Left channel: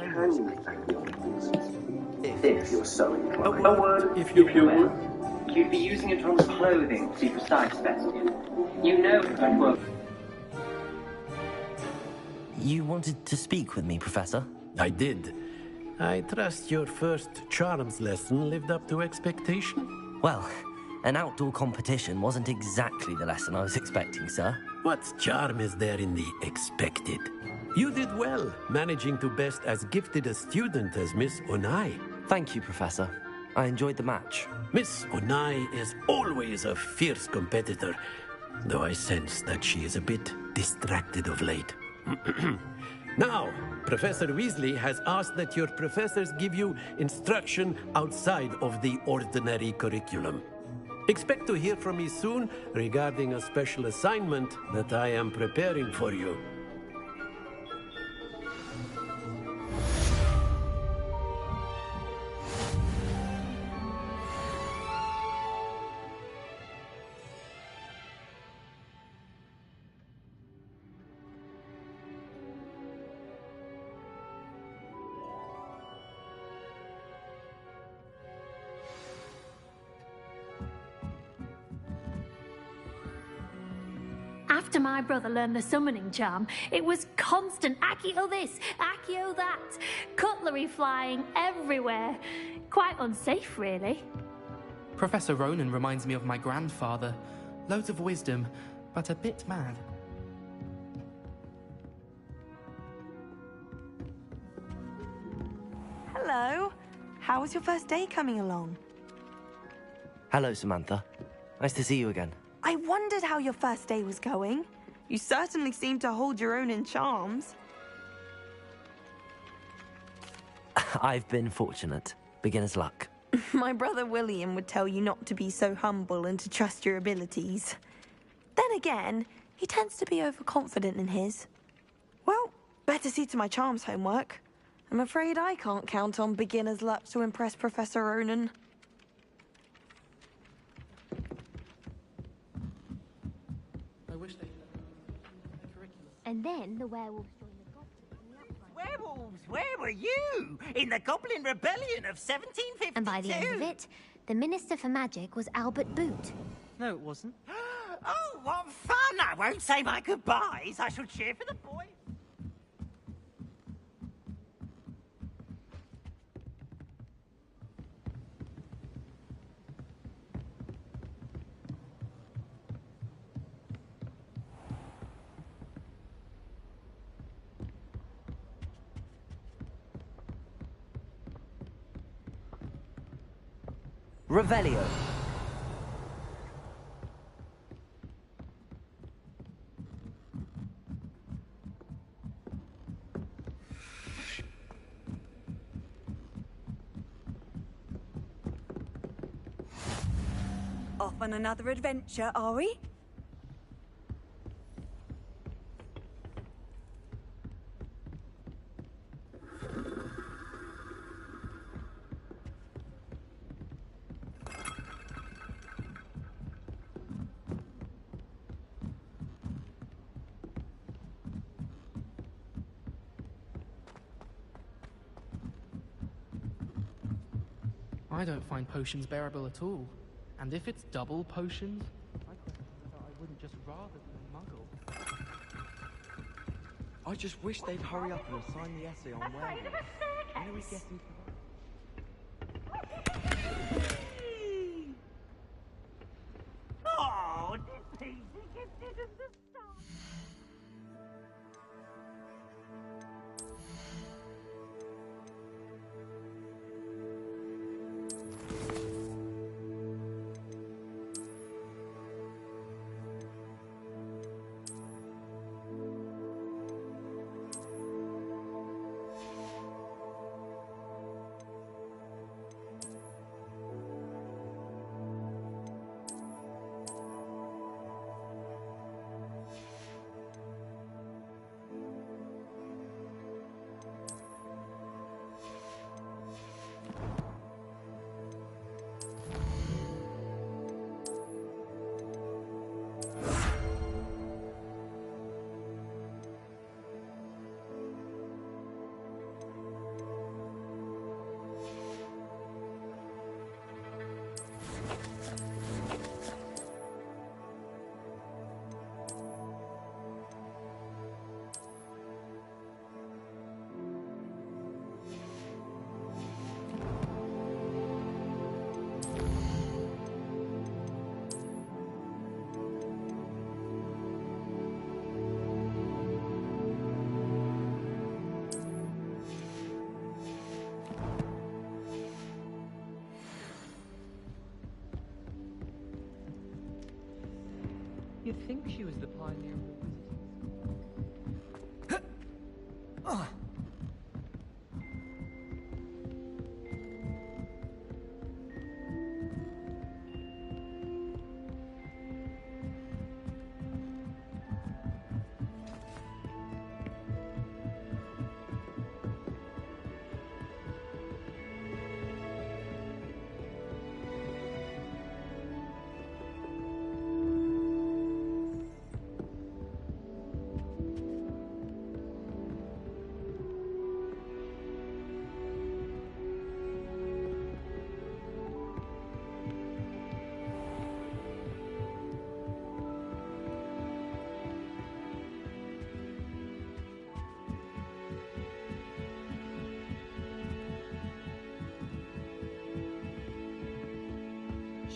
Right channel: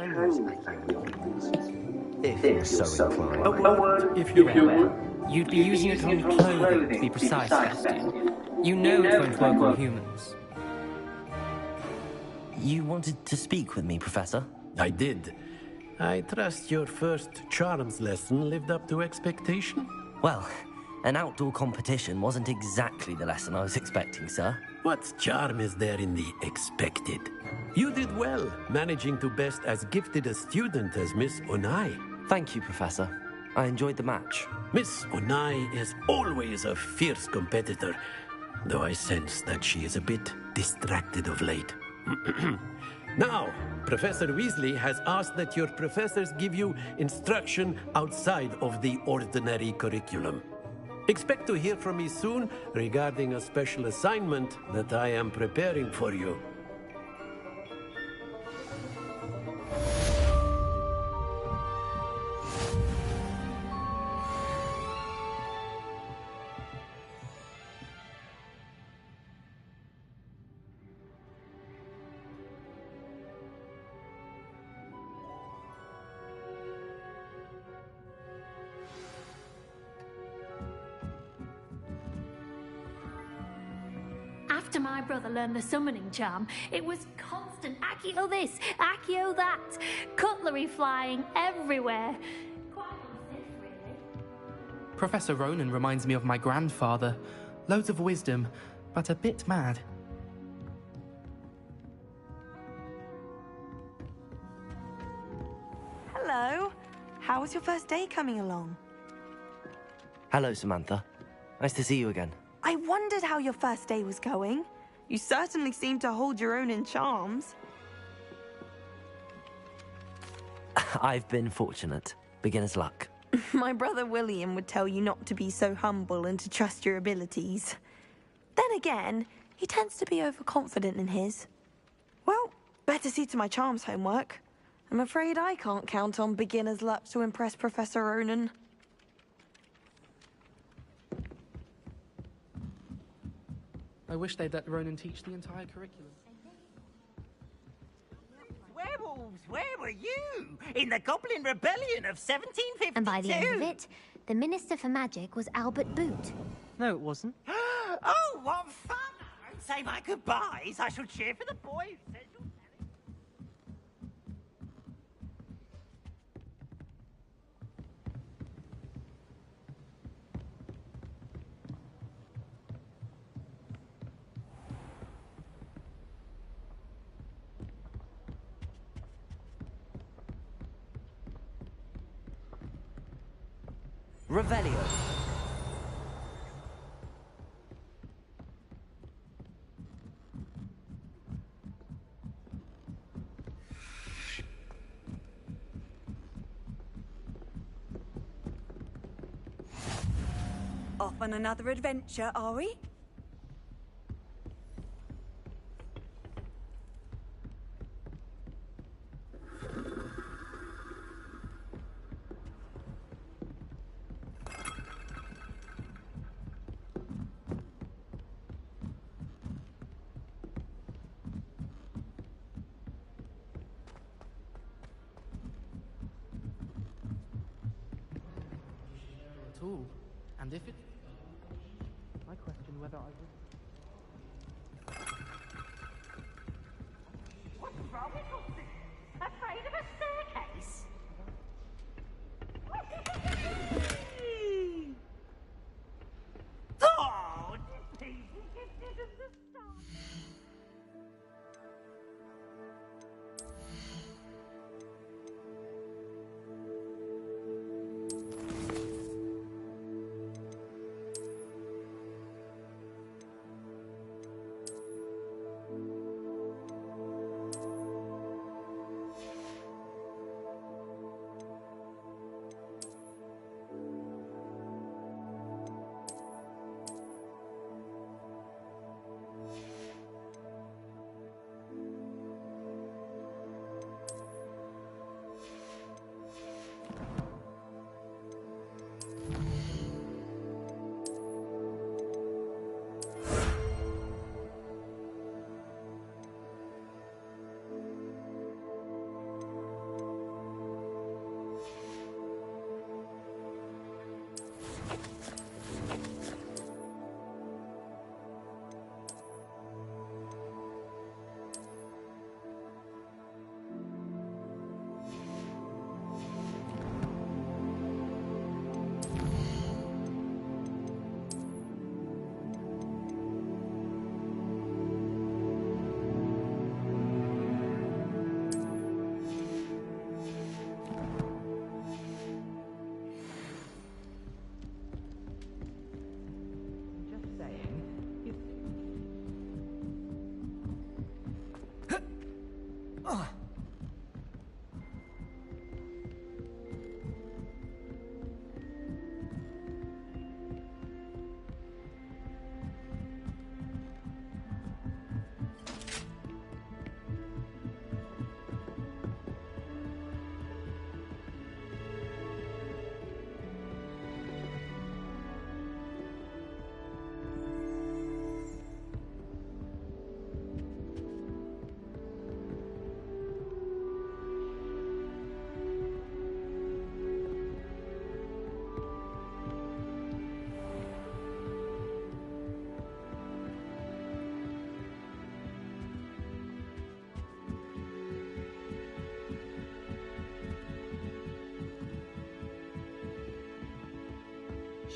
can use Accio if you're so inclined. A word, if you will. You'd be using it on clothing, to be precise. You know it won't work for humans. You wanted to speak with me, Professor? I did. I trust your first charms lesson lived up to expectation? Well, an outdoor competition wasn't exactly the lesson I was expecting, sir. What charm is there in the expected? You did well, managing to best as gifted a student as Miss Onai. Thank you, Professor. I enjoyed the match. Miss Onai is always a fierce competitor, though I sense that she is a bit distracted of late. Now, Professor Weasley has asked that your professors give you instruction outside of the ordinary curriculum. Expect to hear from me soon regarding a special assignment that I am preparing for you. After my brother learned the summoning charm, it was constant Accio this, Accio that, cutlery flying everywhere. Quite unsafe, really. Professor Ronan reminds me of my grandfather. Loads of wisdom, but a bit mad. Hello. How was your first day coming along? Hello, Samantha. Nice to see you again. I wondered how your first day was going. You certainly seem to hold your own in charms. I've been fortunate. Beginner's luck. My brother William would tell you not to be so humble and to trust your abilities. Then again, he tends to be overconfident in his. Well, better see to my charms homework. I'm afraid I can't count on beginner's luck to impress Professor Ronan. I wish they'd let Ronan teach the entire curriculum. And then the werewolves... Werewolves, where were you? In the Goblin Rebellion of 1752? And by the end of it, the Minister for Magic was Albert Boot. No, it wasn't. Oh, what fun! I won't say my goodbyes. I shall cheer for the boy who says... Revelio. Off on another adventure, are we? I don't find potions bearable at all. And if it's double potions, I question whether I wouldn't just rather be muggle. I just wish they'd hurry up and assign the essay on Afraid of a staircase? Oh, this piece is gifted as the star.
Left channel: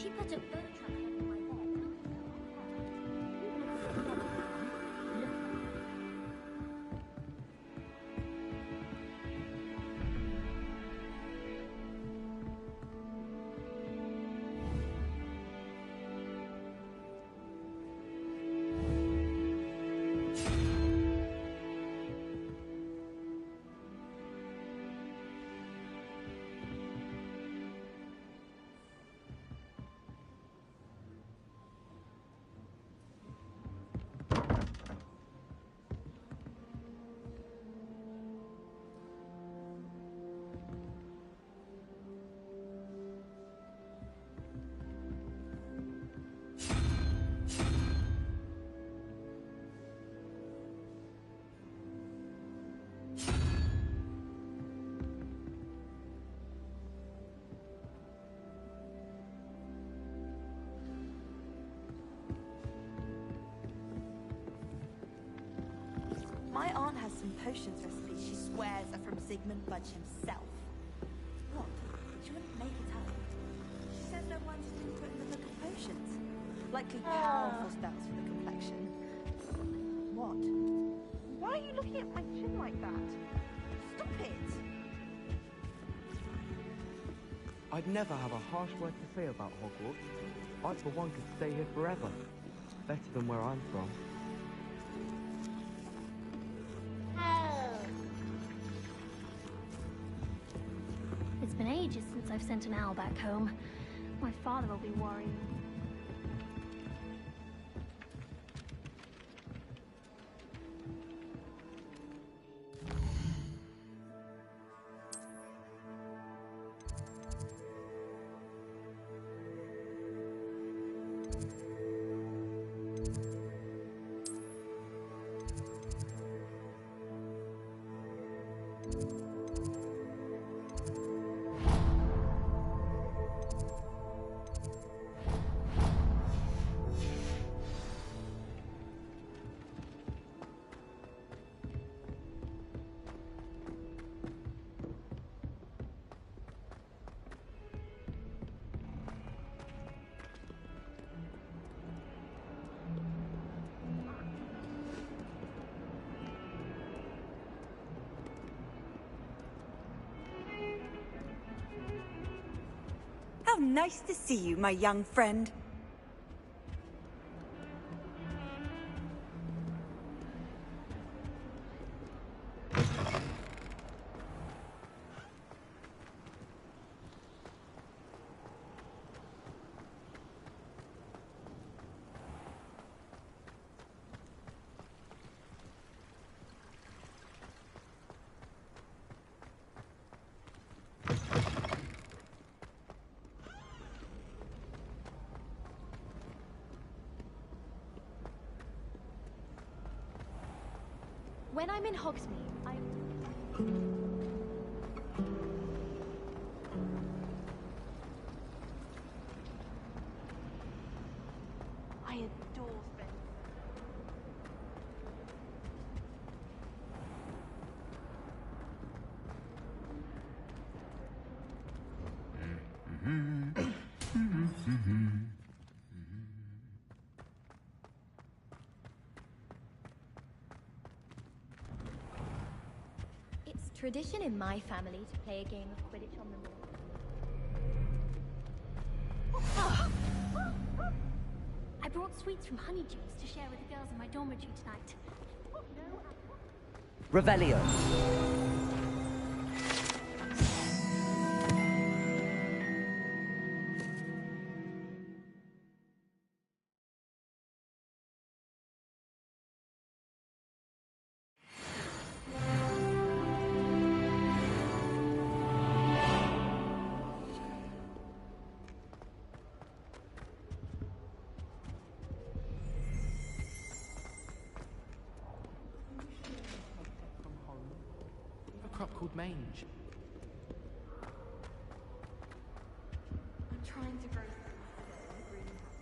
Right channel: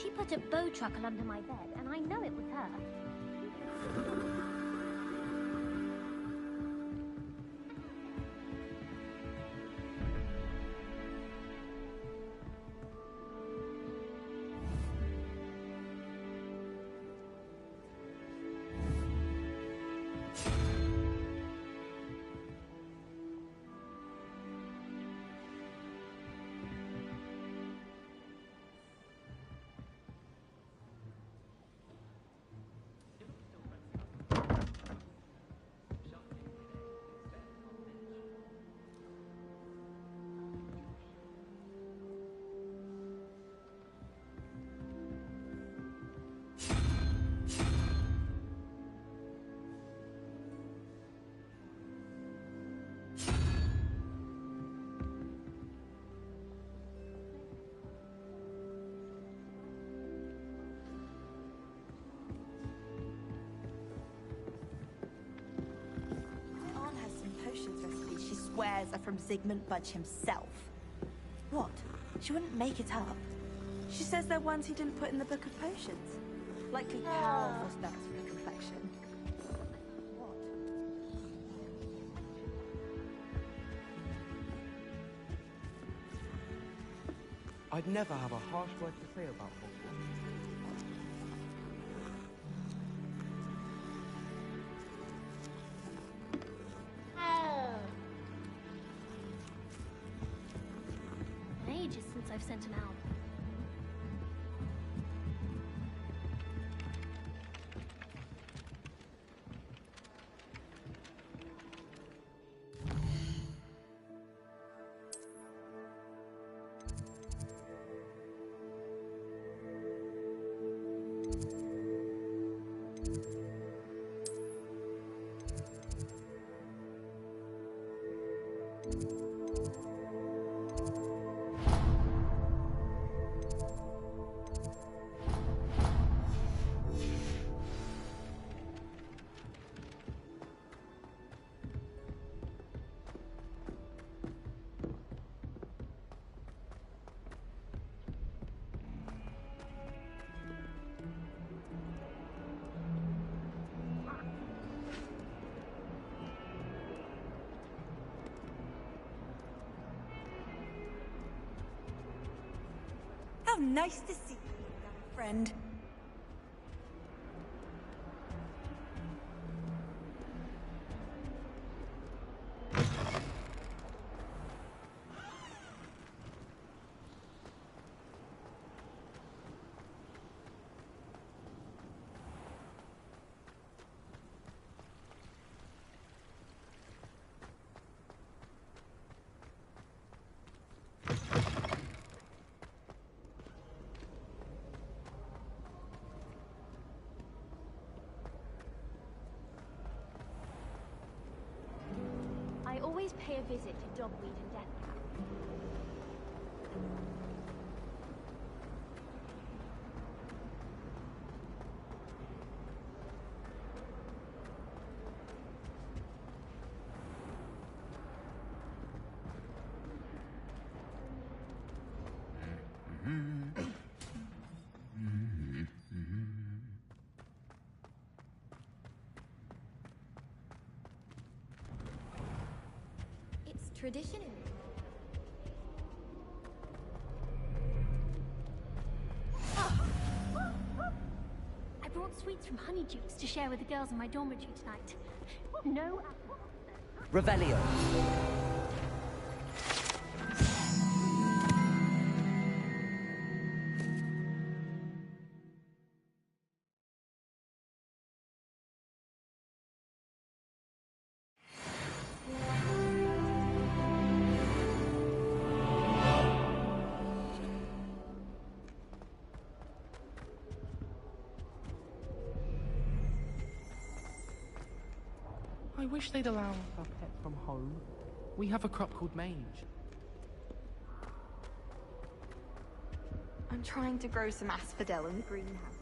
She put a bow truckle under my bed, and I know it was her. Even if it was not. My aunt has some potions recipes she swears are from Zygmunt Budge himself. What? She wouldn't make it up. She says they're ones he didn't put in the book of potions. Likely powerful spells for the complexion. What? Why are you looking at my chin like that? Stop it! I'd never have a harsh word to say about Hogwarts. I, for one, could stay here forever. Better than where I'm from. It's been ages since I've sent an owl back home. My father will be worried. How nice to see you, my young friend. When I'm in Hogsmeade, I always pay a visit to Dumbledore and Deathly. I adore Red. It's tradition in my family to play a game of Quidditch on the moor. I brought sweets from Honeydukes to share with the girls in my dormitory tonight. No. Revelio. I wish they'd allow us our pet from home. We have a crop called mange. I'm trying to grow some asphodel in the greenhouse.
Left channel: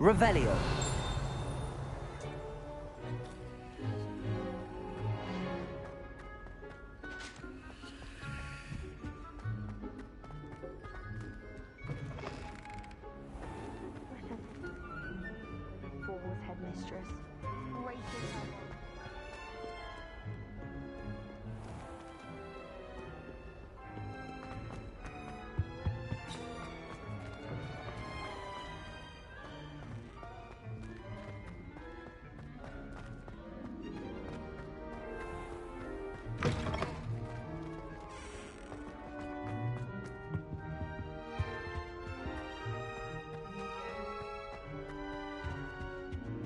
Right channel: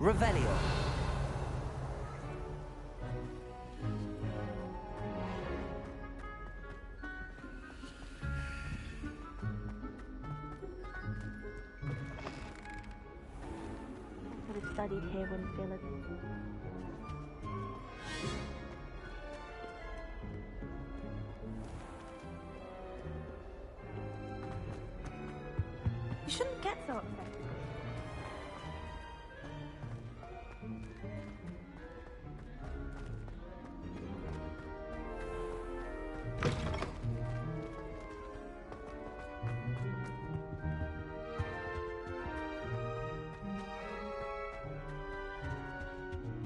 Revelio. Professor would have studied here when Phil IV was headmistress. Great to know. You shouldn't get so upset.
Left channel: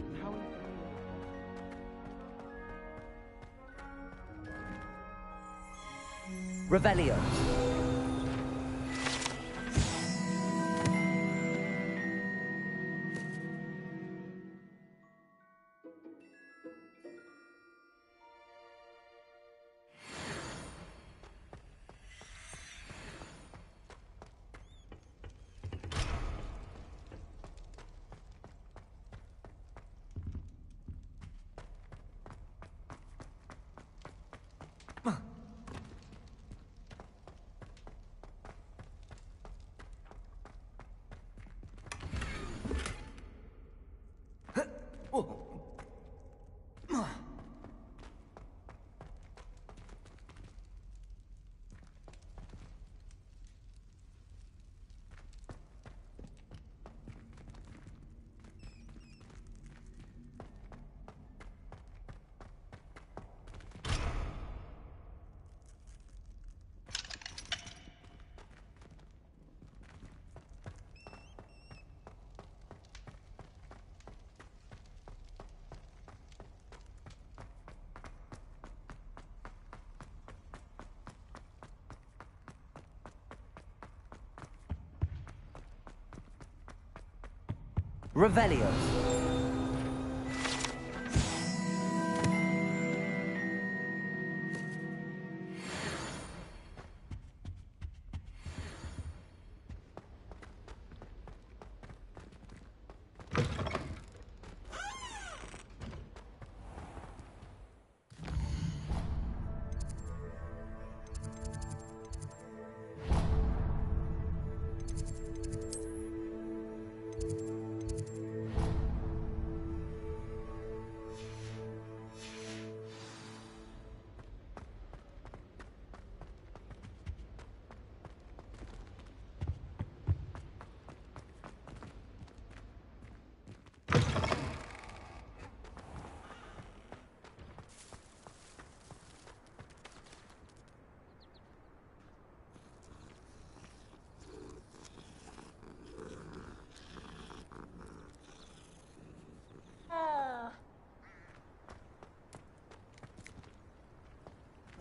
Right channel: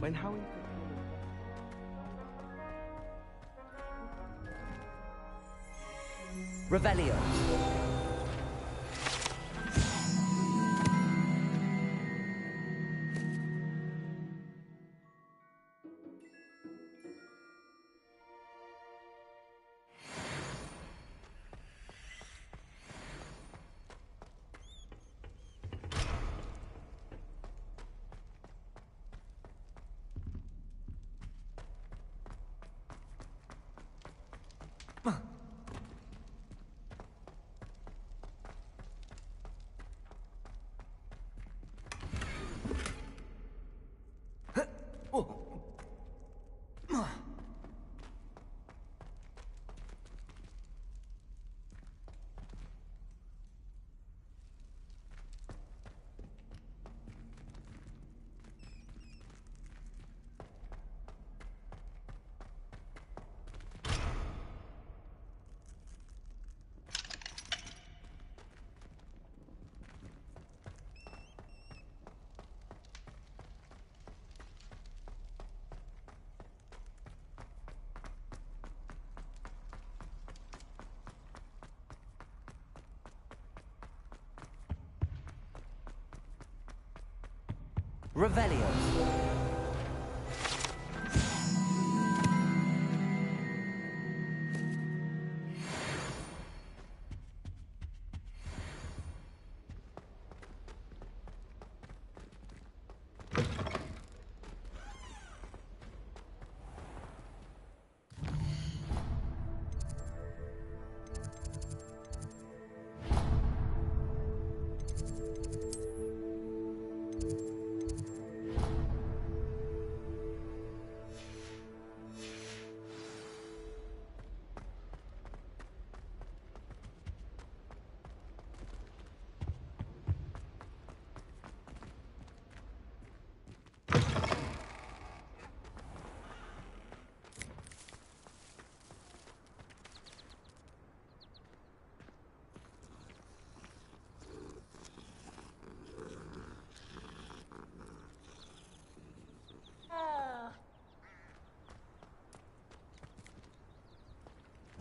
When Howie Revelio. Revelio.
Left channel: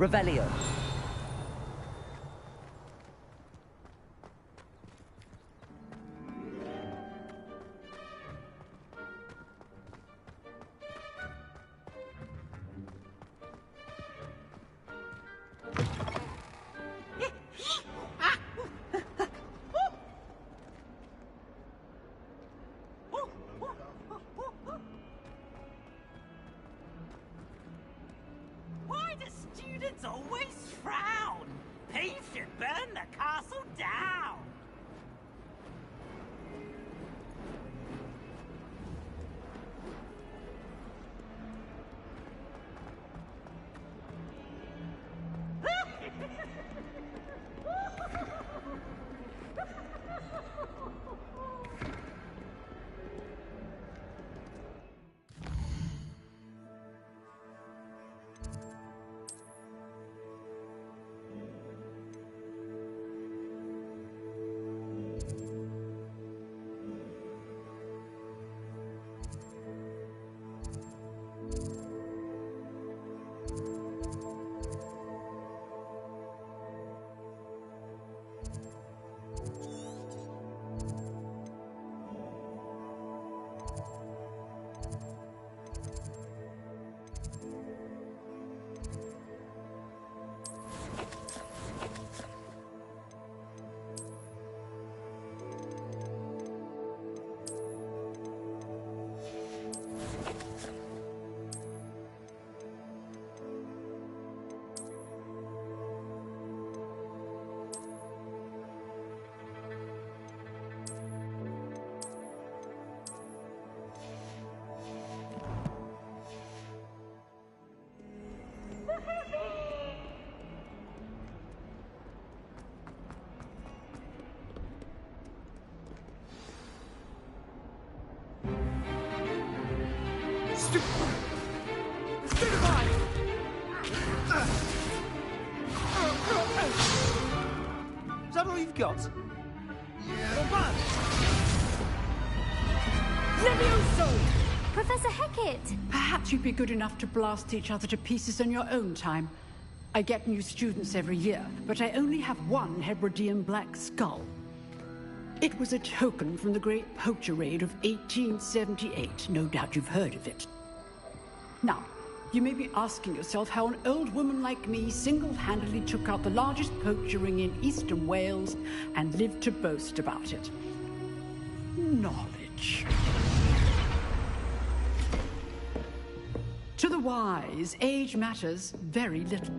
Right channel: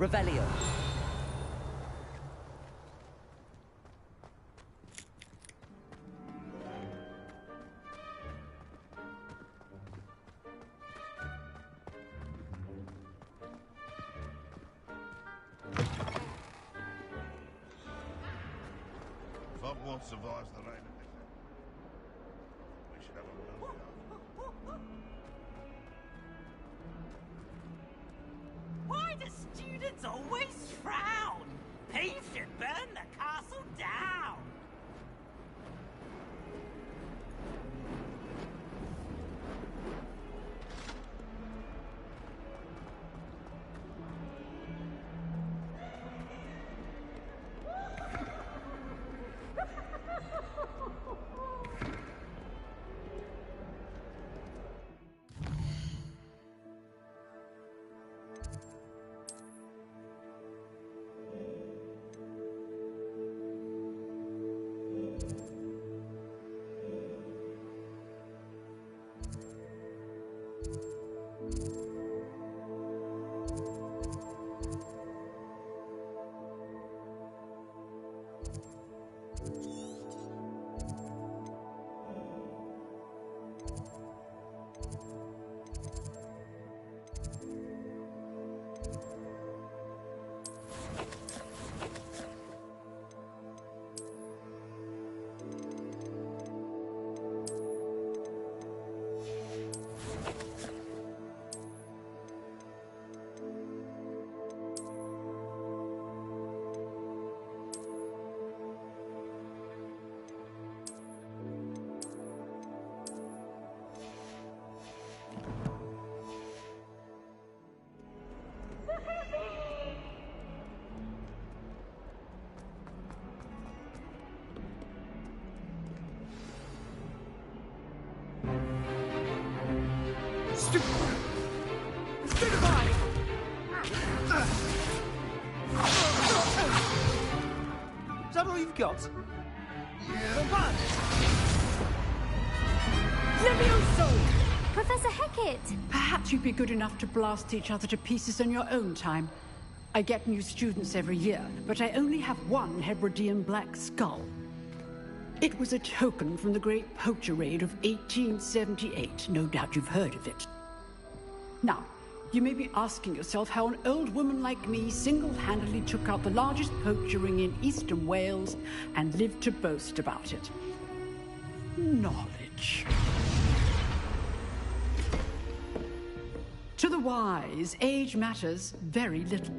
Revelio. Hogwarts survives the rain. We should have known that. Why do students always frown? He should burn the castle down. Say goodbye! Is that all you've got? Yeah. Levioso! Professor Hecat! Perhaps you'd be good enough to blast each other to pieces in your own time. I get new students every year, but I only have one Hebridean black skull. It was a token from the Great Poacher Raid of 1878. No doubt you've heard of it. Now, you may be asking yourself how an old woman like me single-handedly took out the largest poacher ring in eastern Wales and lived to boast about it. Knowledge. To the wise, age matters very little.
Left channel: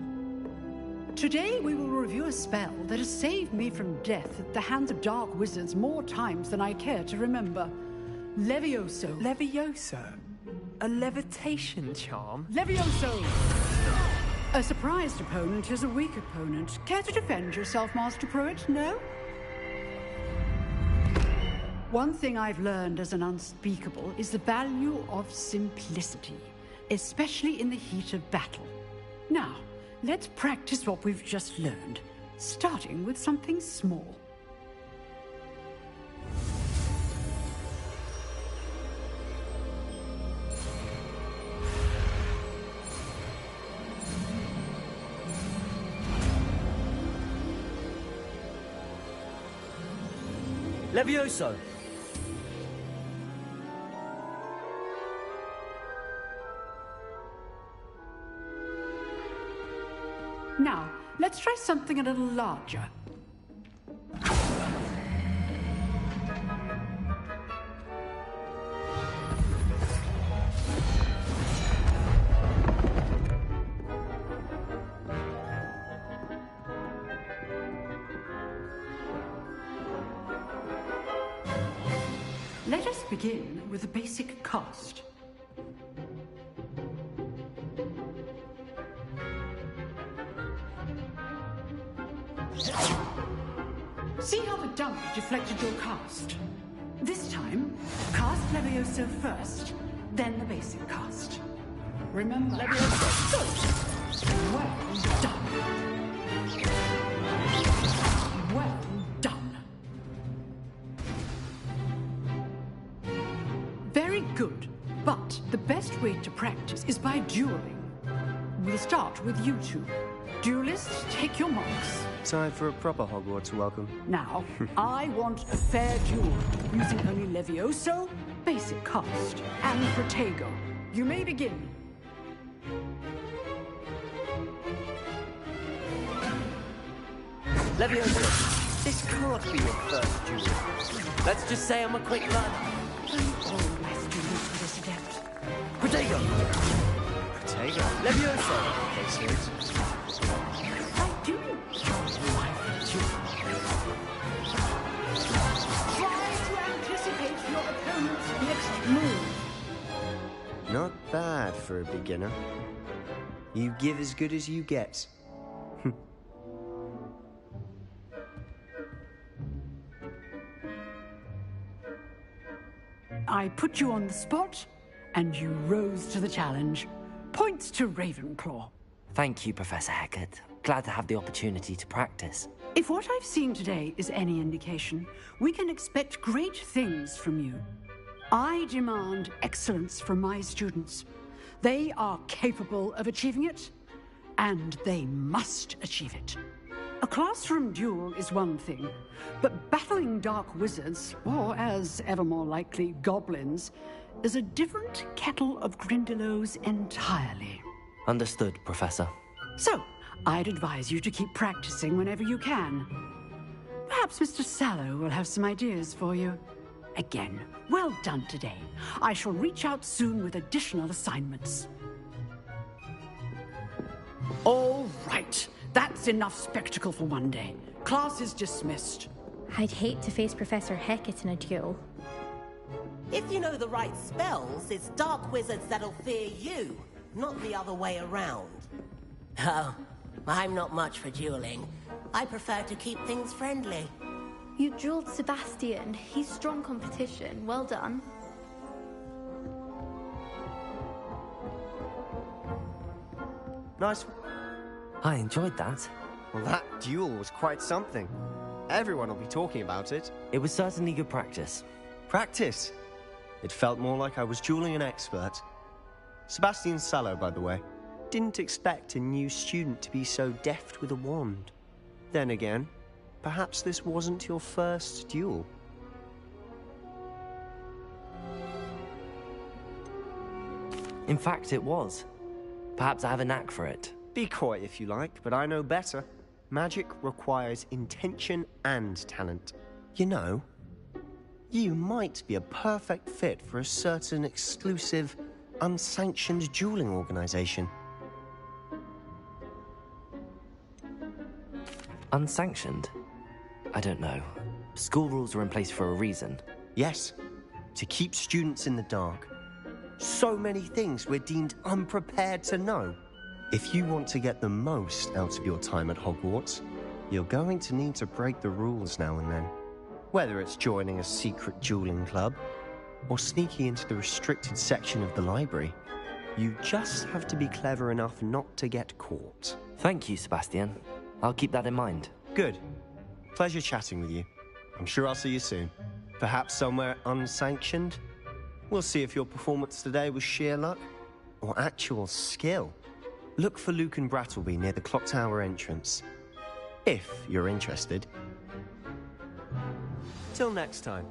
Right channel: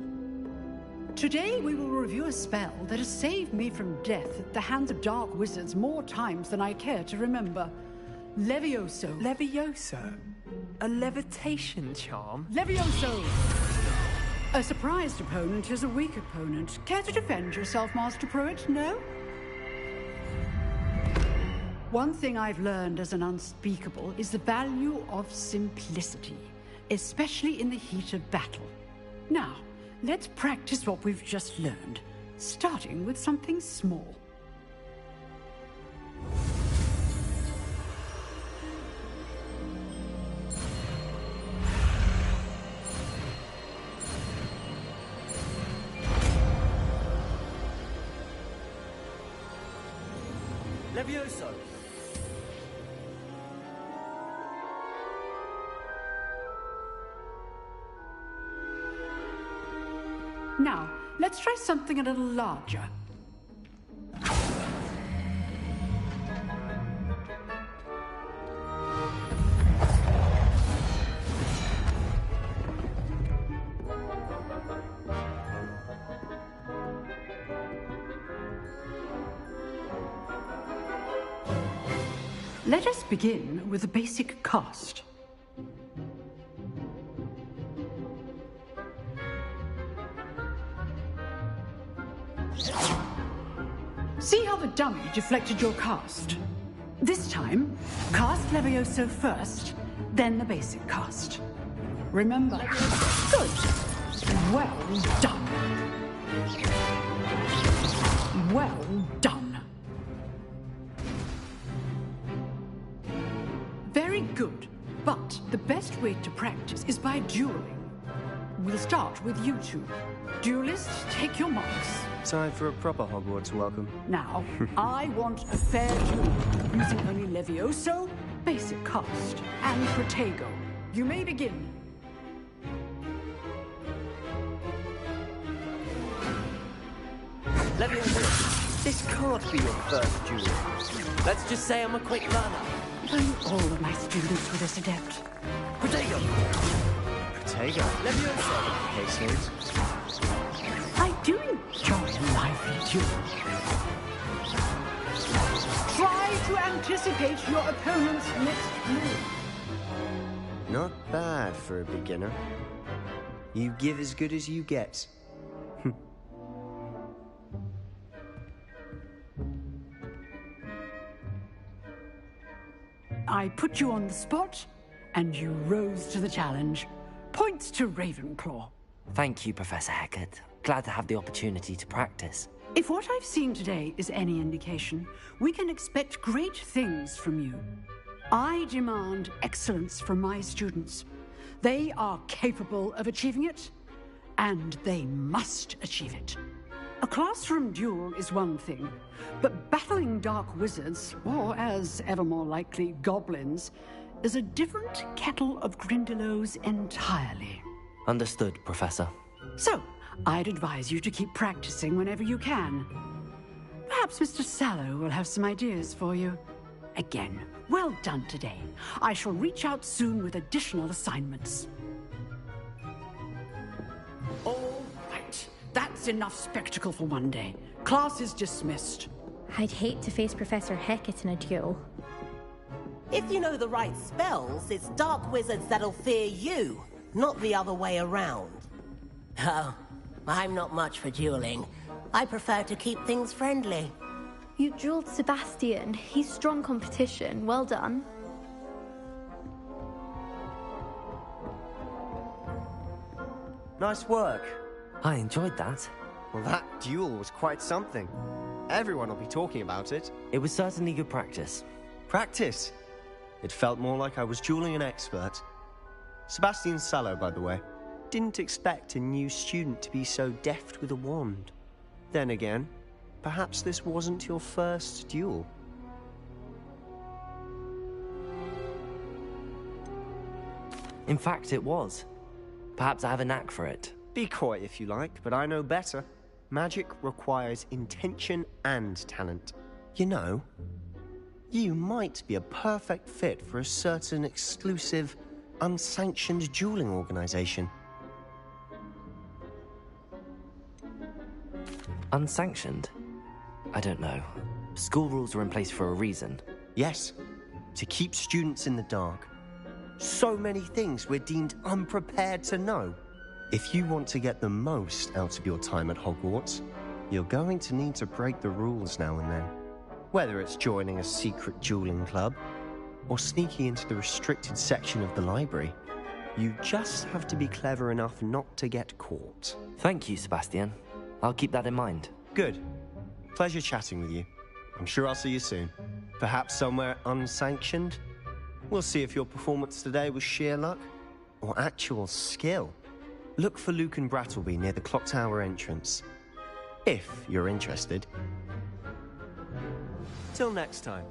Today we will review a spell that has saved me from death at the hands of dark wizards more times than I care to remember. Levioso. Levioso? A levitation charm? Levioso! A surprised opponent is a weak opponent. Care to defend yourself, Master Pruitt? No? One thing I've learned as an unspeakable is the value of simplicity, especially in the heat of battle. Now, let's practice what we've just learned, starting with something small. Levioso! Now, let's try something a little larger. Let us begin with a basic cast. See how the dummy deflected your cast? This time, cast Levioso first, then the basic cast. Remember, Levioso. Good. Well done. Well done. Very good, but the best way to practice is by dueling. We'll start with you two. Duelists, take your marks. Time for a proper Hogwarts welcome. Now, I want a fair duel, using only Levioso, basic cast, and Protego. You may begin. Levioso, this can't be your first duel. Let's just say I'm a quick learner. If only all of my students were this adept. Protego! Protego? Levioso! Okay, Snoots. I do enjoy lively duels. Try to anticipate your opponent's next move. Not bad for a beginner. You give as good as you get. I put you on the spot, and you rose to the challenge. Points to Ravenclaw. Thank you, Professor Hecat. Glad to have the opportunity to practice. If what I've seen today is any indication, we can expect great things from you. I demand excellence from my students. They are capable of achieving it, and they must achieve it. A classroom duel is one thing, but battling dark wizards, or as ever more likely, goblins, is a different kettle of Grindylows entirely. Understood, Professor. So, I'd advise you to keep practicing whenever you can. Perhaps Mr. Sallow will have some ideas for you. Again, well done today. I shall reach out soon with additional assignments. All right. That's enough spectacle for one day. Class is dismissed. I'd hate to face Professor Hecat in a duel. If you know the right spells, it's dark wizards that'll fear you, not the other way around. Oh, I'm not much for dueling. I prefer to keep things friendly. You dueled Sebastian. He's strong competition. Well done. Nice work. I enjoyed that. Well, that duel was quite something. Everyone will be talking about it. It was certainly good practice. Practice? It felt more like I was dueling an expert. Sebastian Sallow, by the way. Didn't expect a new student to be so deft with a wand. Then again, perhaps this wasn't your first duel. In fact, it was. Perhaps I have a knack for it. Be coy if you like, but I know better. Magic requires intention and talent. You know, you might be a perfect fit for a certain exclusive, unsanctioned dueling organization. Unsanctioned? I don't know. School rules are in place for a reason. Yes, to keep students in the dark. So many things we're deemed unprepared to know. If you want to get the most out of your time at Hogwarts, you're going to need to break the rules now and then. Whether it's joining a secret dueling club, or sneaking into the restricted section of the library, you just have to be clever enough not to get caught. Thank you, Sebastian. I'll keep that in mind. Good. Pleasure chatting with you. I'm sure I'll see you soon. Perhaps somewhere unsanctioned? We'll see if your performance today was sheer luck or actual skill. Look for Luke and Brattleby near the clock tower entrance. If you're interested. Till next time.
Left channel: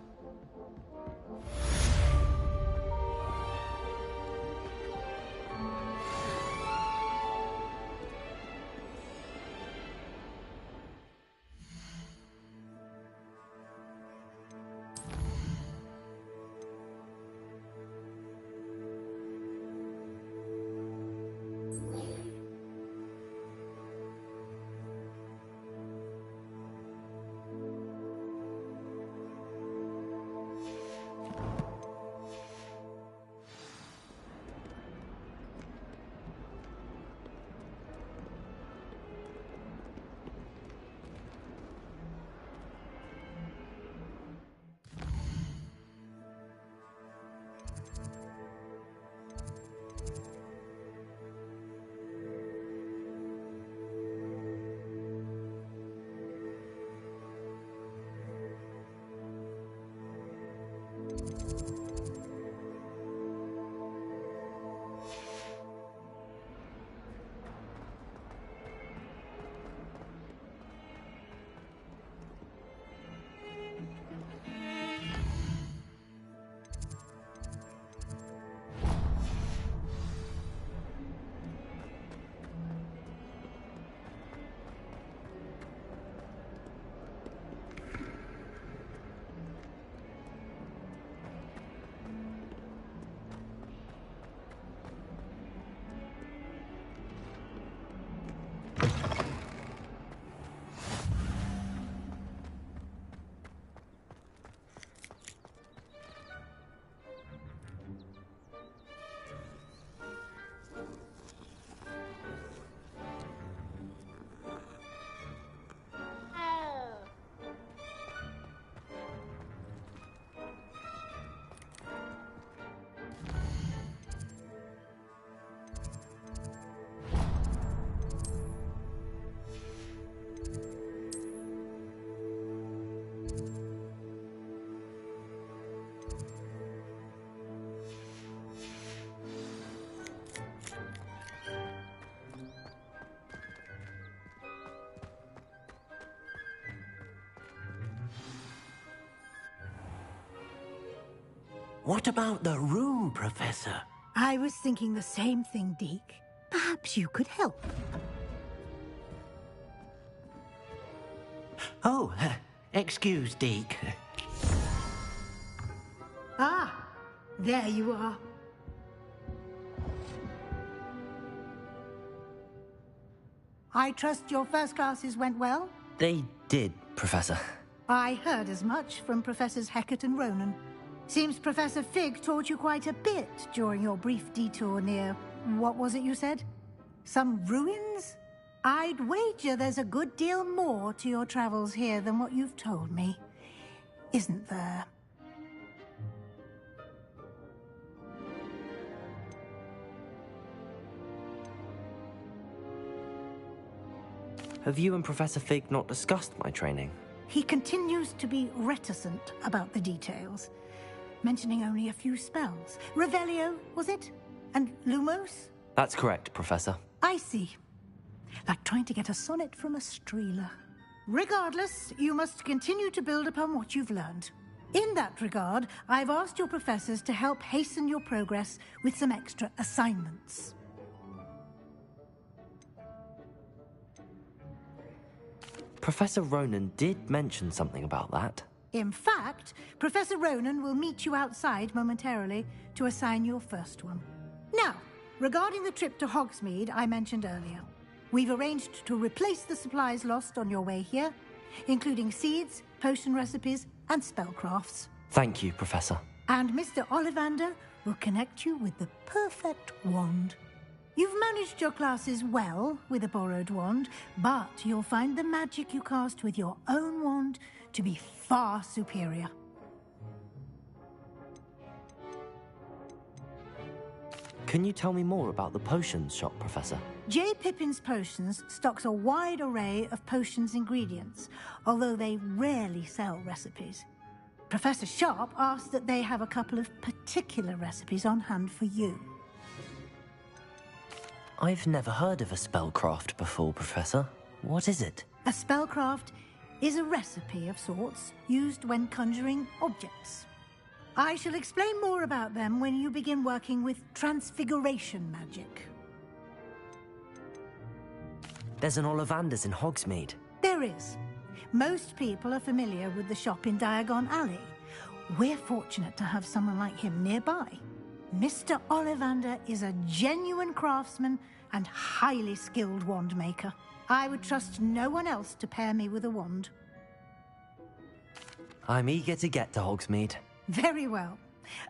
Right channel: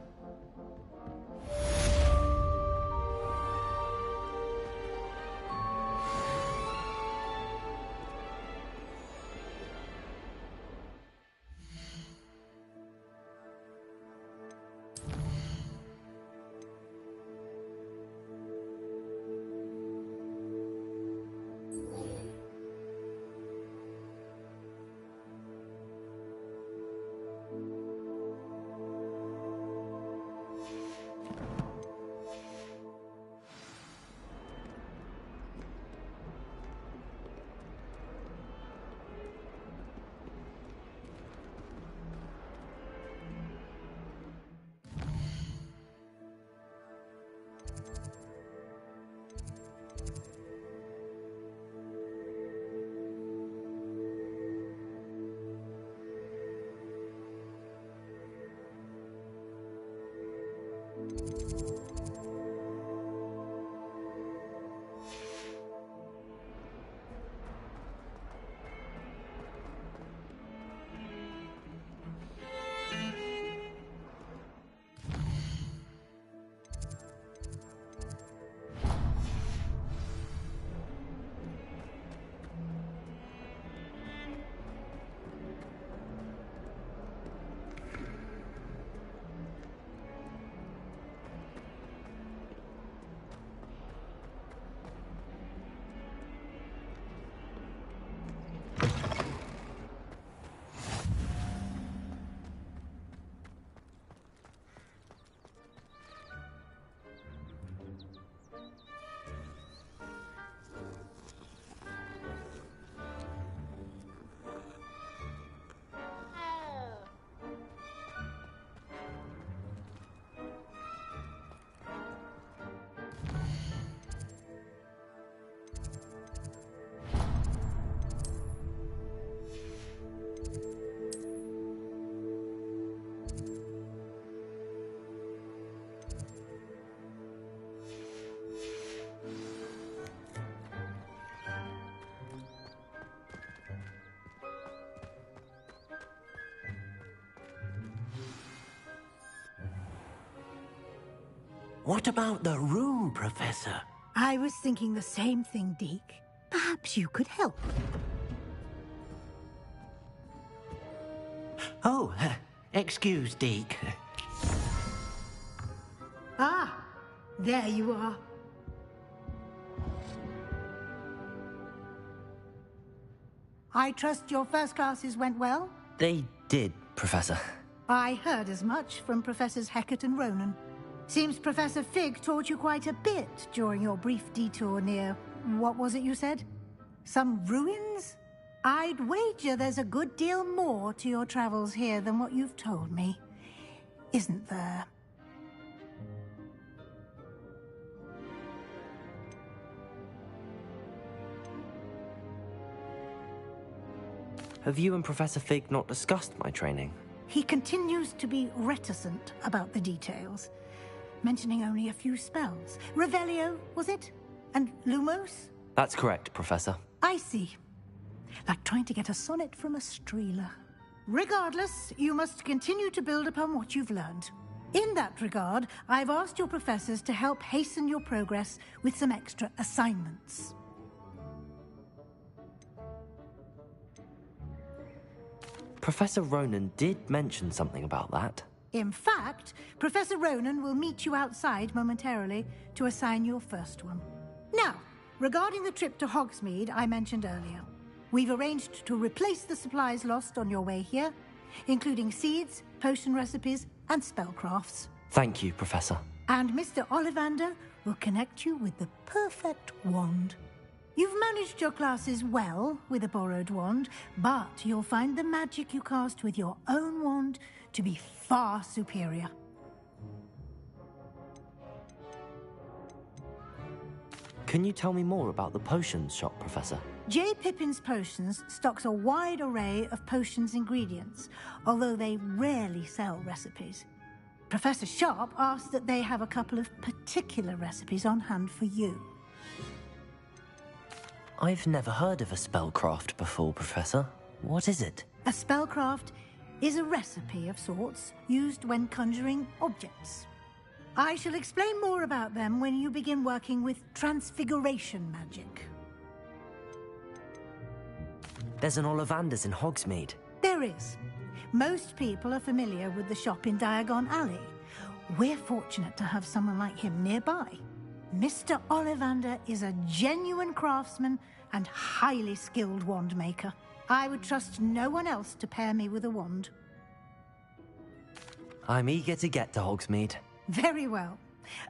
What about the room, Professor? I was thinking the same thing, Deke. Perhaps you could help. Oh, excuse, Deke. Ah, there you are. I trust your first classes went well? They did, Professor. I heard as much from Professors Hecat and Ronan. Seems Professor Fig taught you quite a bit during your brief detour near... what was it you said? Some ruins? I'd wager there's a good deal more to your travels here than what you've told me. Isn't there? Have you and Professor Fig not discussed my training? He continues to be reticent about the details, mentioning only a few spells. Revelio, was it? And Lumos? That's correct, Professor. I see. Like trying to get a sonnet from a streeler. Regardless, you must continue to build upon what you've learned. In that regard, I've asked your professors to help hasten your progress with some extra assignments. Professor Ronan did mention something about that. In fact, Professor Ronan will meet you outside momentarily to assign your first one. Now, regarding the trip to Hogsmeade I mentioned earlier, we've arranged to replace the supplies lost on your way here, including seeds, potion recipes, and spellcrafts. Thank you, Professor. And Mr. Ollivander will connect you with the perfect wand. You've managed your classes well with a borrowed wand, but you'll find the magic you cast with your own wand to be far superior. Can you tell me more about the potions shop, Professor? J. Pippin's Potions stocks a wide array of potions ingredients, although they rarely sell recipes. Professor Sharp asked that they have a couple of particular recipes on hand for you. I've never heard of a spellcraft before, Professor. What is it? A spellcraft is a recipe of sorts used when conjuring objects. I shall explain more about them when you begin working with transfiguration magic. There's an Ollivander's in Hogsmeade. There is. Most people are familiar with the shop in Diagon Alley. We're fortunate to have someone like him nearby. Mr. Ollivander is a genuine craftsman and highly skilled wand maker. I would trust no one else to pair me with a wand. I'm eager to get to Hogsmeade. Very well.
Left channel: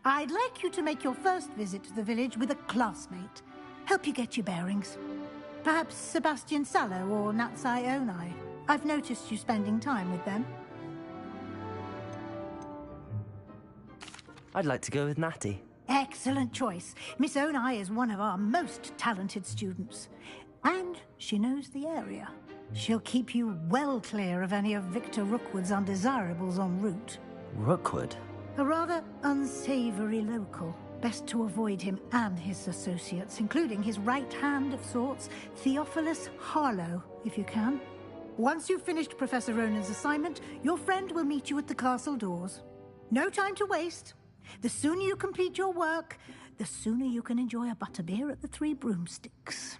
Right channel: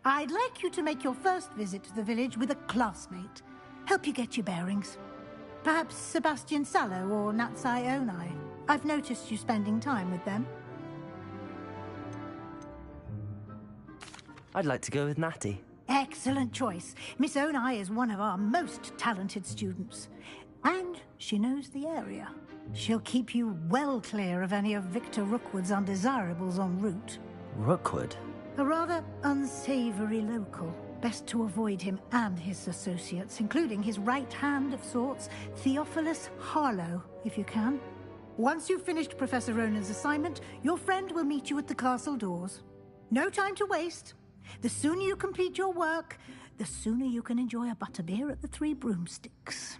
I'd like you to make your first visit to the village with a classmate. Help you get your bearings. Perhaps Sebastian Sallow or Natsai Onai. I've noticed you spending time with them. I'd like to go with Natty. Excellent choice. Miss Onai is one of our most talented students. And she knows the area. She'll keep you well clear of any of Victor Rookwood's undesirables en route. Rookwood? A rather unsavory local. Best to avoid him and his associates, including his right hand of sorts, Theophilus Harlow, if you can. Once you've finished Professor Ronan's assignment, your friend will meet you at the castle doors. No time to waste. The sooner you complete your work, the sooner you can enjoy a butterbeer at the Three Broomsticks.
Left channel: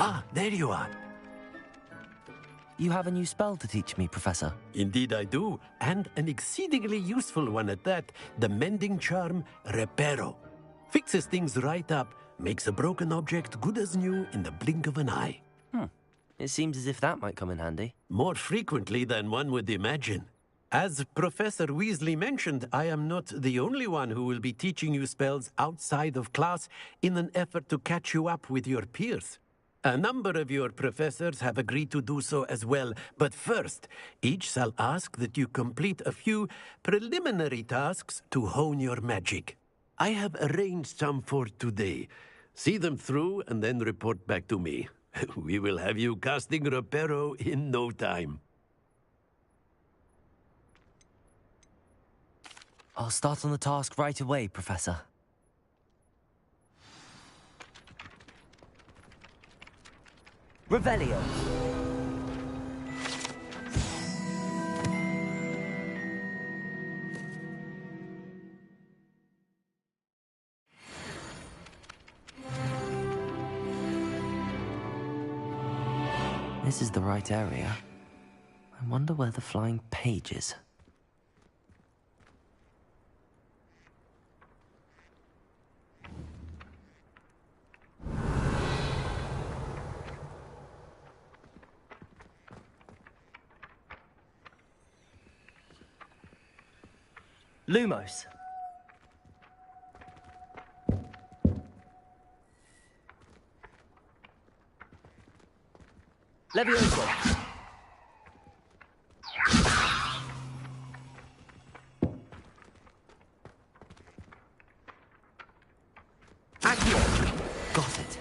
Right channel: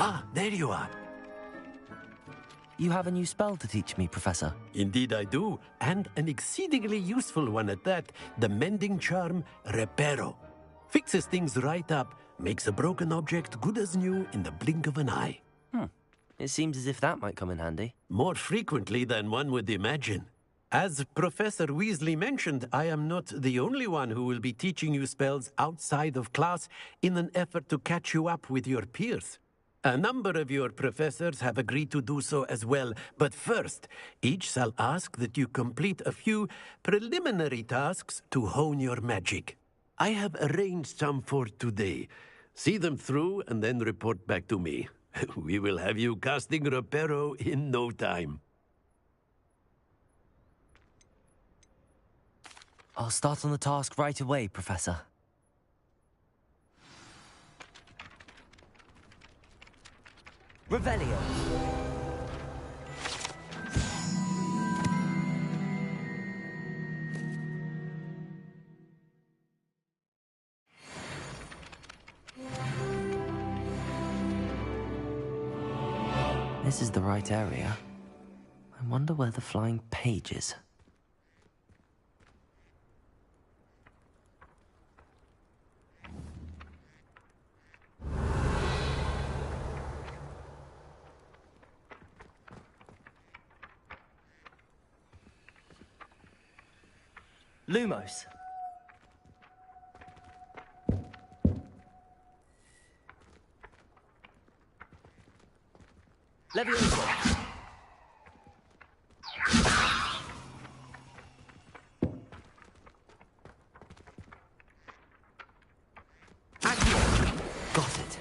Ah, there you are. You have a new spell to teach me, Professor. Indeed I do, and an exceedingly useful one at that. The mending charm, Reparo. Fixes things right up, makes a broken object good as new in the blink of an eye. It seems as if that might come in handy. More frequently than one would imagine. As Professor Weasley mentioned, I am not the only one who will be teaching you spells outside of class in an effort to catch you up with your peers. A number of your professors have agreed to do so as well, but first, each shall ask that you complete a few preliminary tasks to hone your magic. I have arranged some for today. See them through and then report back to me. We will have you casting Reparo in no time. I'll start on the task right away, Professor. Revelio. This is the right area. I wonder where the flying page is. Lumos. Levioso. Accio. Got it.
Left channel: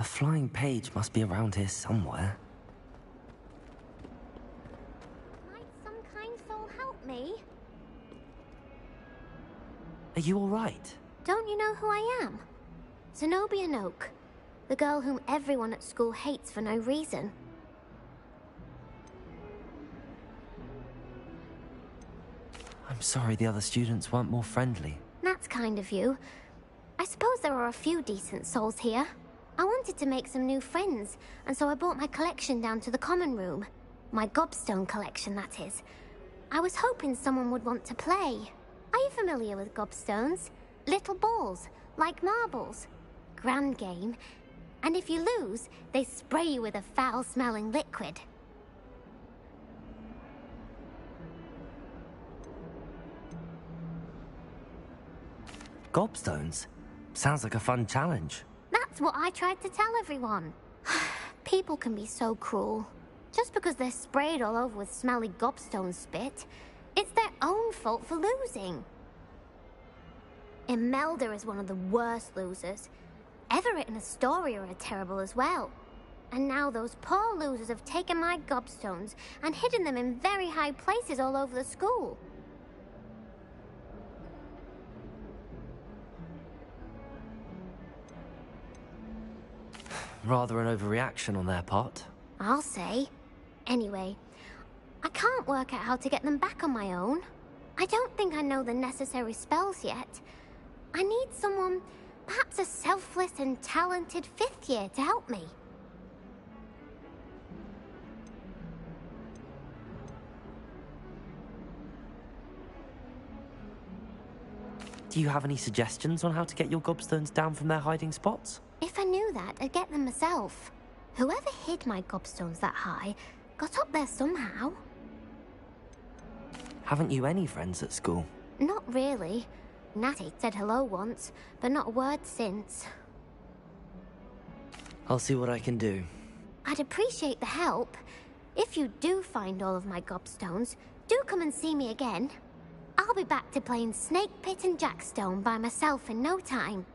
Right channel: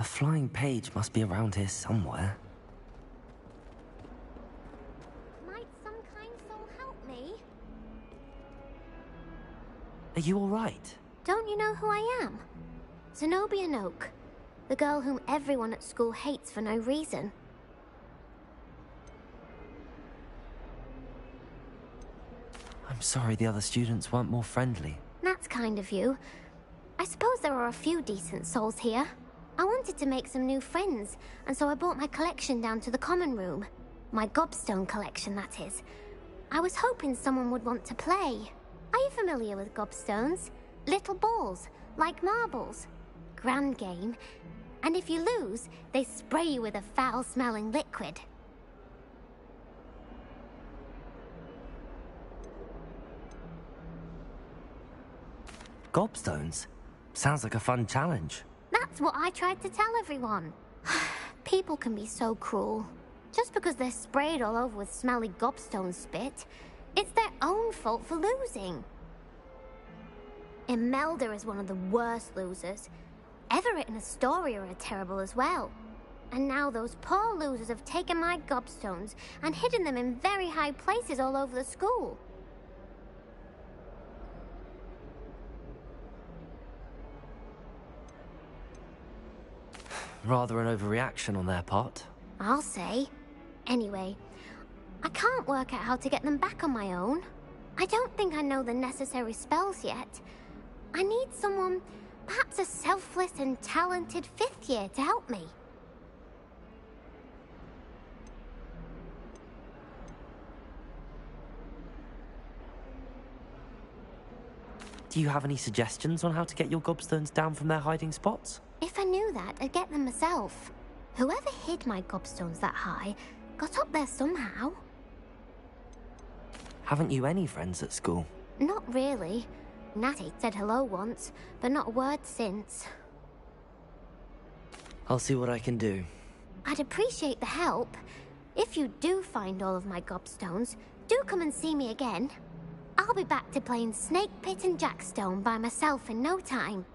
A flying page must be around here somewhere. Might some kind soul help me? Are you all right? Don't you know who I am? Zenobia Noak, the girl whom everyone at school hates for no reason. I'm sorry the other students weren't more friendly. That's kind of you. I suppose there are a few decent souls here. I wanted to make some new friends, and so I brought my collection down to the common room. My gobstone collection, that is. I was hoping someone would want to play. Are you familiar with gobstones? Little balls, like marbles. Grand game. And if you lose, they spray you with a foul-smelling liquid. Gobstones? Sounds like a fun challenge. That's what I tried to tell everyone. People can be so cruel. Just because they're sprayed all over with smelly gobstone spit, it's their own fault for losing. Imelda is one of the worst losers. Everett and Astoria are terrible as well. And now those poor losers have taken my gobstones and hidden them in very high places all over the school. Rather an overreaction on their part. I'll say. Anyway, I can't work out how to get them back on my own. I don't think I know the necessary spells yet. I need someone, perhaps a selfless and talented fifth year to help me. Do you have any suggestions on how to get your gobstones down from their hiding spots? If I knew that, I'd get them myself. Whoever hid my gobstones that high got up there somehow. Haven't you any friends at school? Not really. Natty said hello once, but not a word since. I'll see what I can do. I'd appreciate the help. If you do find all of my gobstones, do come and see me again. I'll be back to playing Snake Pit and Jackstone by myself in no time.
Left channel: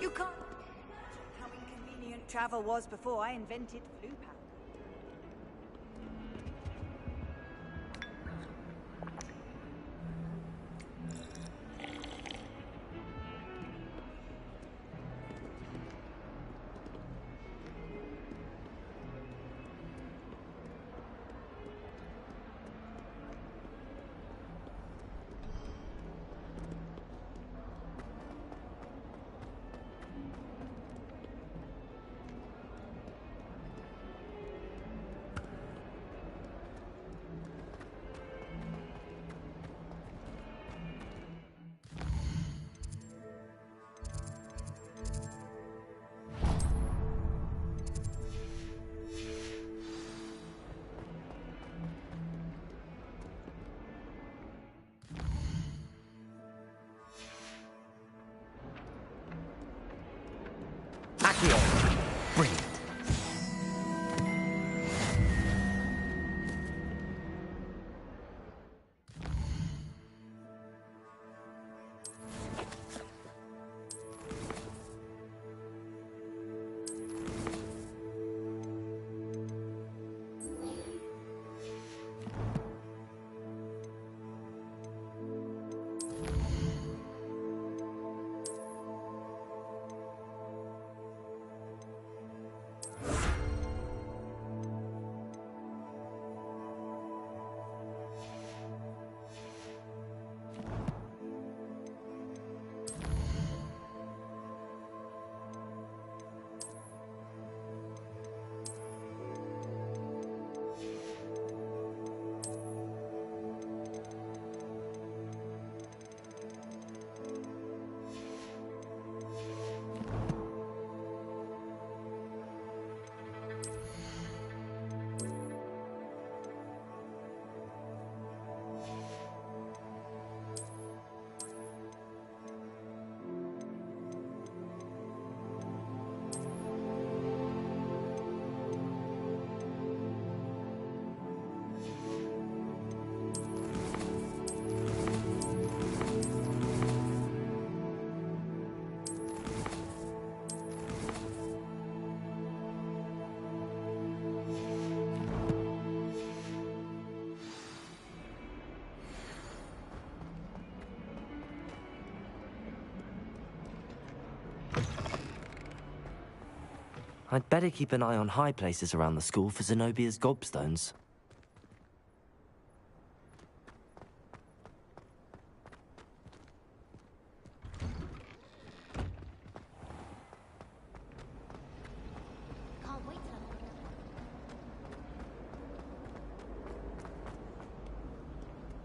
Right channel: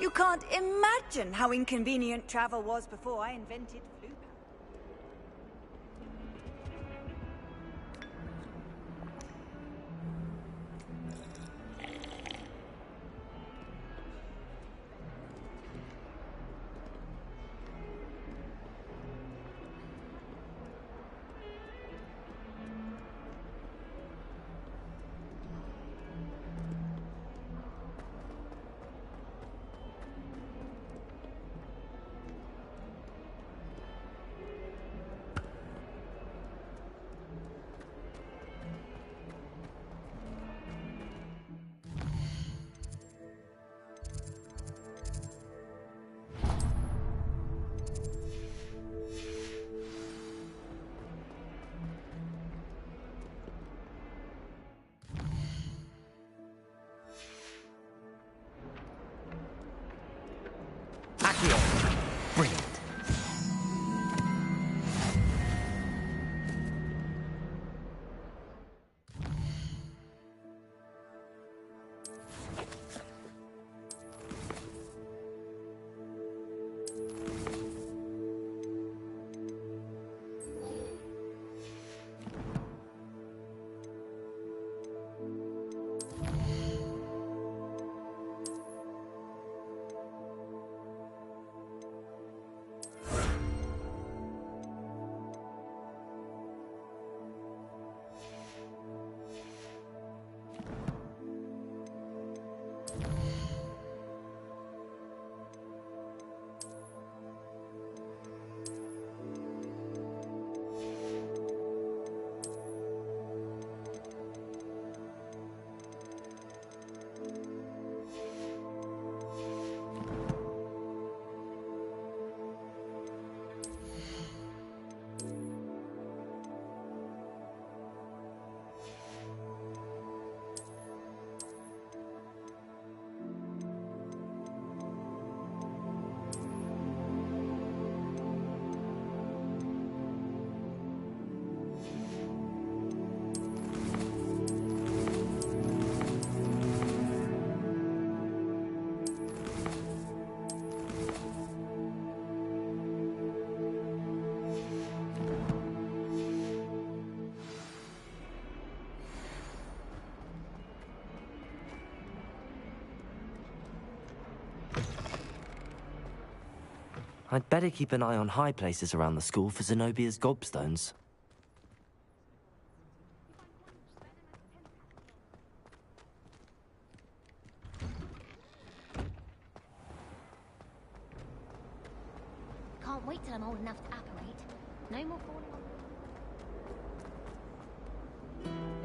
You can't imagine how inconvenient travel was before I invented flu powder. Accio! Brilliant. I'd better keep an eye on high places around the school for Zenobia's gobstones. Can't wait till I'm old enough to apparate. No more.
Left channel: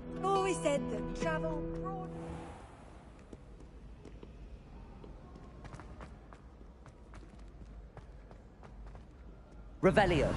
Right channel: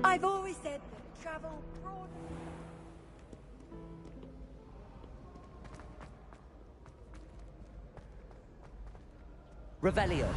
I've always said that travel broad. Revelio.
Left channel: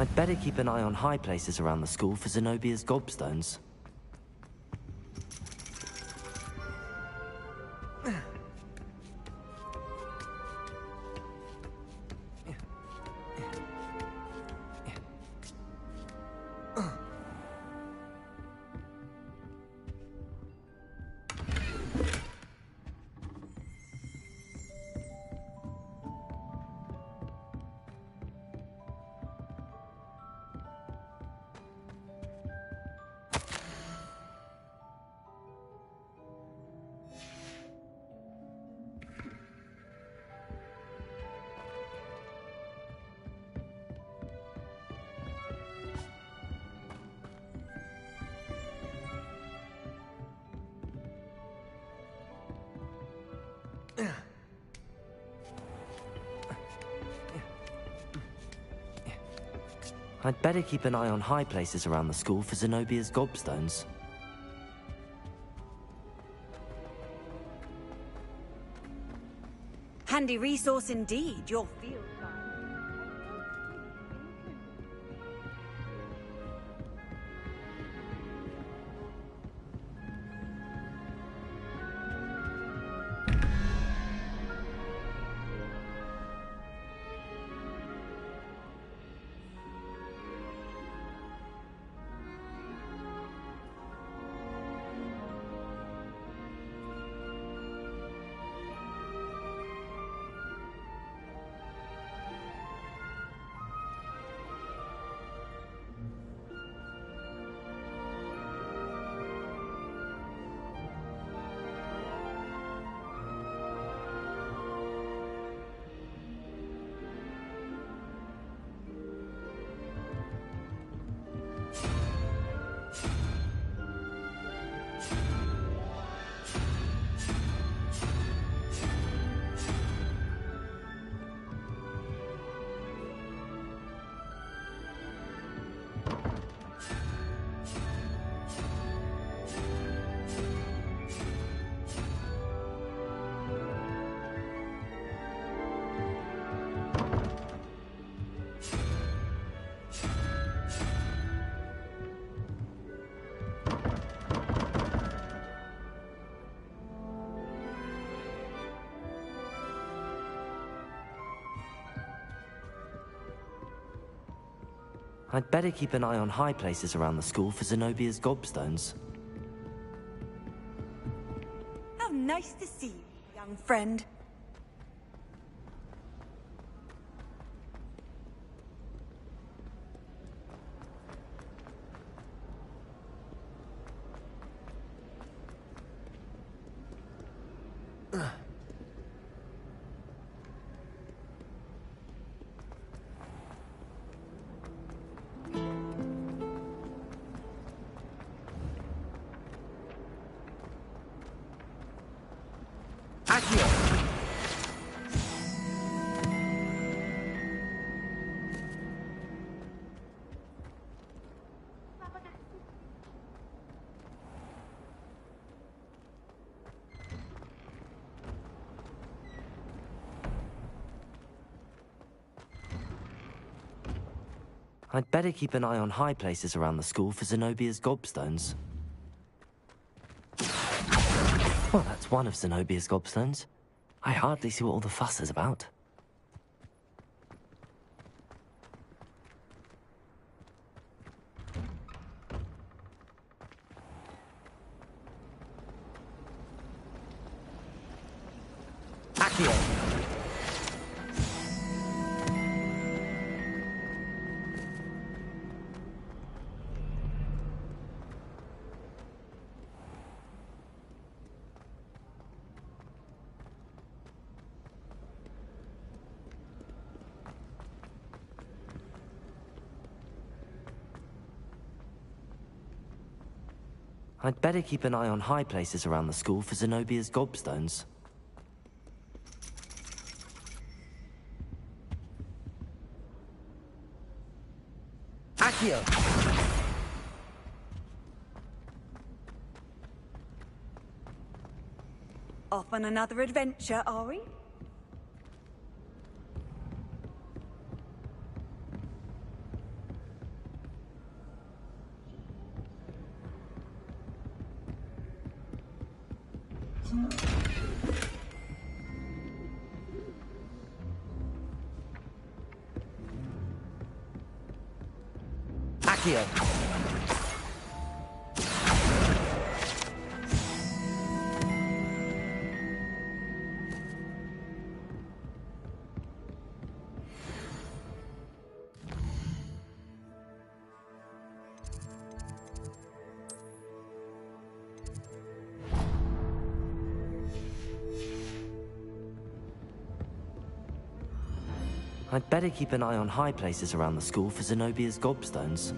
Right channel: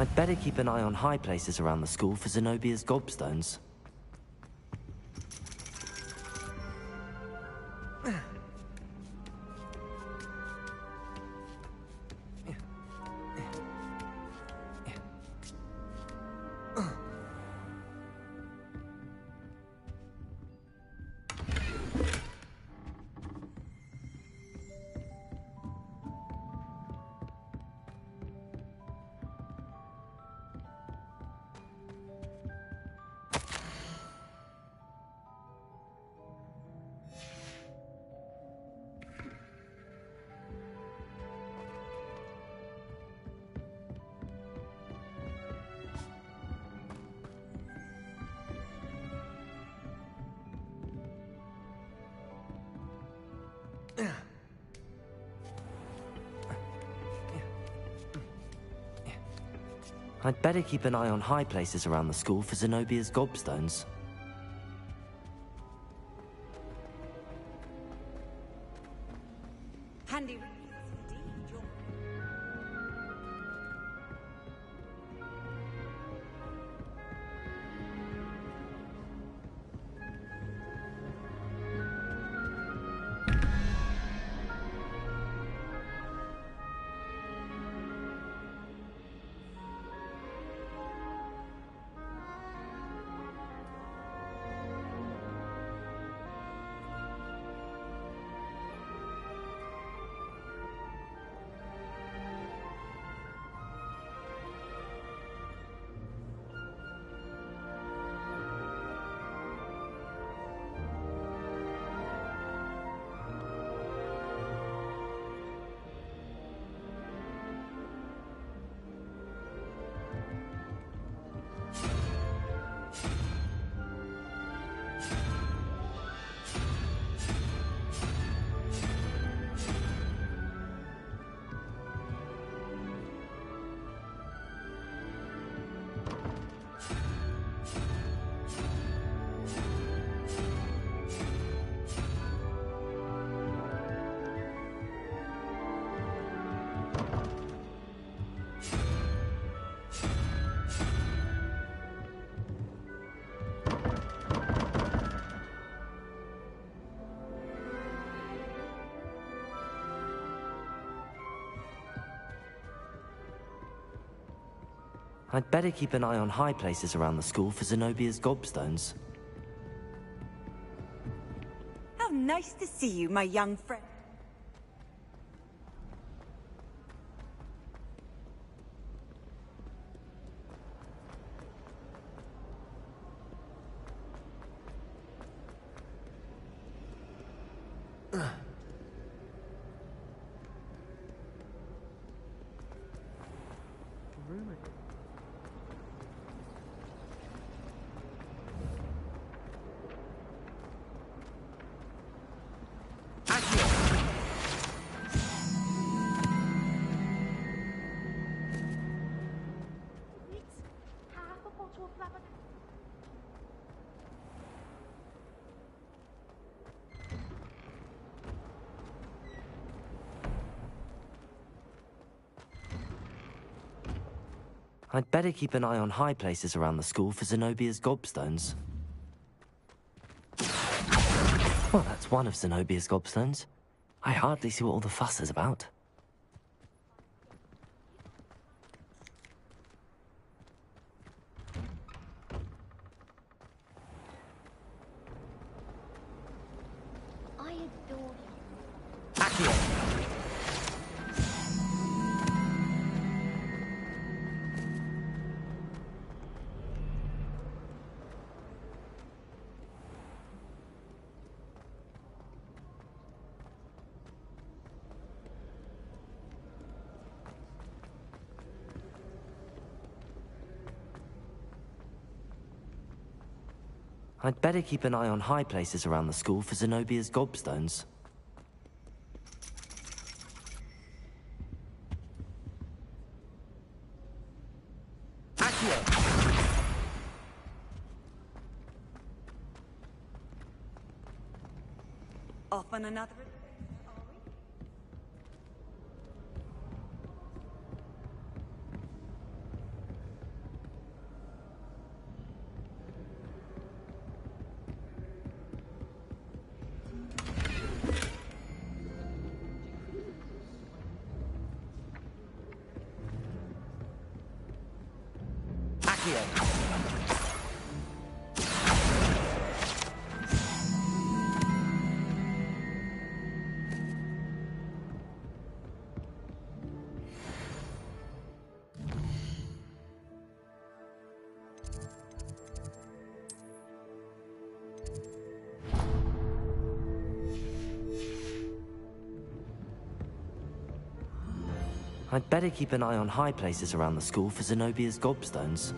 I'd better keep an eye on high places around the school for Zenobia's gobstones. I'd better keep an eye on high places around the school for Zenobia's gobstones. Handy resource indeed, your field. I'd better keep an eye on high places around the school for Zenobia's gobstones. How nice to see you, my young friend. I'd better keep an eye on high places around the school for Zenobia's gobstones. Well, that's one of Zenobia's gobstones. I hardly see what all the fuss is about. Accio! I'd better keep an eye on high places around the school for Zenobia's gobstones. Accio! Off on another adventure, are we? Accio! I'd better keep an eye on high places around the school for Zenobia's gobstones.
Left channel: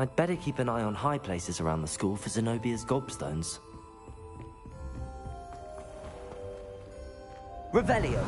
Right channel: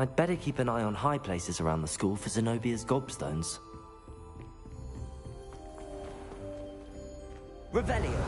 I'd better keep an eye on high places around the school for Zenobia's gobstones. Revelio.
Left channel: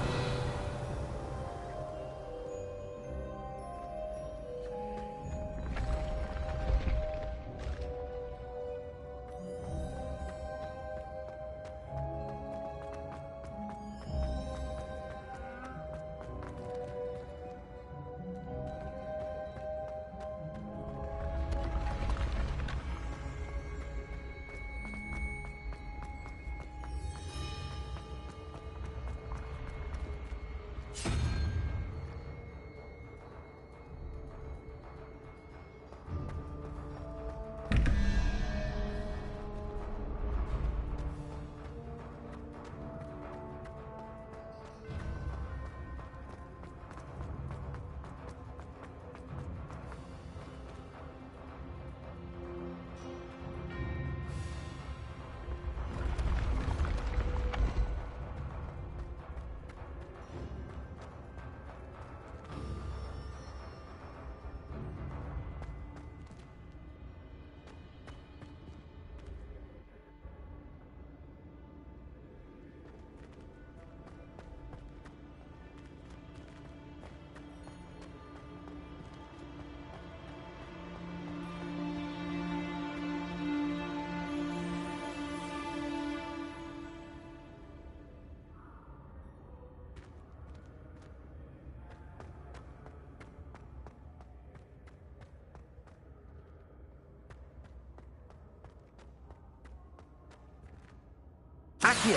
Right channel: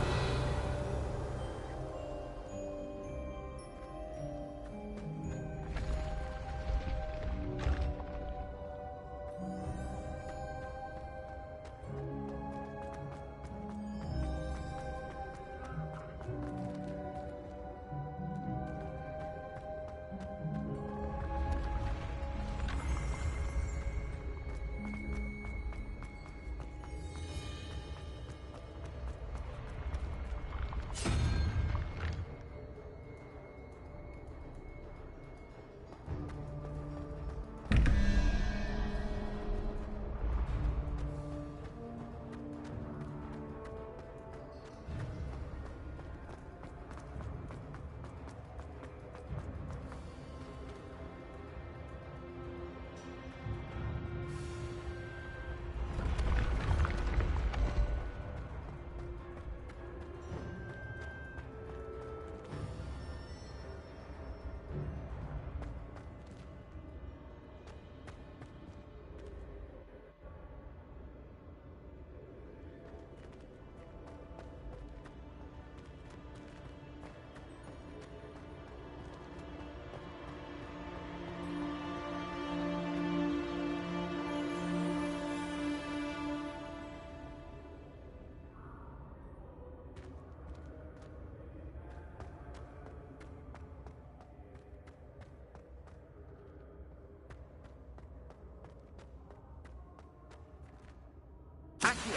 Accio.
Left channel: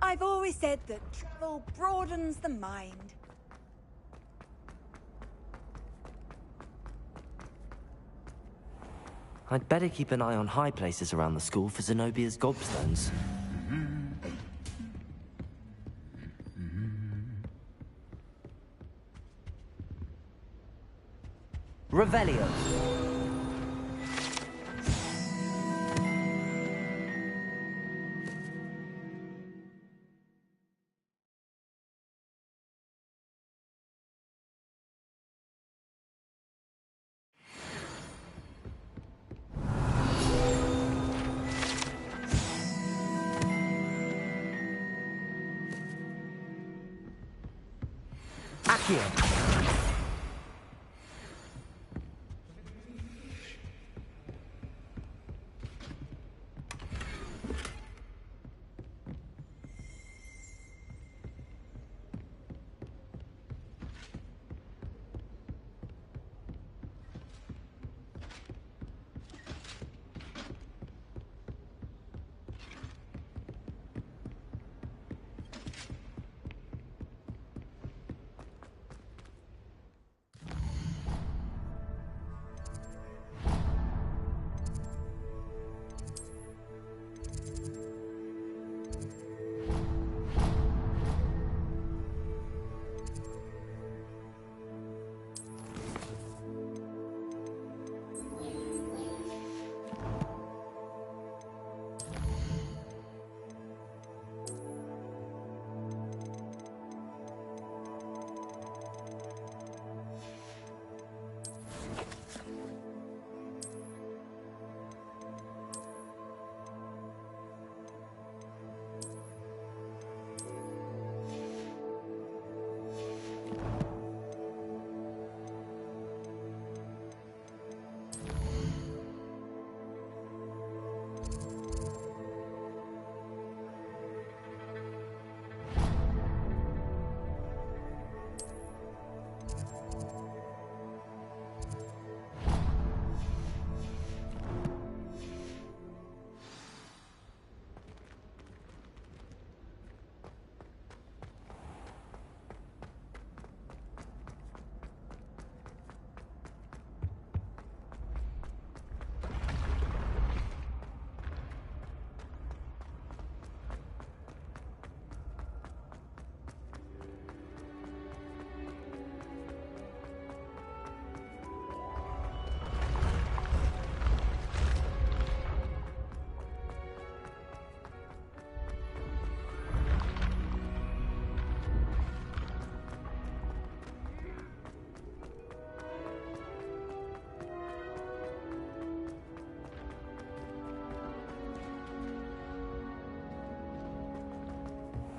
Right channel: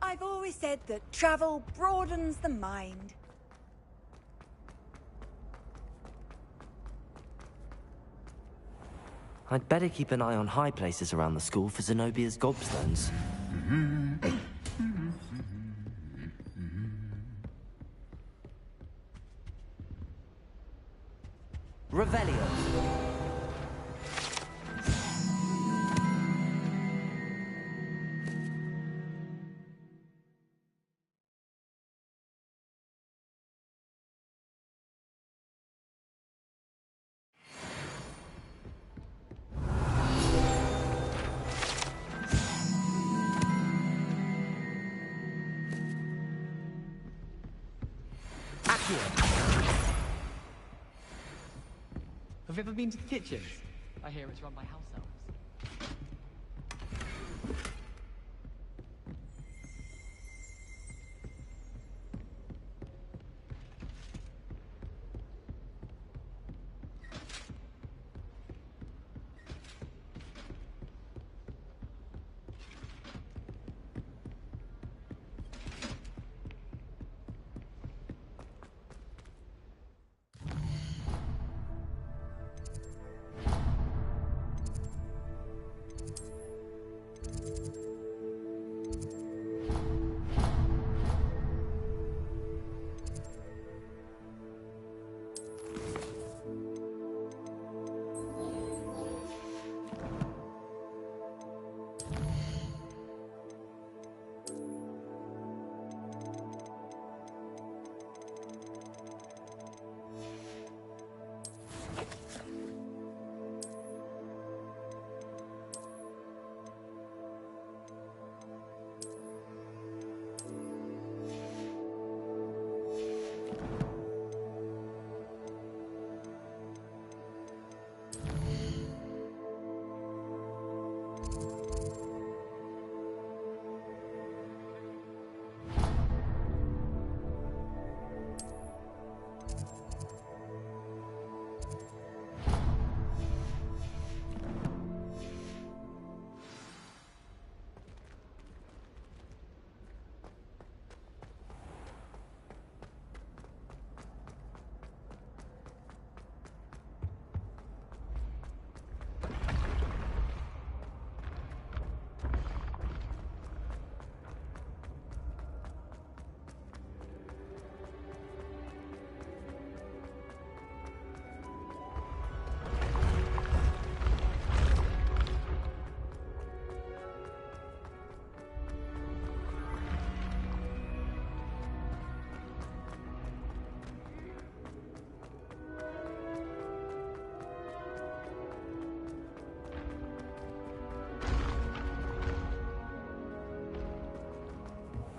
I've always said that travel broadens the mind. I'd better keep an eye on high places around the school for Zenobia's gobstones. Revelio. Have you ever been to the kitchen? I hear it's run by house elves.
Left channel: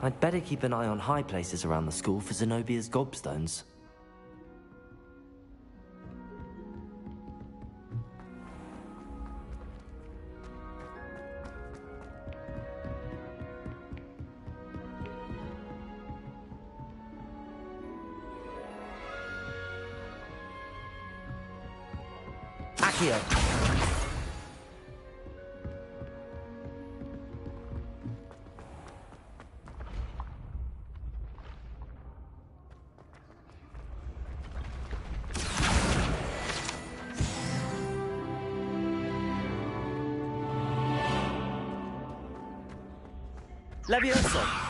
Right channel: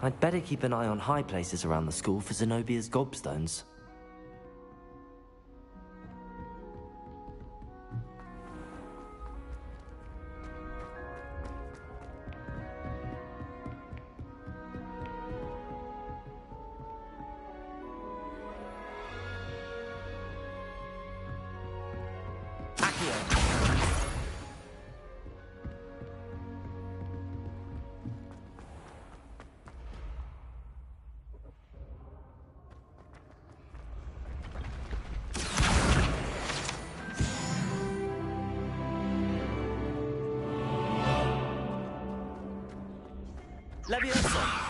I'd better keep an eye on high places around the school for Zenobia's gobstones. Accio! Levioso!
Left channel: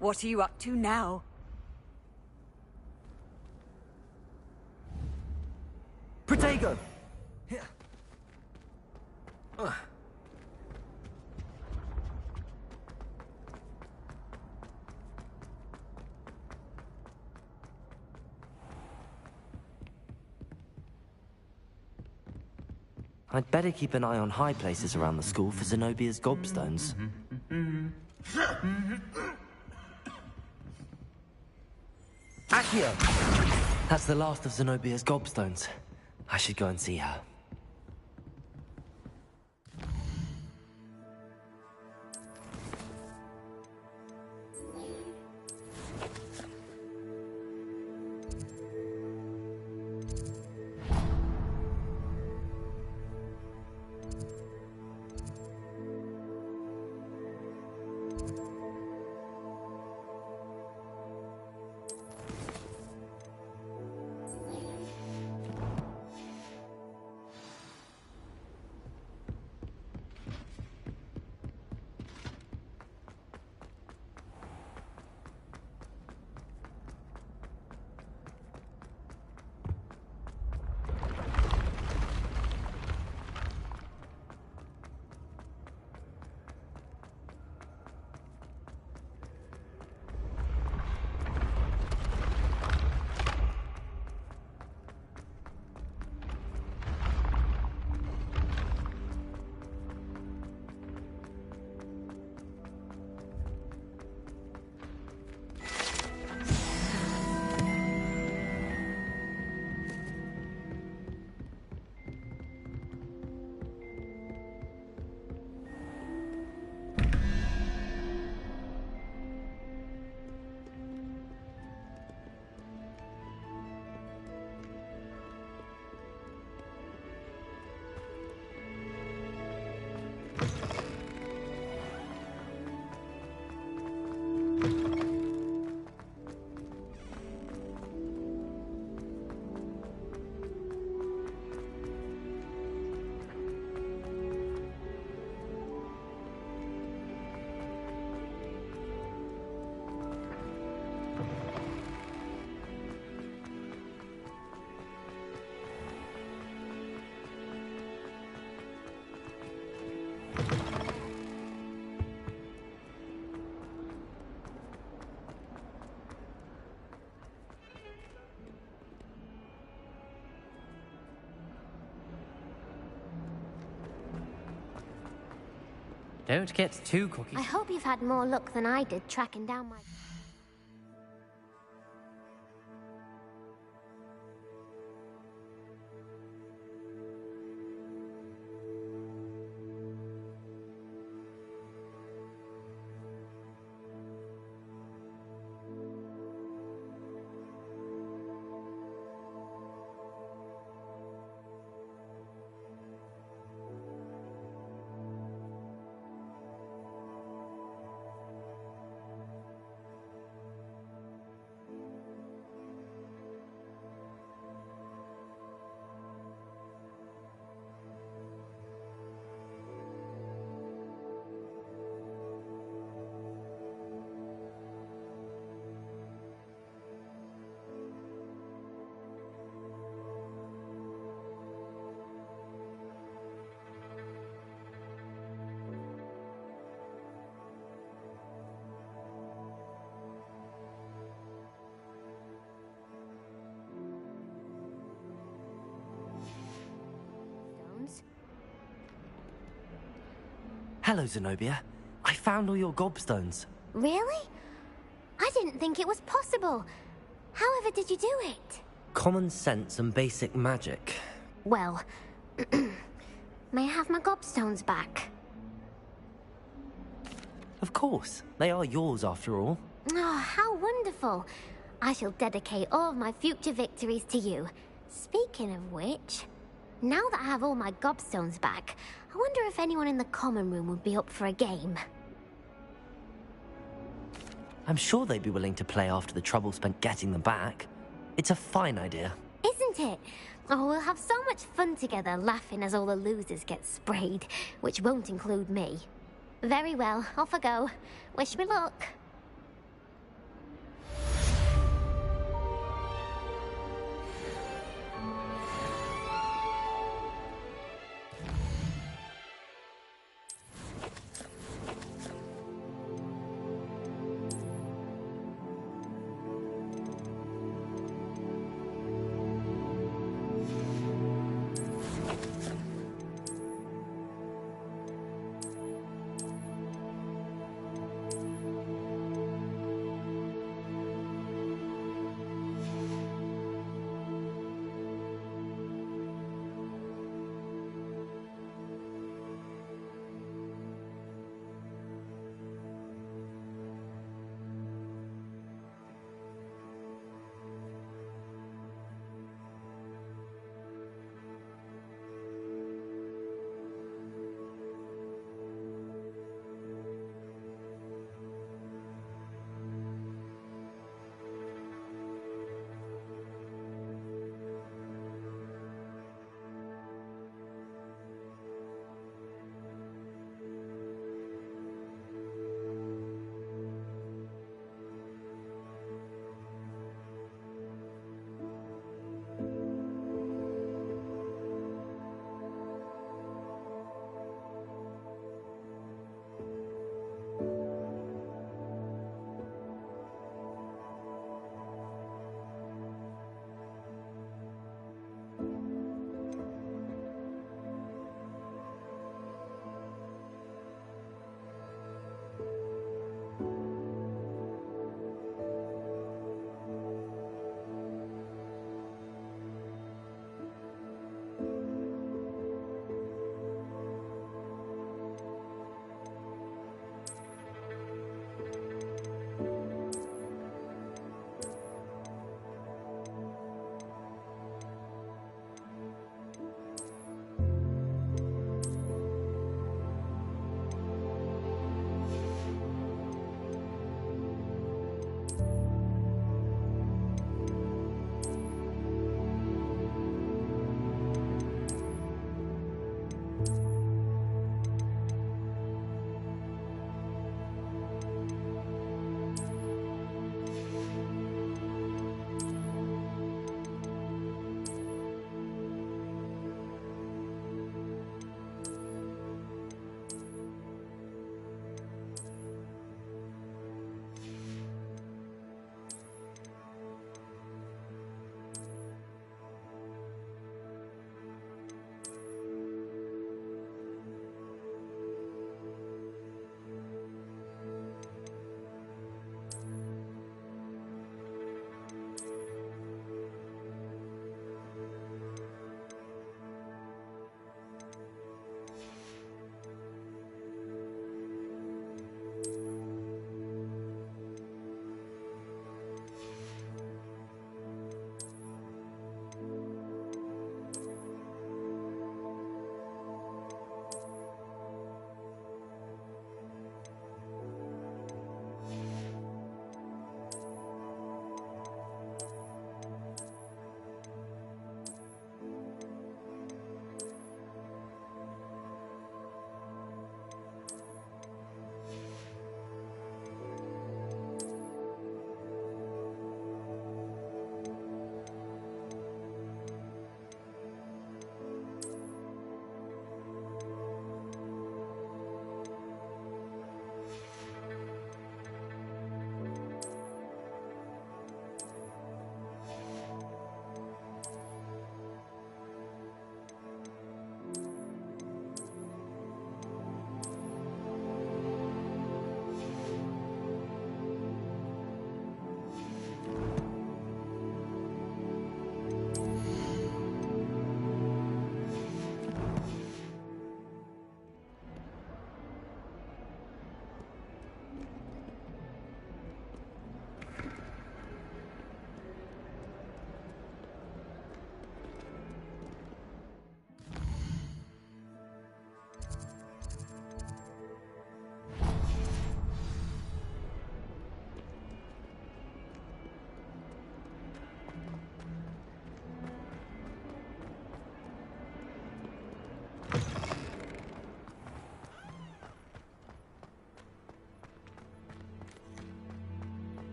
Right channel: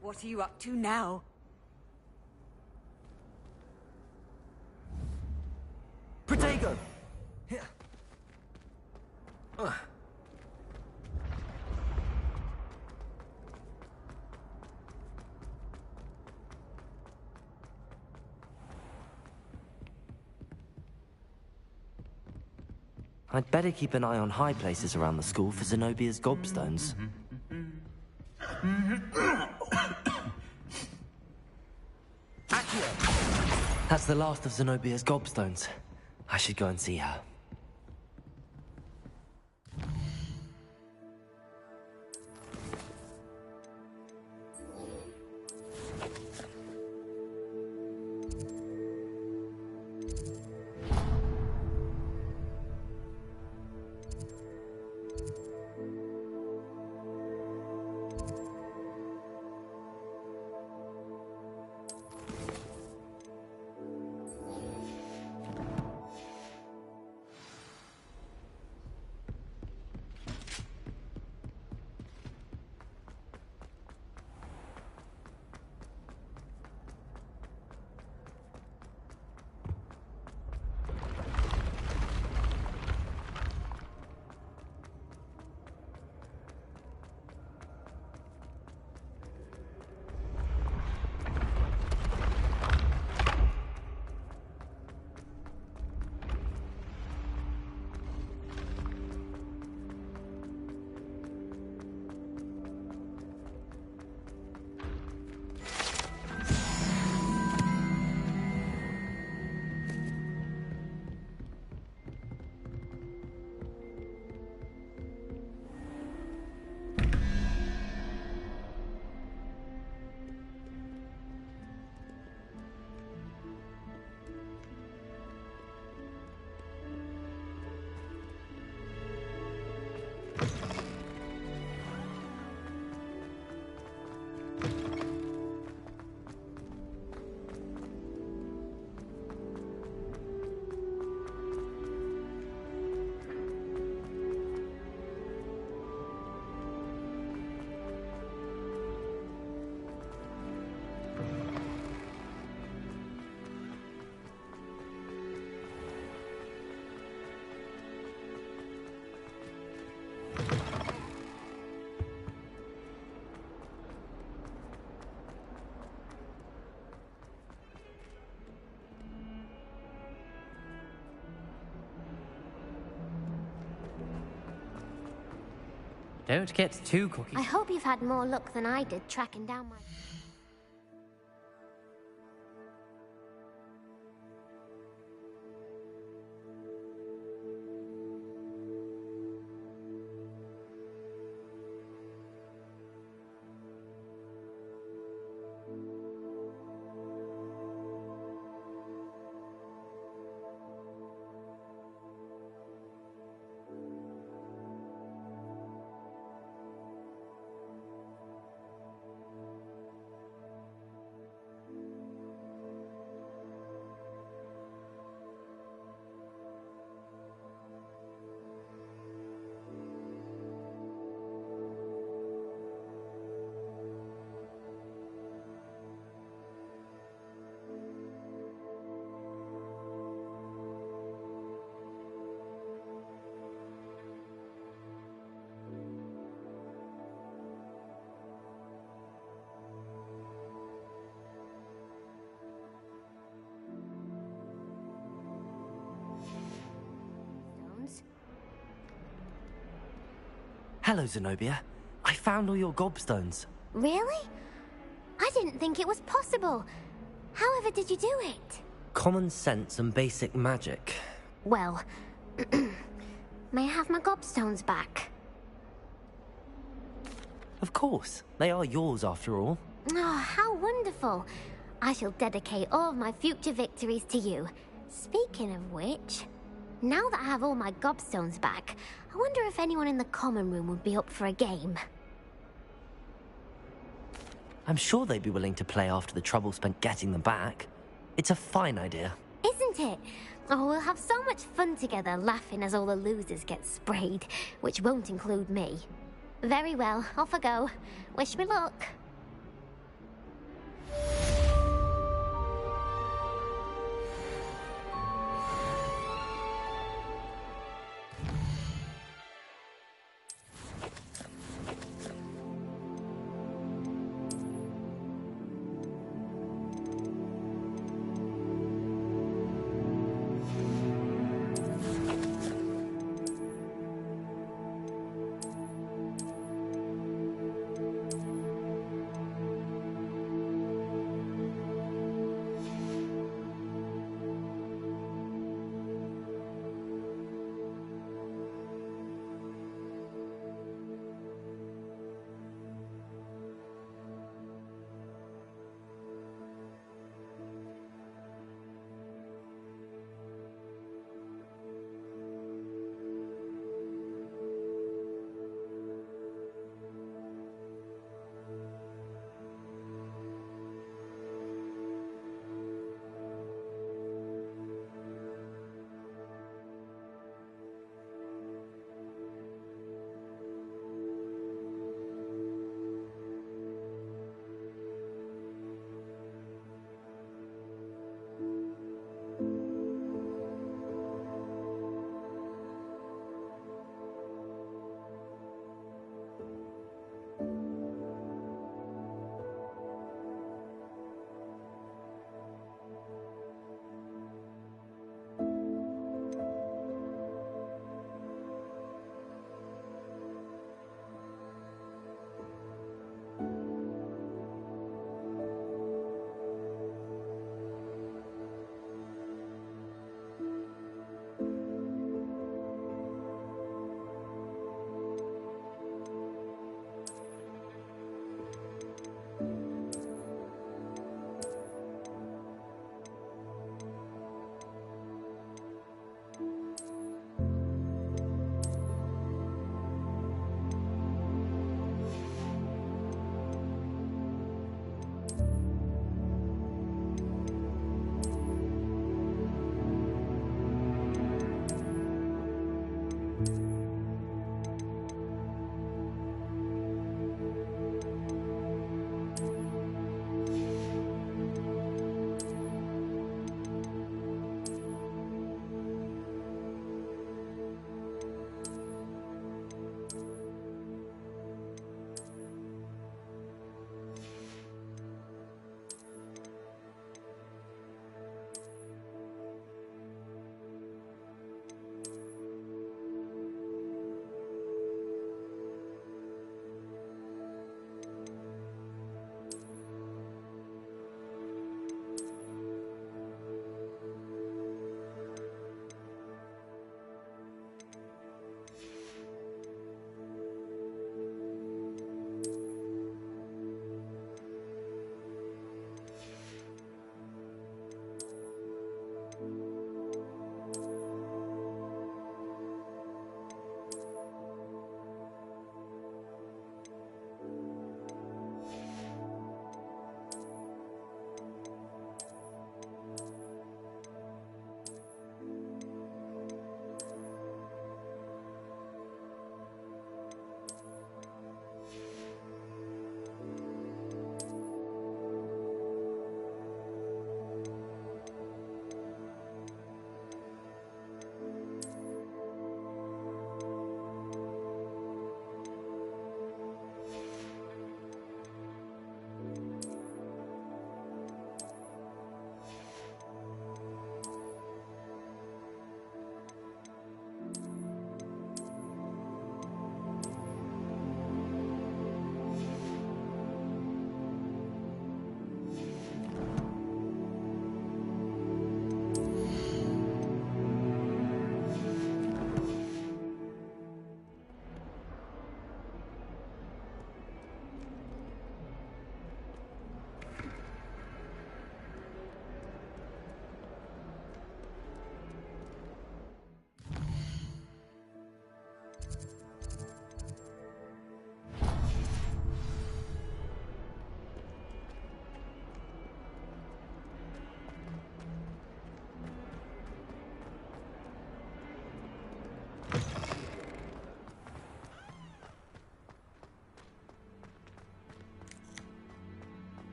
What are you up to now? Protego! I'd better keep an eye on high places around the school for Zenobia's gobstones. Accio! That's the last of Zenobia's gobstones. I should go and see her. Don't get too cocky. I hope you've had more luck than I did tracking down my... Hello, Zenobia. I found all your gobstones. Really? I didn't think it was possible. However did you do it? Common sense and basic magic. Well, may I have my gobstones back? Of course. They are yours after all. Oh, how wonderful. I shall dedicate all of my future victories to you. Speaking of which, now that I have all my gobstones back, I wonder if anyone in the common room would be up for a game. I'm sure they'd be willing to play after the trouble spent getting them back. It's a fine idea. Isn't it? Oh, we'll have so much fun together, laughing as all the losers get sprayed, which won't include me. Very well, off I go. Wish me luck.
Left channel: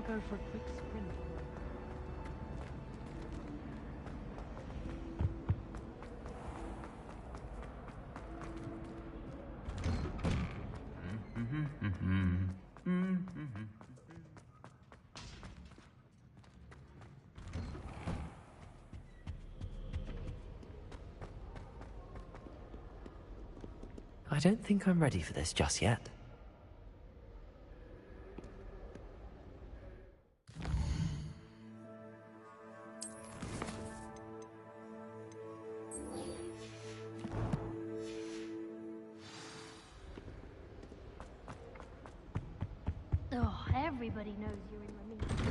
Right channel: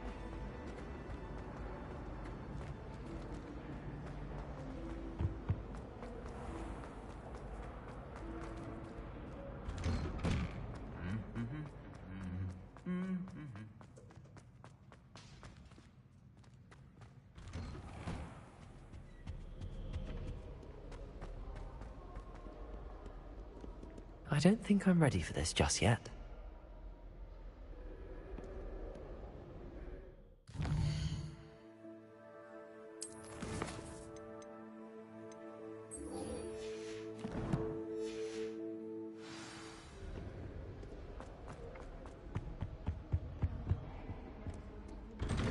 I'll go for a quick spin. I don't think I'm ready for this just yet. Oh, everybody knows you're in the meeting.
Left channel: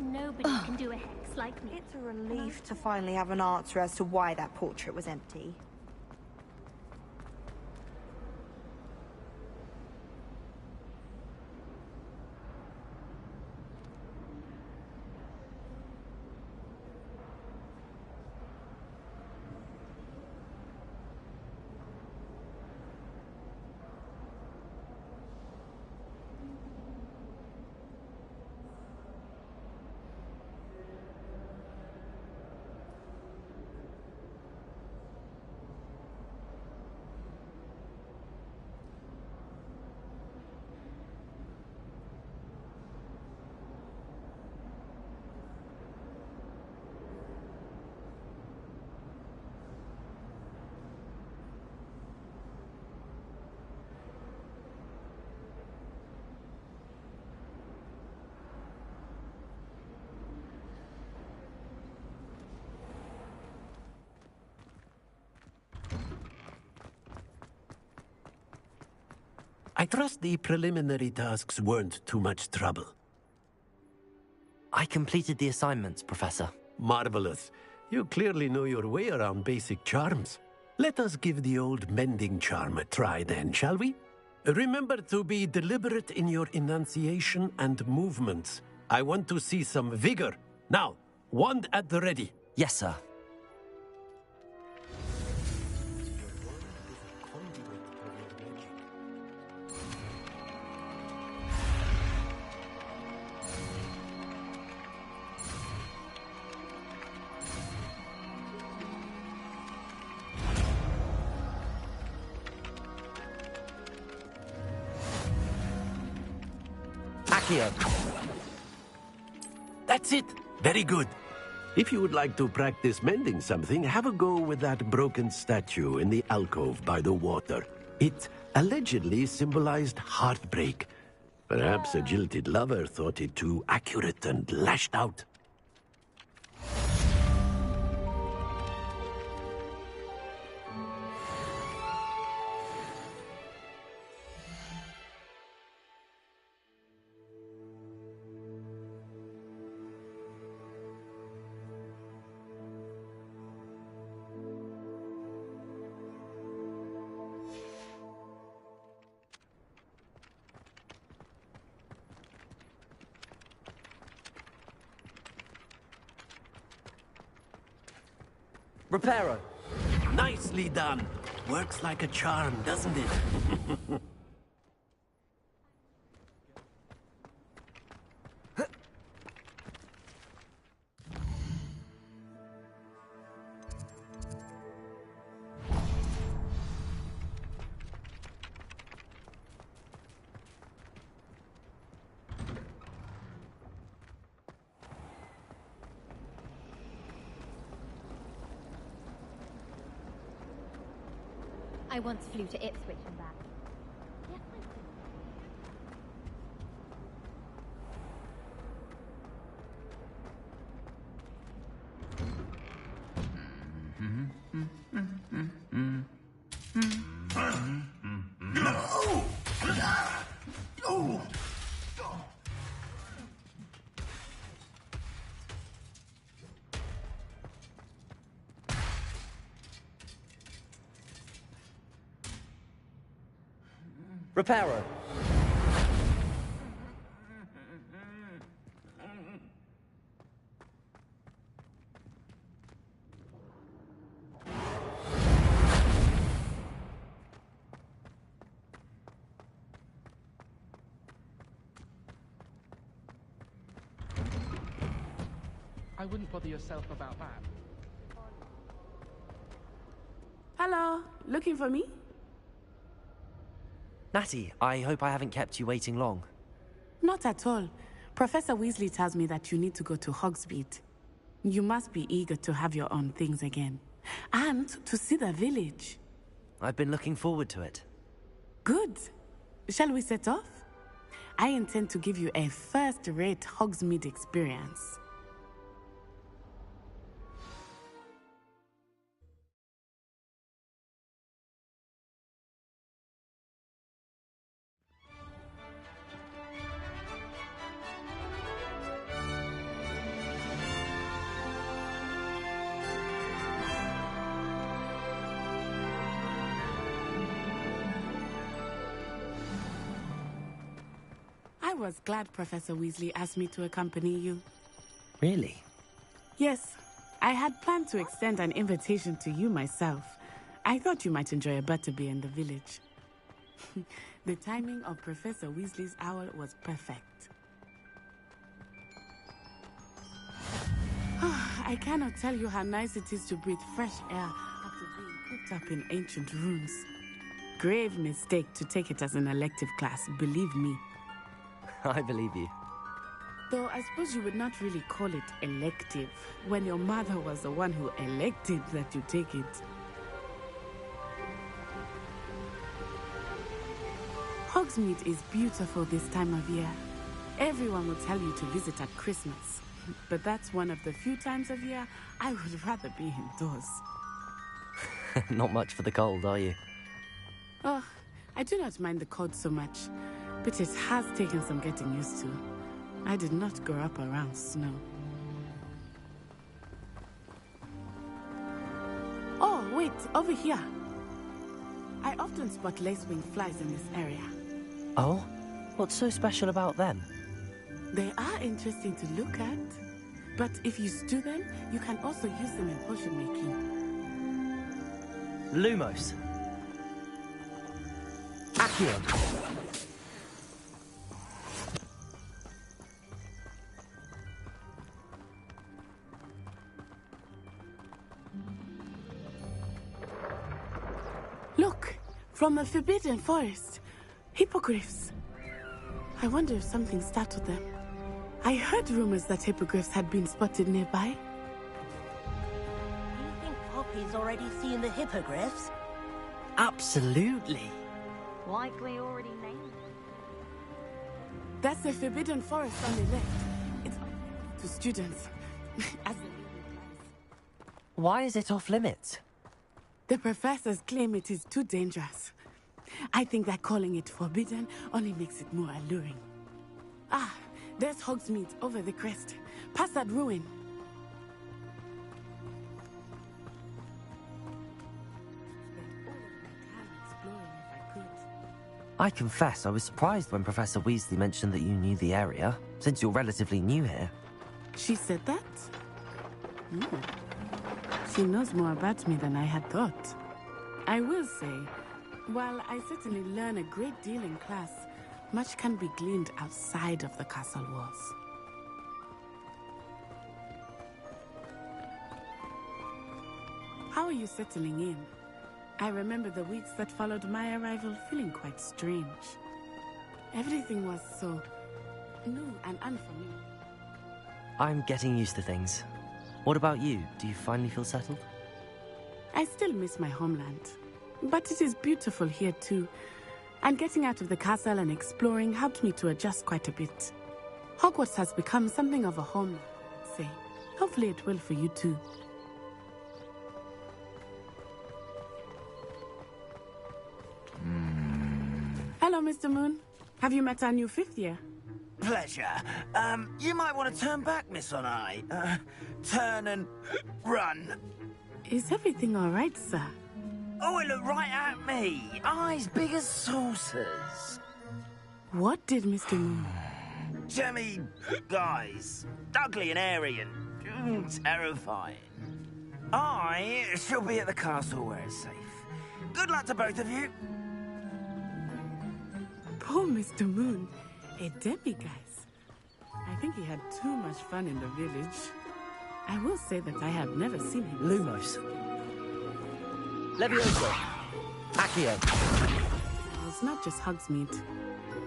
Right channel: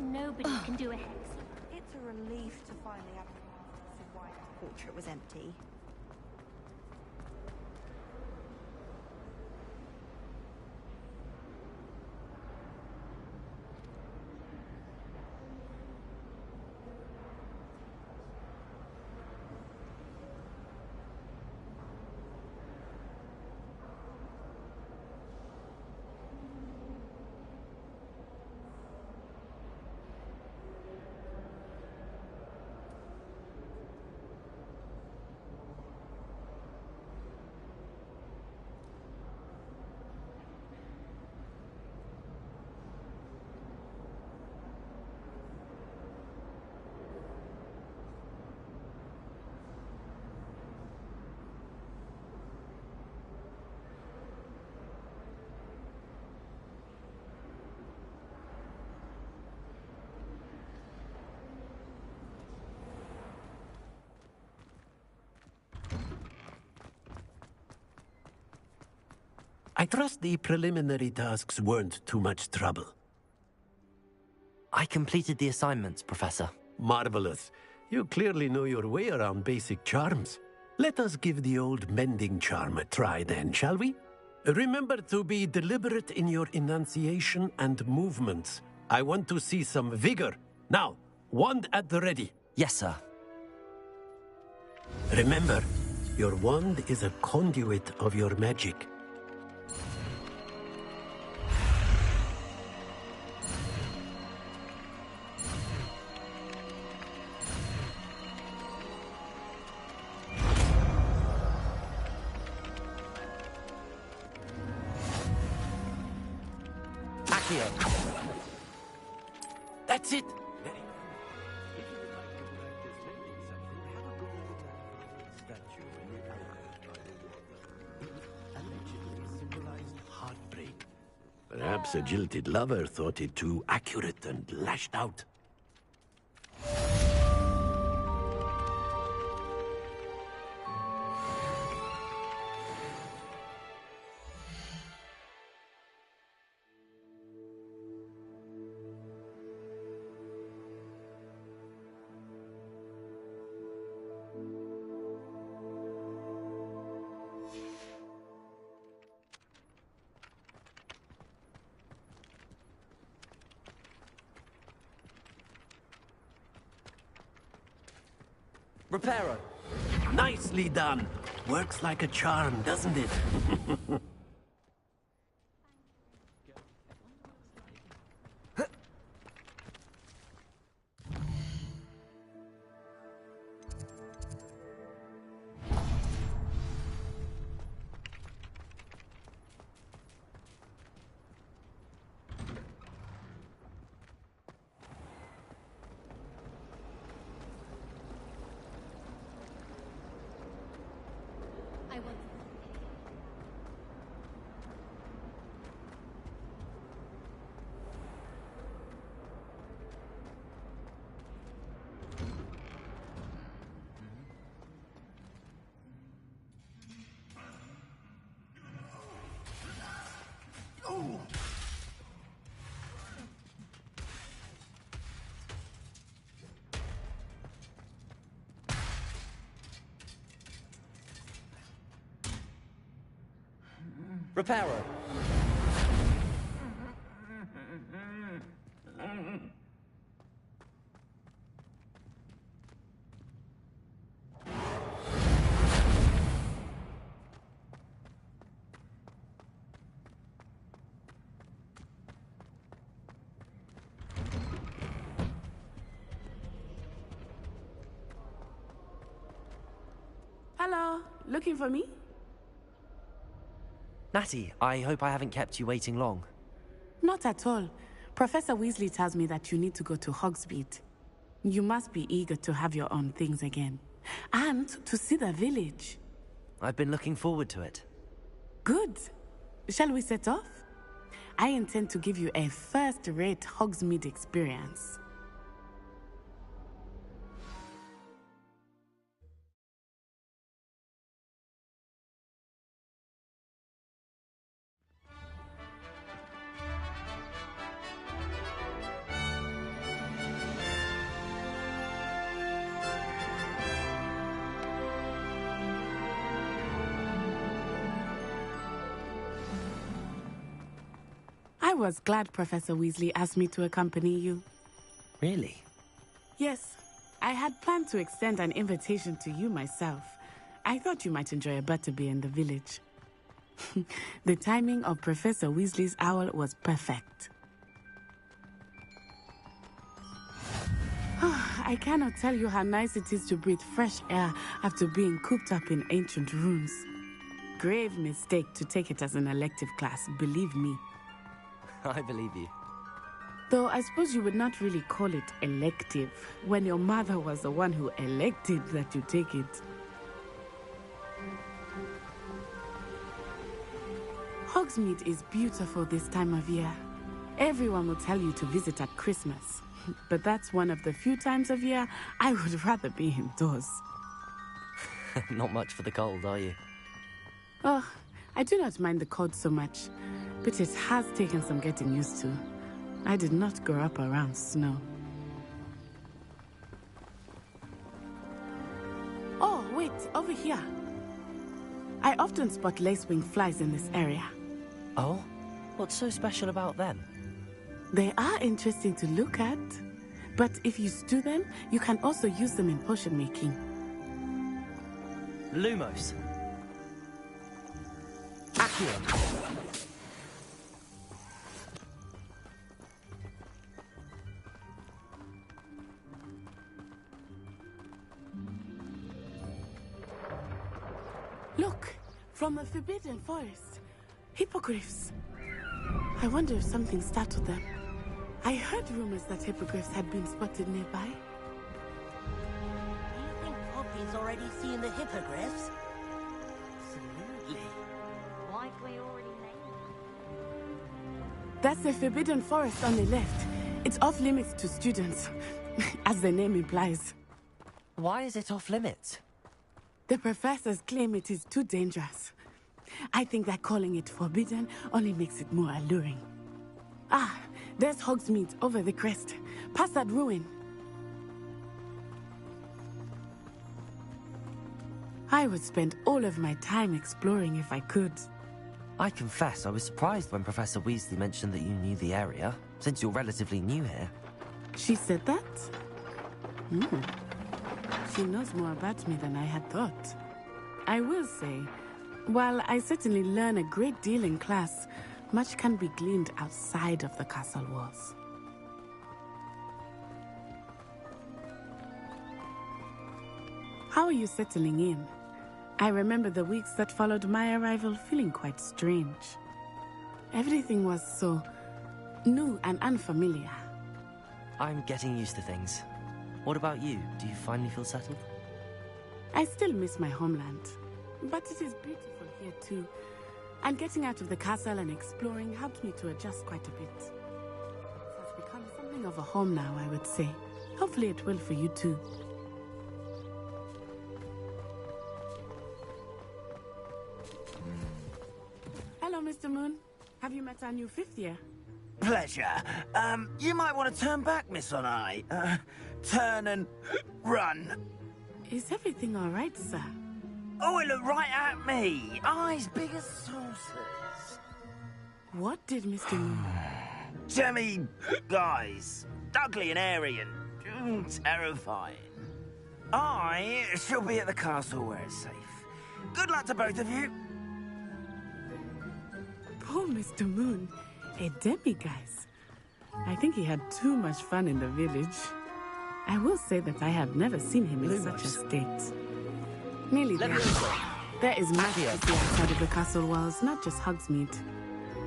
Nobody can do a hex like me. It's a relief to finally have an answer as to why that portrait was empty. I trust the preliminary tasks weren't too much trouble. I completed the assignments, Professor. Marvelous. You clearly know your way around basic charms. Let us give the old mending charm a try then, shall we? Remember to be deliberate in your enunciation and movements. I want to see some vigor. Now, wand at the ready. Yes, sir. Remember, your wand is a conduit of your magic. That's it. Very good. If you would like to practice mending something, have a go with that broken statue in the alcove by the water. It allegedly symbolized heartbreak. Perhaps a jilted lover thought it too accurate and lashed out. Reparo. Nicely done. Works like a charm, doesn't it? I once flew to Ipswich and back. Reparo. wouldn't bother yourself about that. Hello, looking for me? Natty, I hope I haven't kept you waiting long. Not at all. Professor Weasley tells me that you need to go to Hogsmeade. You must be eager to have your own things again. And to see the village. I've been looking forward to it. Good. Shall we set off? I intend to give you a first-rate Hogsmeade experience. I was glad Professor Weasley asked me to accompany you. Really? Yes, I had planned to extend an invitation to you myself. I thought you might enjoy a butterbeer in the village. The timing of Professor Weasley's owl was perfect. I cannot tell you how nice it is to breathe fresh air after being cooped up in ancient rooms. Grave mistake to take it as an elective class, believe me. I believe you. Though I suppose you would not really call it elective when your mother was the one who elected that you take it. Hogsmeade is beautiful this time of year. Everyone will tell you to visit at Christmas, but that's one of the few times of year I would rather be indoors. Not much for the cold, are you? Oh, I do not mind the cold so much, but it has taken some getting used to. I did not grow up around snow. Oh, wait, over here. I often spot lacewing flies in this area. Oh? What's so special about them? They are interesting to look at, but if you stew them, you can also use them in potion making. Lumos. Accio. Look, from the Forbidden Forest. Hippogriffs. I wonder if something startled them. I heard rumors that hippogriffs had been spotted nearby. Do you think Poppy's already seen the hippogriffs? Absolutely. Likely already named. That's the Forbidden Forest on the left. It's off limits to students, as the name implies. Why is it off limits? The professors claim it is too dangerous. I think that calling it forbidden only makes it more alluring. Ah, there's Hogsmeade over the crest. Past that ruin. I would spend all of my time exploring if I could. I confess I was surprised when Professor Weasley mentioned that you knew the area, since you're relatively new here. She said that? She knows more about me than I had thought. I will say, while I certainly learn a great deal in class, much can be gleaned outside of the castle walls. How are you settling in? I remember the weeks that followed my arrival feeling quite strange. Everything was so new and unfamiliar. I'm getting used to things. What about you? Do you finally feel settled? I still miss my homeland, but it is beautiful here too. And getting out of the castle and exploring helped me to adjust quite a bit. Hogwarts has become something of a home now, I would say. Hopefully it will for you too. Hello, Mr. Moon. Have you met our new fifth year? Pleasure. You might want to turn back, Miss On-Eye. Turn and run. Is everything all right, sir? Oh, it looked right at me. Eyes big as saucers. What did Mr. Moon? Jemmy guys. Ugly and airy and terrifying. I shall be at the castle where it's safe. Good luck to both of you. Poor Mr. Moon. A demiguise. I think he had too much fun in the village. I will say that I have never seen him in such a state. Merely Levioso. there is much outside of the castle walls, not just Hogsmeade.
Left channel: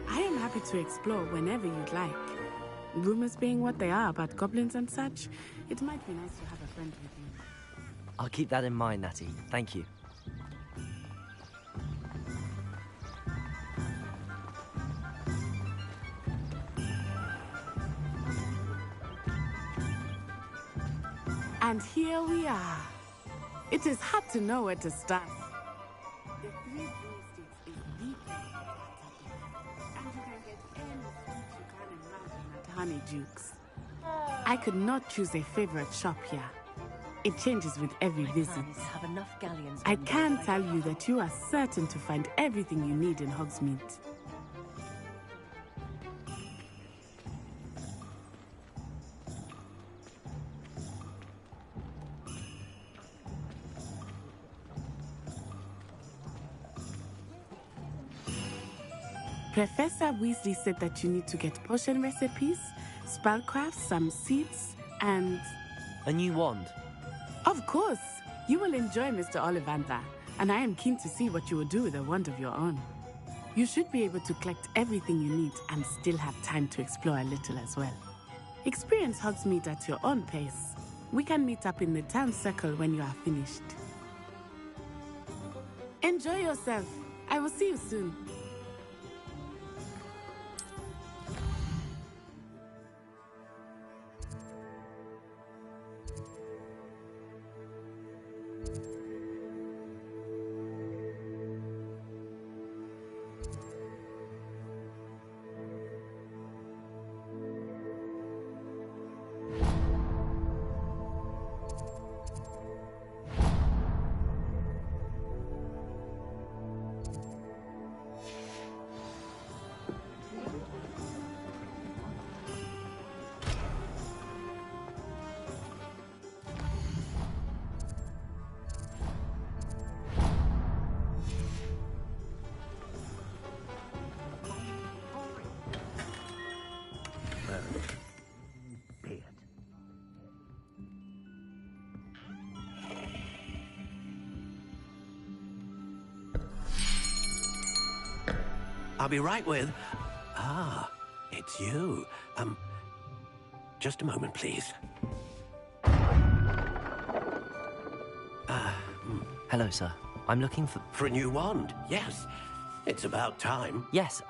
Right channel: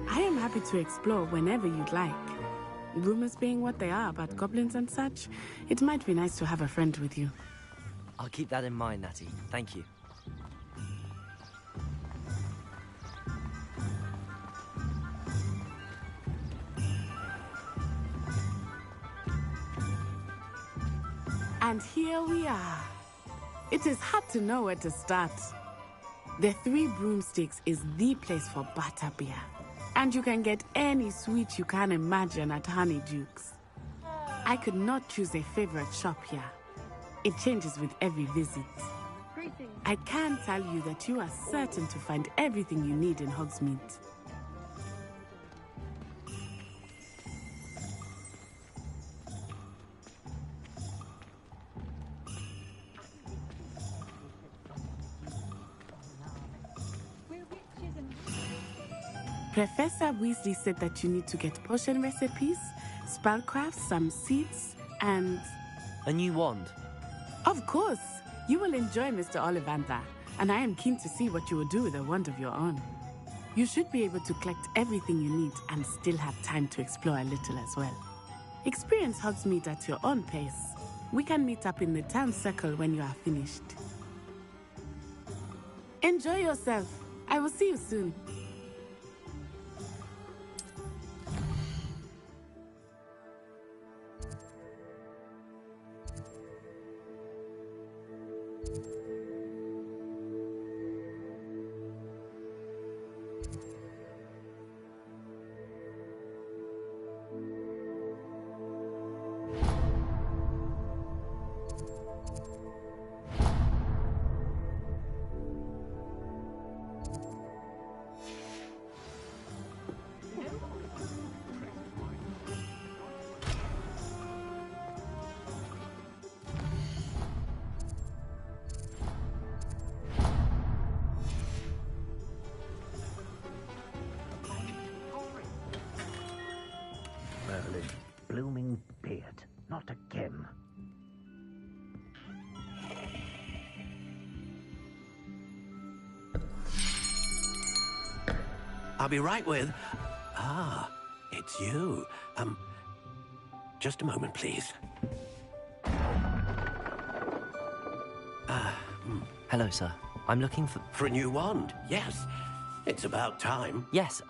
I am happy to explore whenever you'd like. Rumors being what they are about goblins and such, it might be nice to have a friend with you. I'll keep that in mind, Natty. Thank you. And here we are. It is hard to know where to start. The Three Broomsticks is the place for butterbeer. And you can get any sweet you can imagine at Honeydukes. I could not choose a favorite shop here. It changes with every visit. I can tell you that you are certain to find everything you need in Hogsmeade. Professor Weasley said that you need to get potion recipes, spellcrafts, some seeds, and... a new wand. Of course! You will enjoy Mr. Ollivander, and I am keen to see what you will do with a wand of your own. You should be able to collect everything you need and still have time to explore a little as well. Experience Hogsmeade at your own pace. We can meet up in the town circle when you are finished. Enjoy yourself. I will see you soon. Blooming beard. Not again. I'll be right with... Ah, it's you. Just a moment, please. Hello, sir. I'm looking for... For a new wand, yes. It's about time. Yes,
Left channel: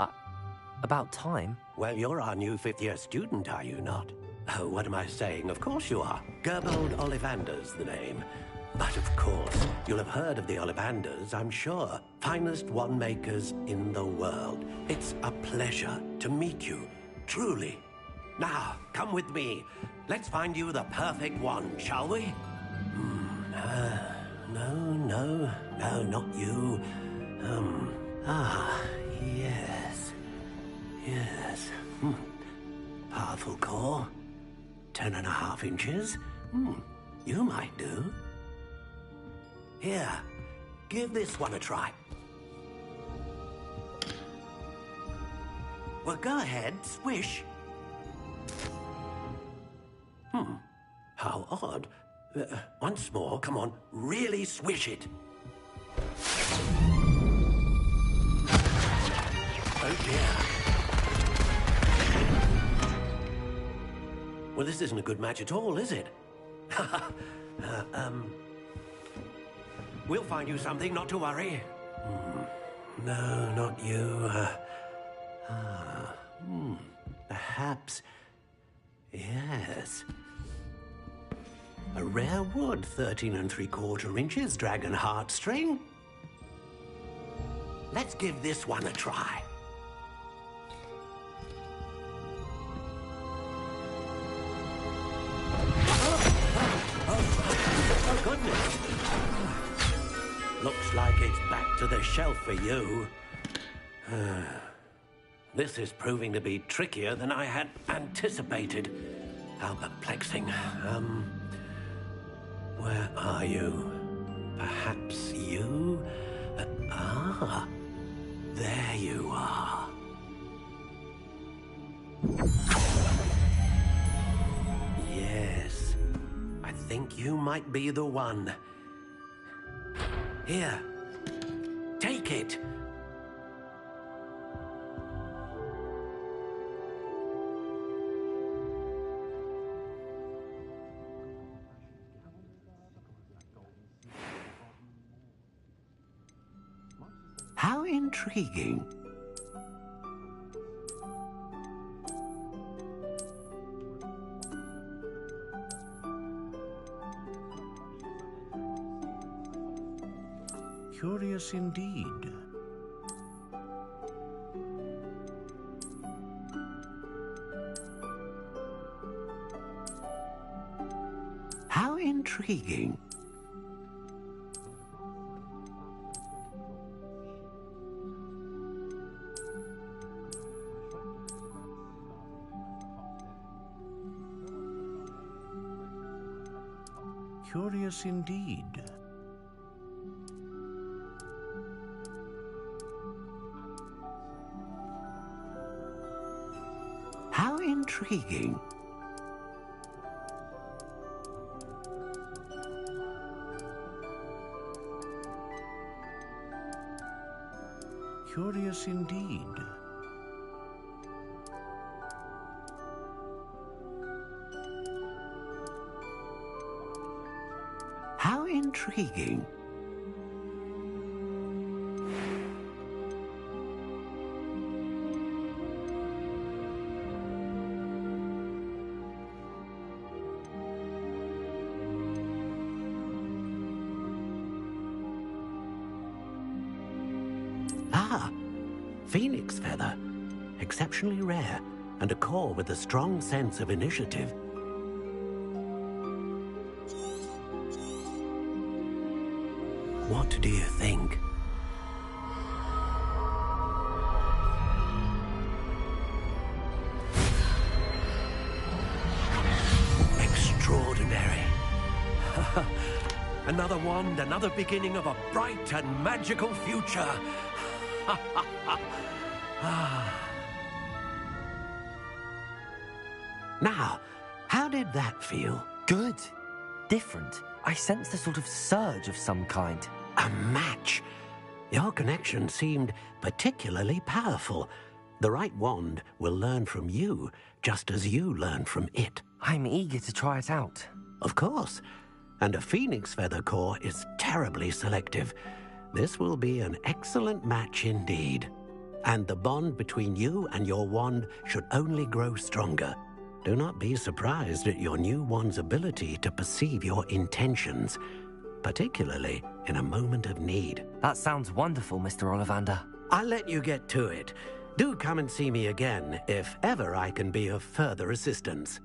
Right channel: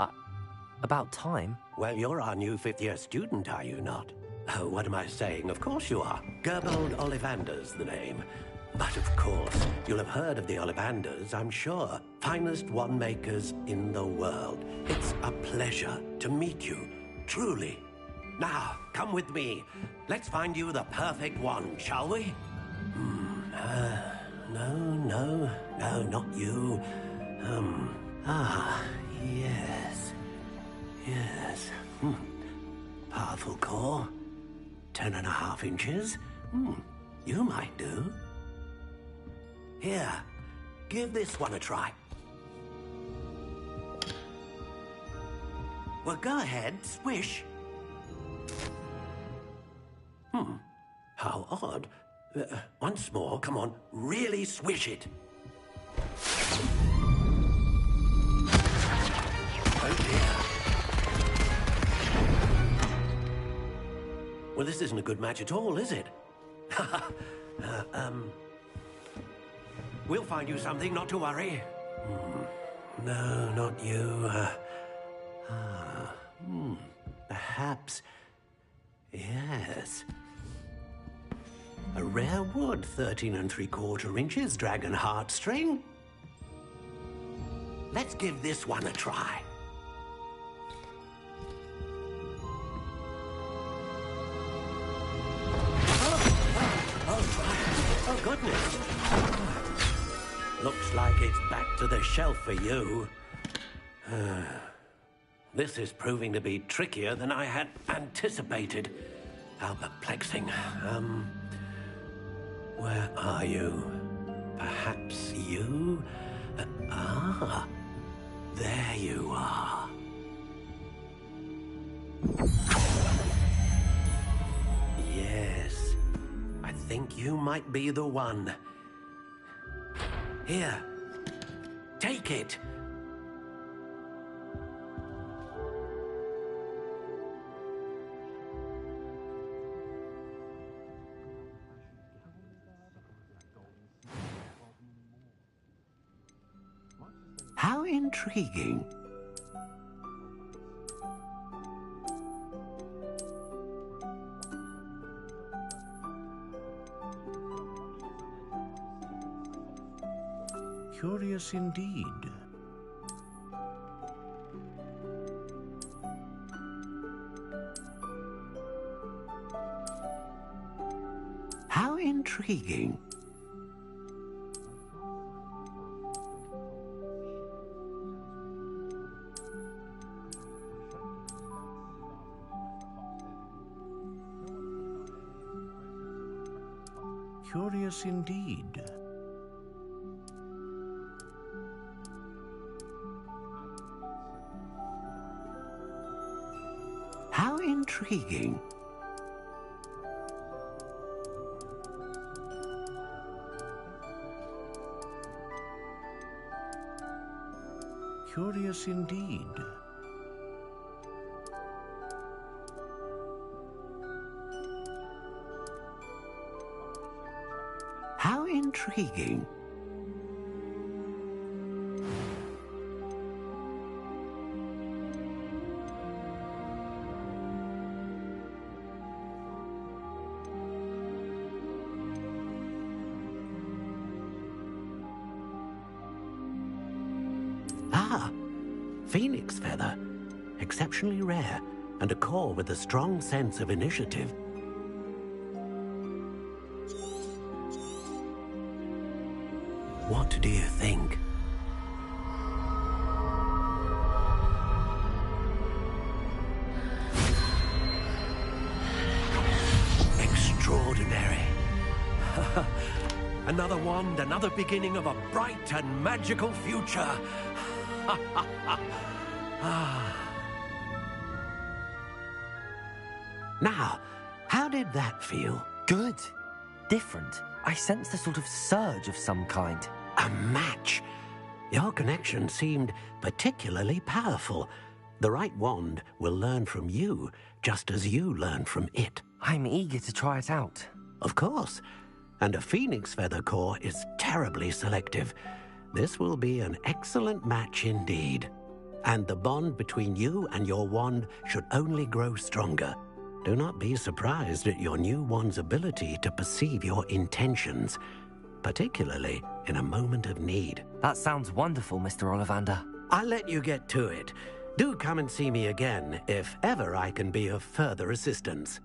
about time? Well, you're our new fifth-year student, are you not? Oh, what am I saying? Of course you are. Gerbold Ollivander's the name. But of course, you'll have heard of the Ollivanders, I'm sure. Finest wand makers in the world. It's a pleasure to meet you, truly. Now, come with me. Let's find you the perfect wand, shall we? No, not you. Yes. Powerful core. 10.5 inches. You might do. Here, give this one a try. Well, go ahead, swish. How odd. Once more, come on, really swish it. Oh dear. Well, this isn't a good match at all, is it? We'll find you something, not to worry. No, not you. Perhaps... Yes. A rare wood, 13 3/4 inches, dragon heartstring. Let's give this one a try. Oh, goodness. Looks like it's back to the shelf for you. This is proving to be trickier than I had anticipated. How perplexing. Where are you? Perhaps you? There you are. Yes. think you might be the one. Here, take it. How intriguing. Curious indeed. How intriguing. Curious indeed. How intriguing. Curious indeed. How intriguing. Ah, phoenix feather. Exceptionally rare, and a core with a strong sense of initiative. What do you think? Extraordinary. Another wand, another beginning of a bright and magical future. Now, how did that feel? Good. Different. I sensed a sort of surge of some kind. A match. Your connection seemed particularly powerful. The right wand will learn from you, just as you learn from it. I'm eager to try it out. Of course. And a phoenix feather core is terribly selective. This will be an excellent match indeed. And the bond between you and your wand should only grow stronger. Do not be surprised at your new wand's ability to perceive your intentions, particularly in a moment of need. That sounds wonderful, Mr. Ollivander. I'll let you get to it. Do come and see me again if ever I can be of further assistance.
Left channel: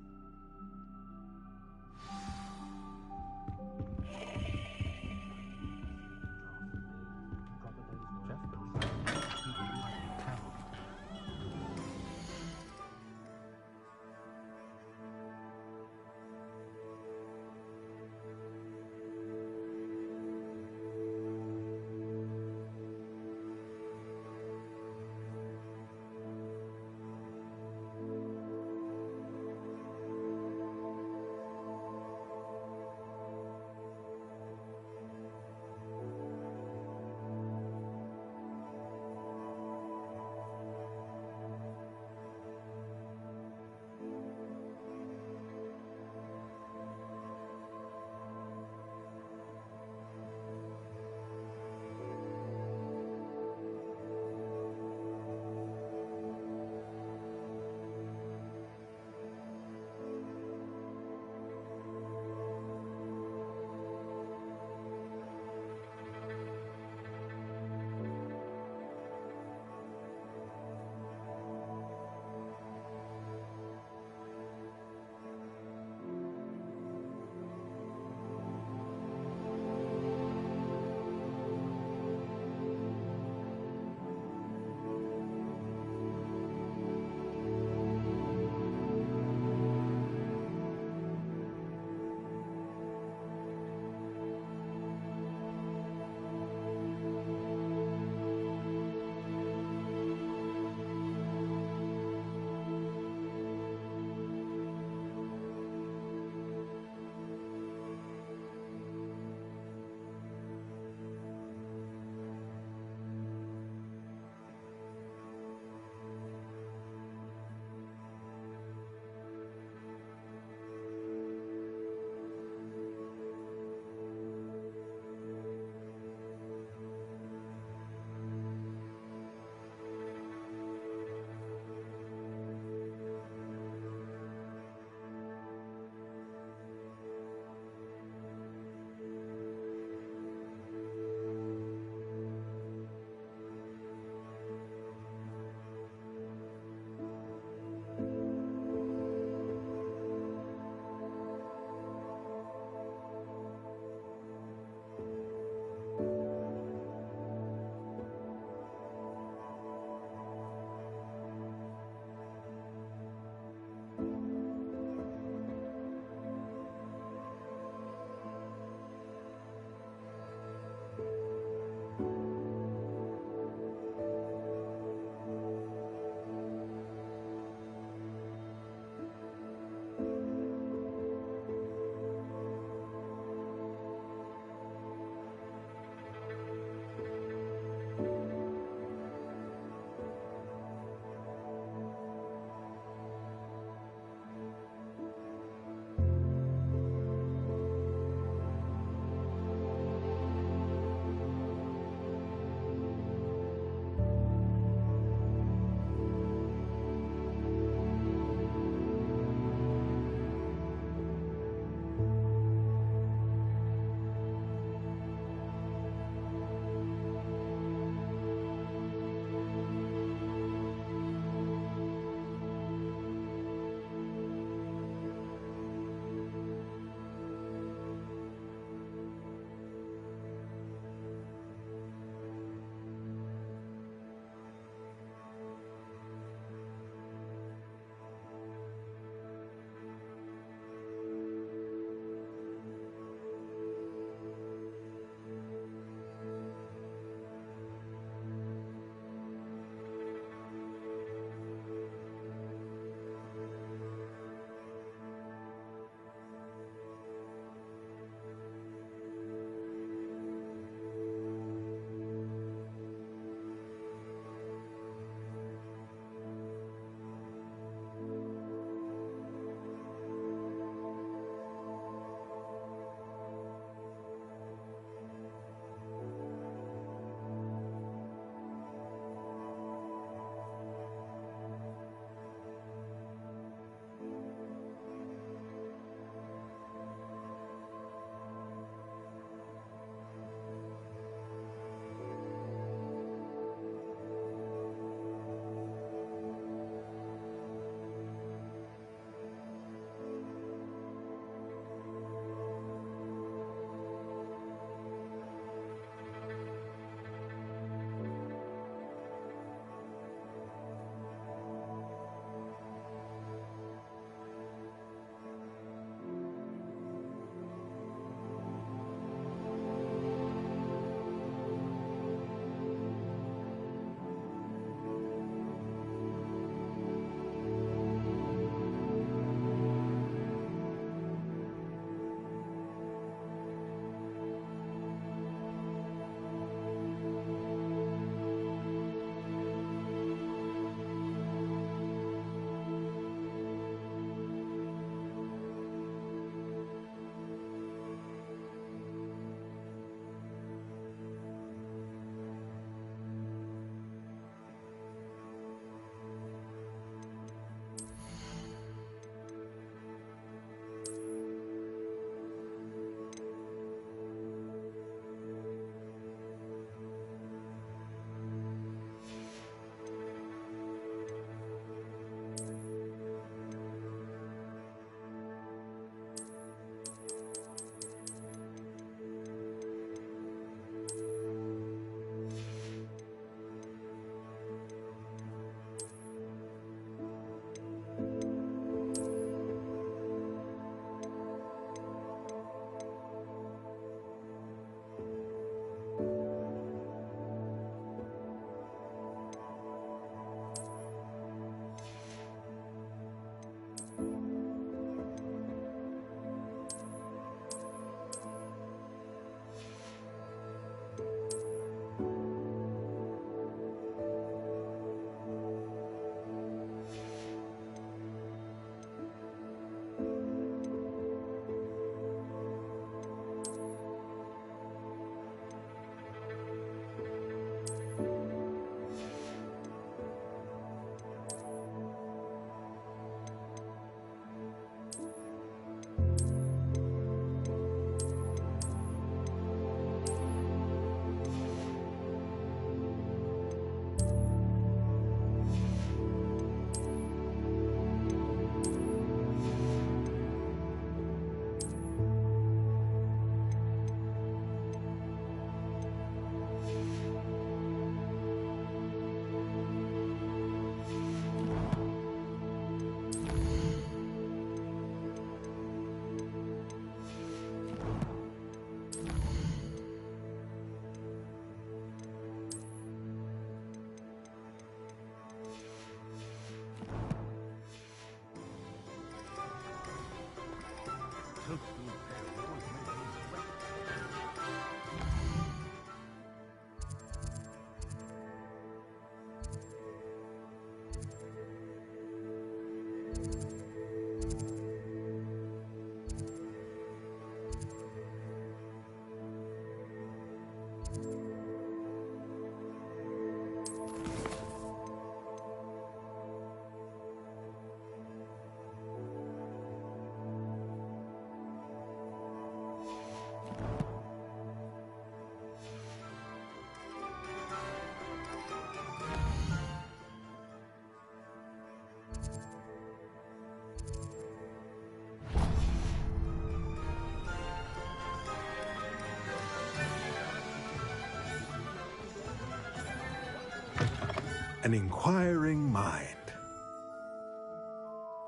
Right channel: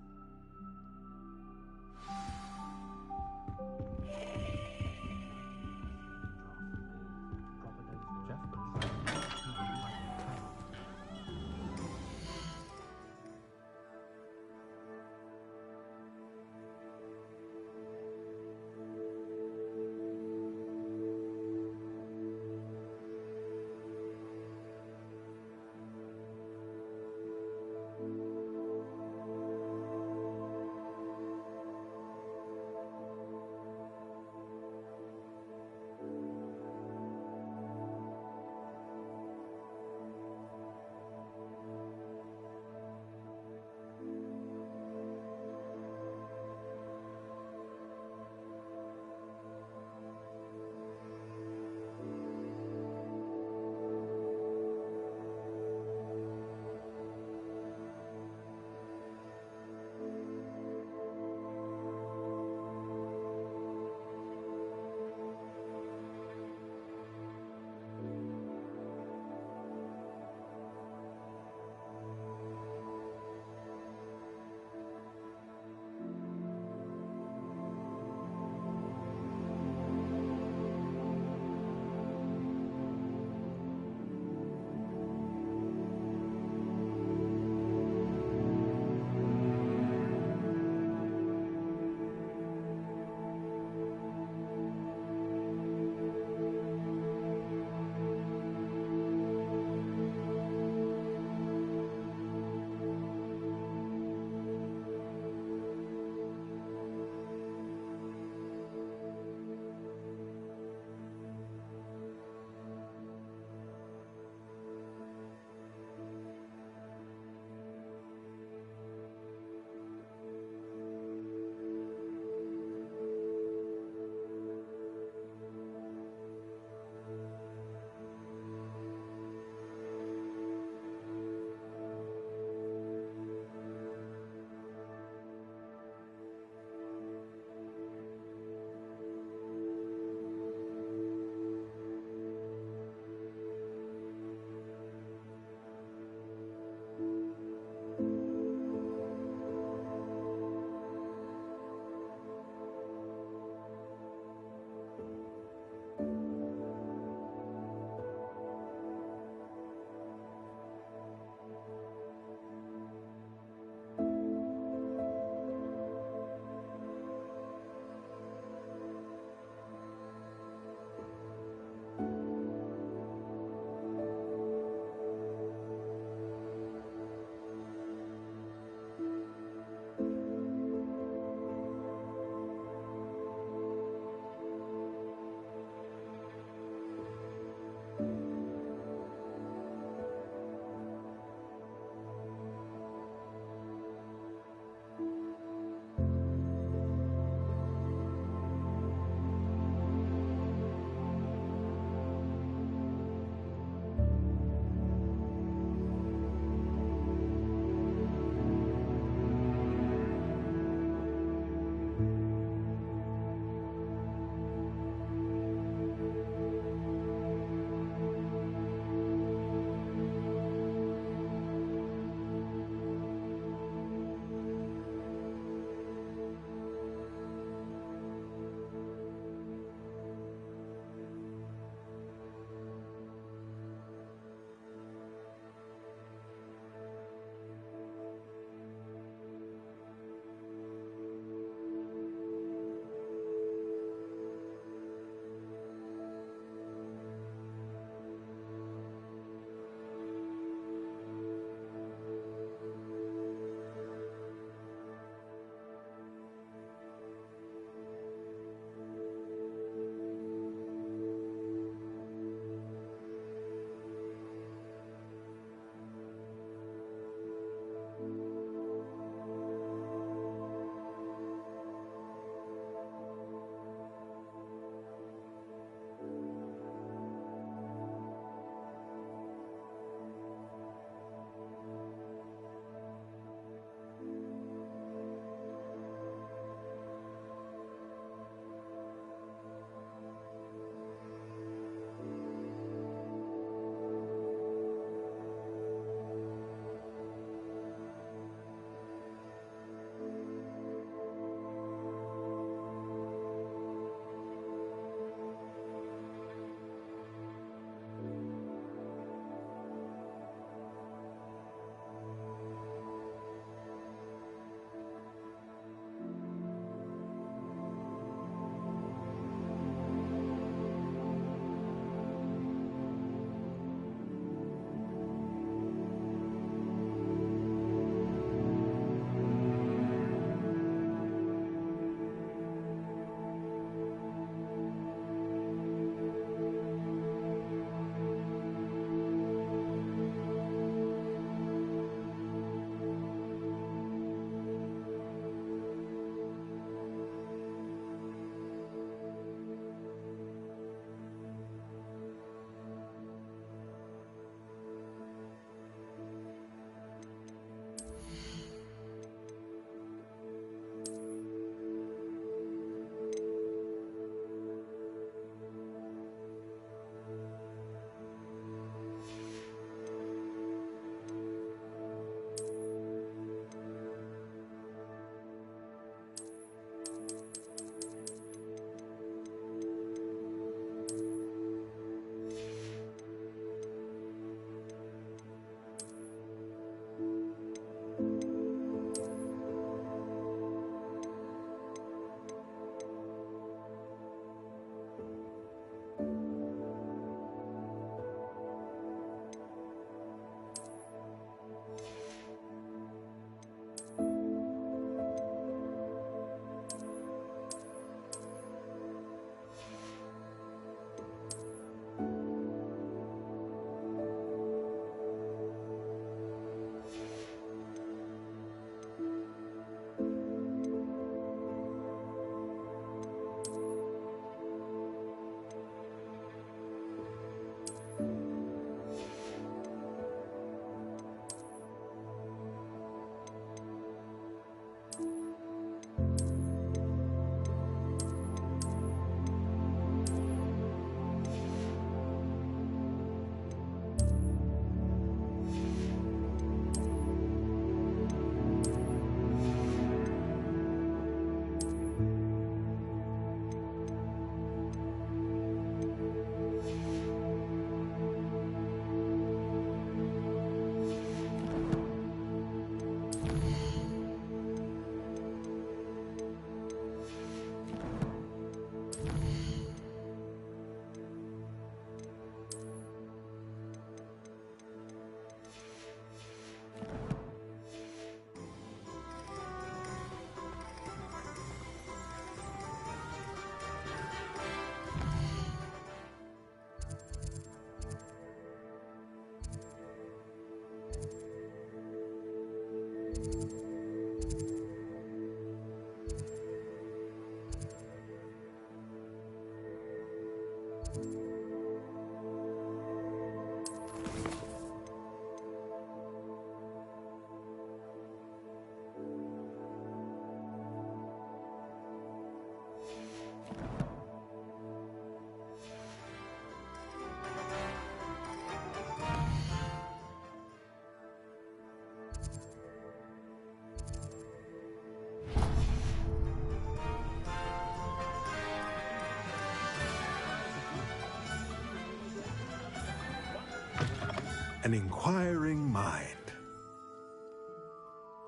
An inquiring mind.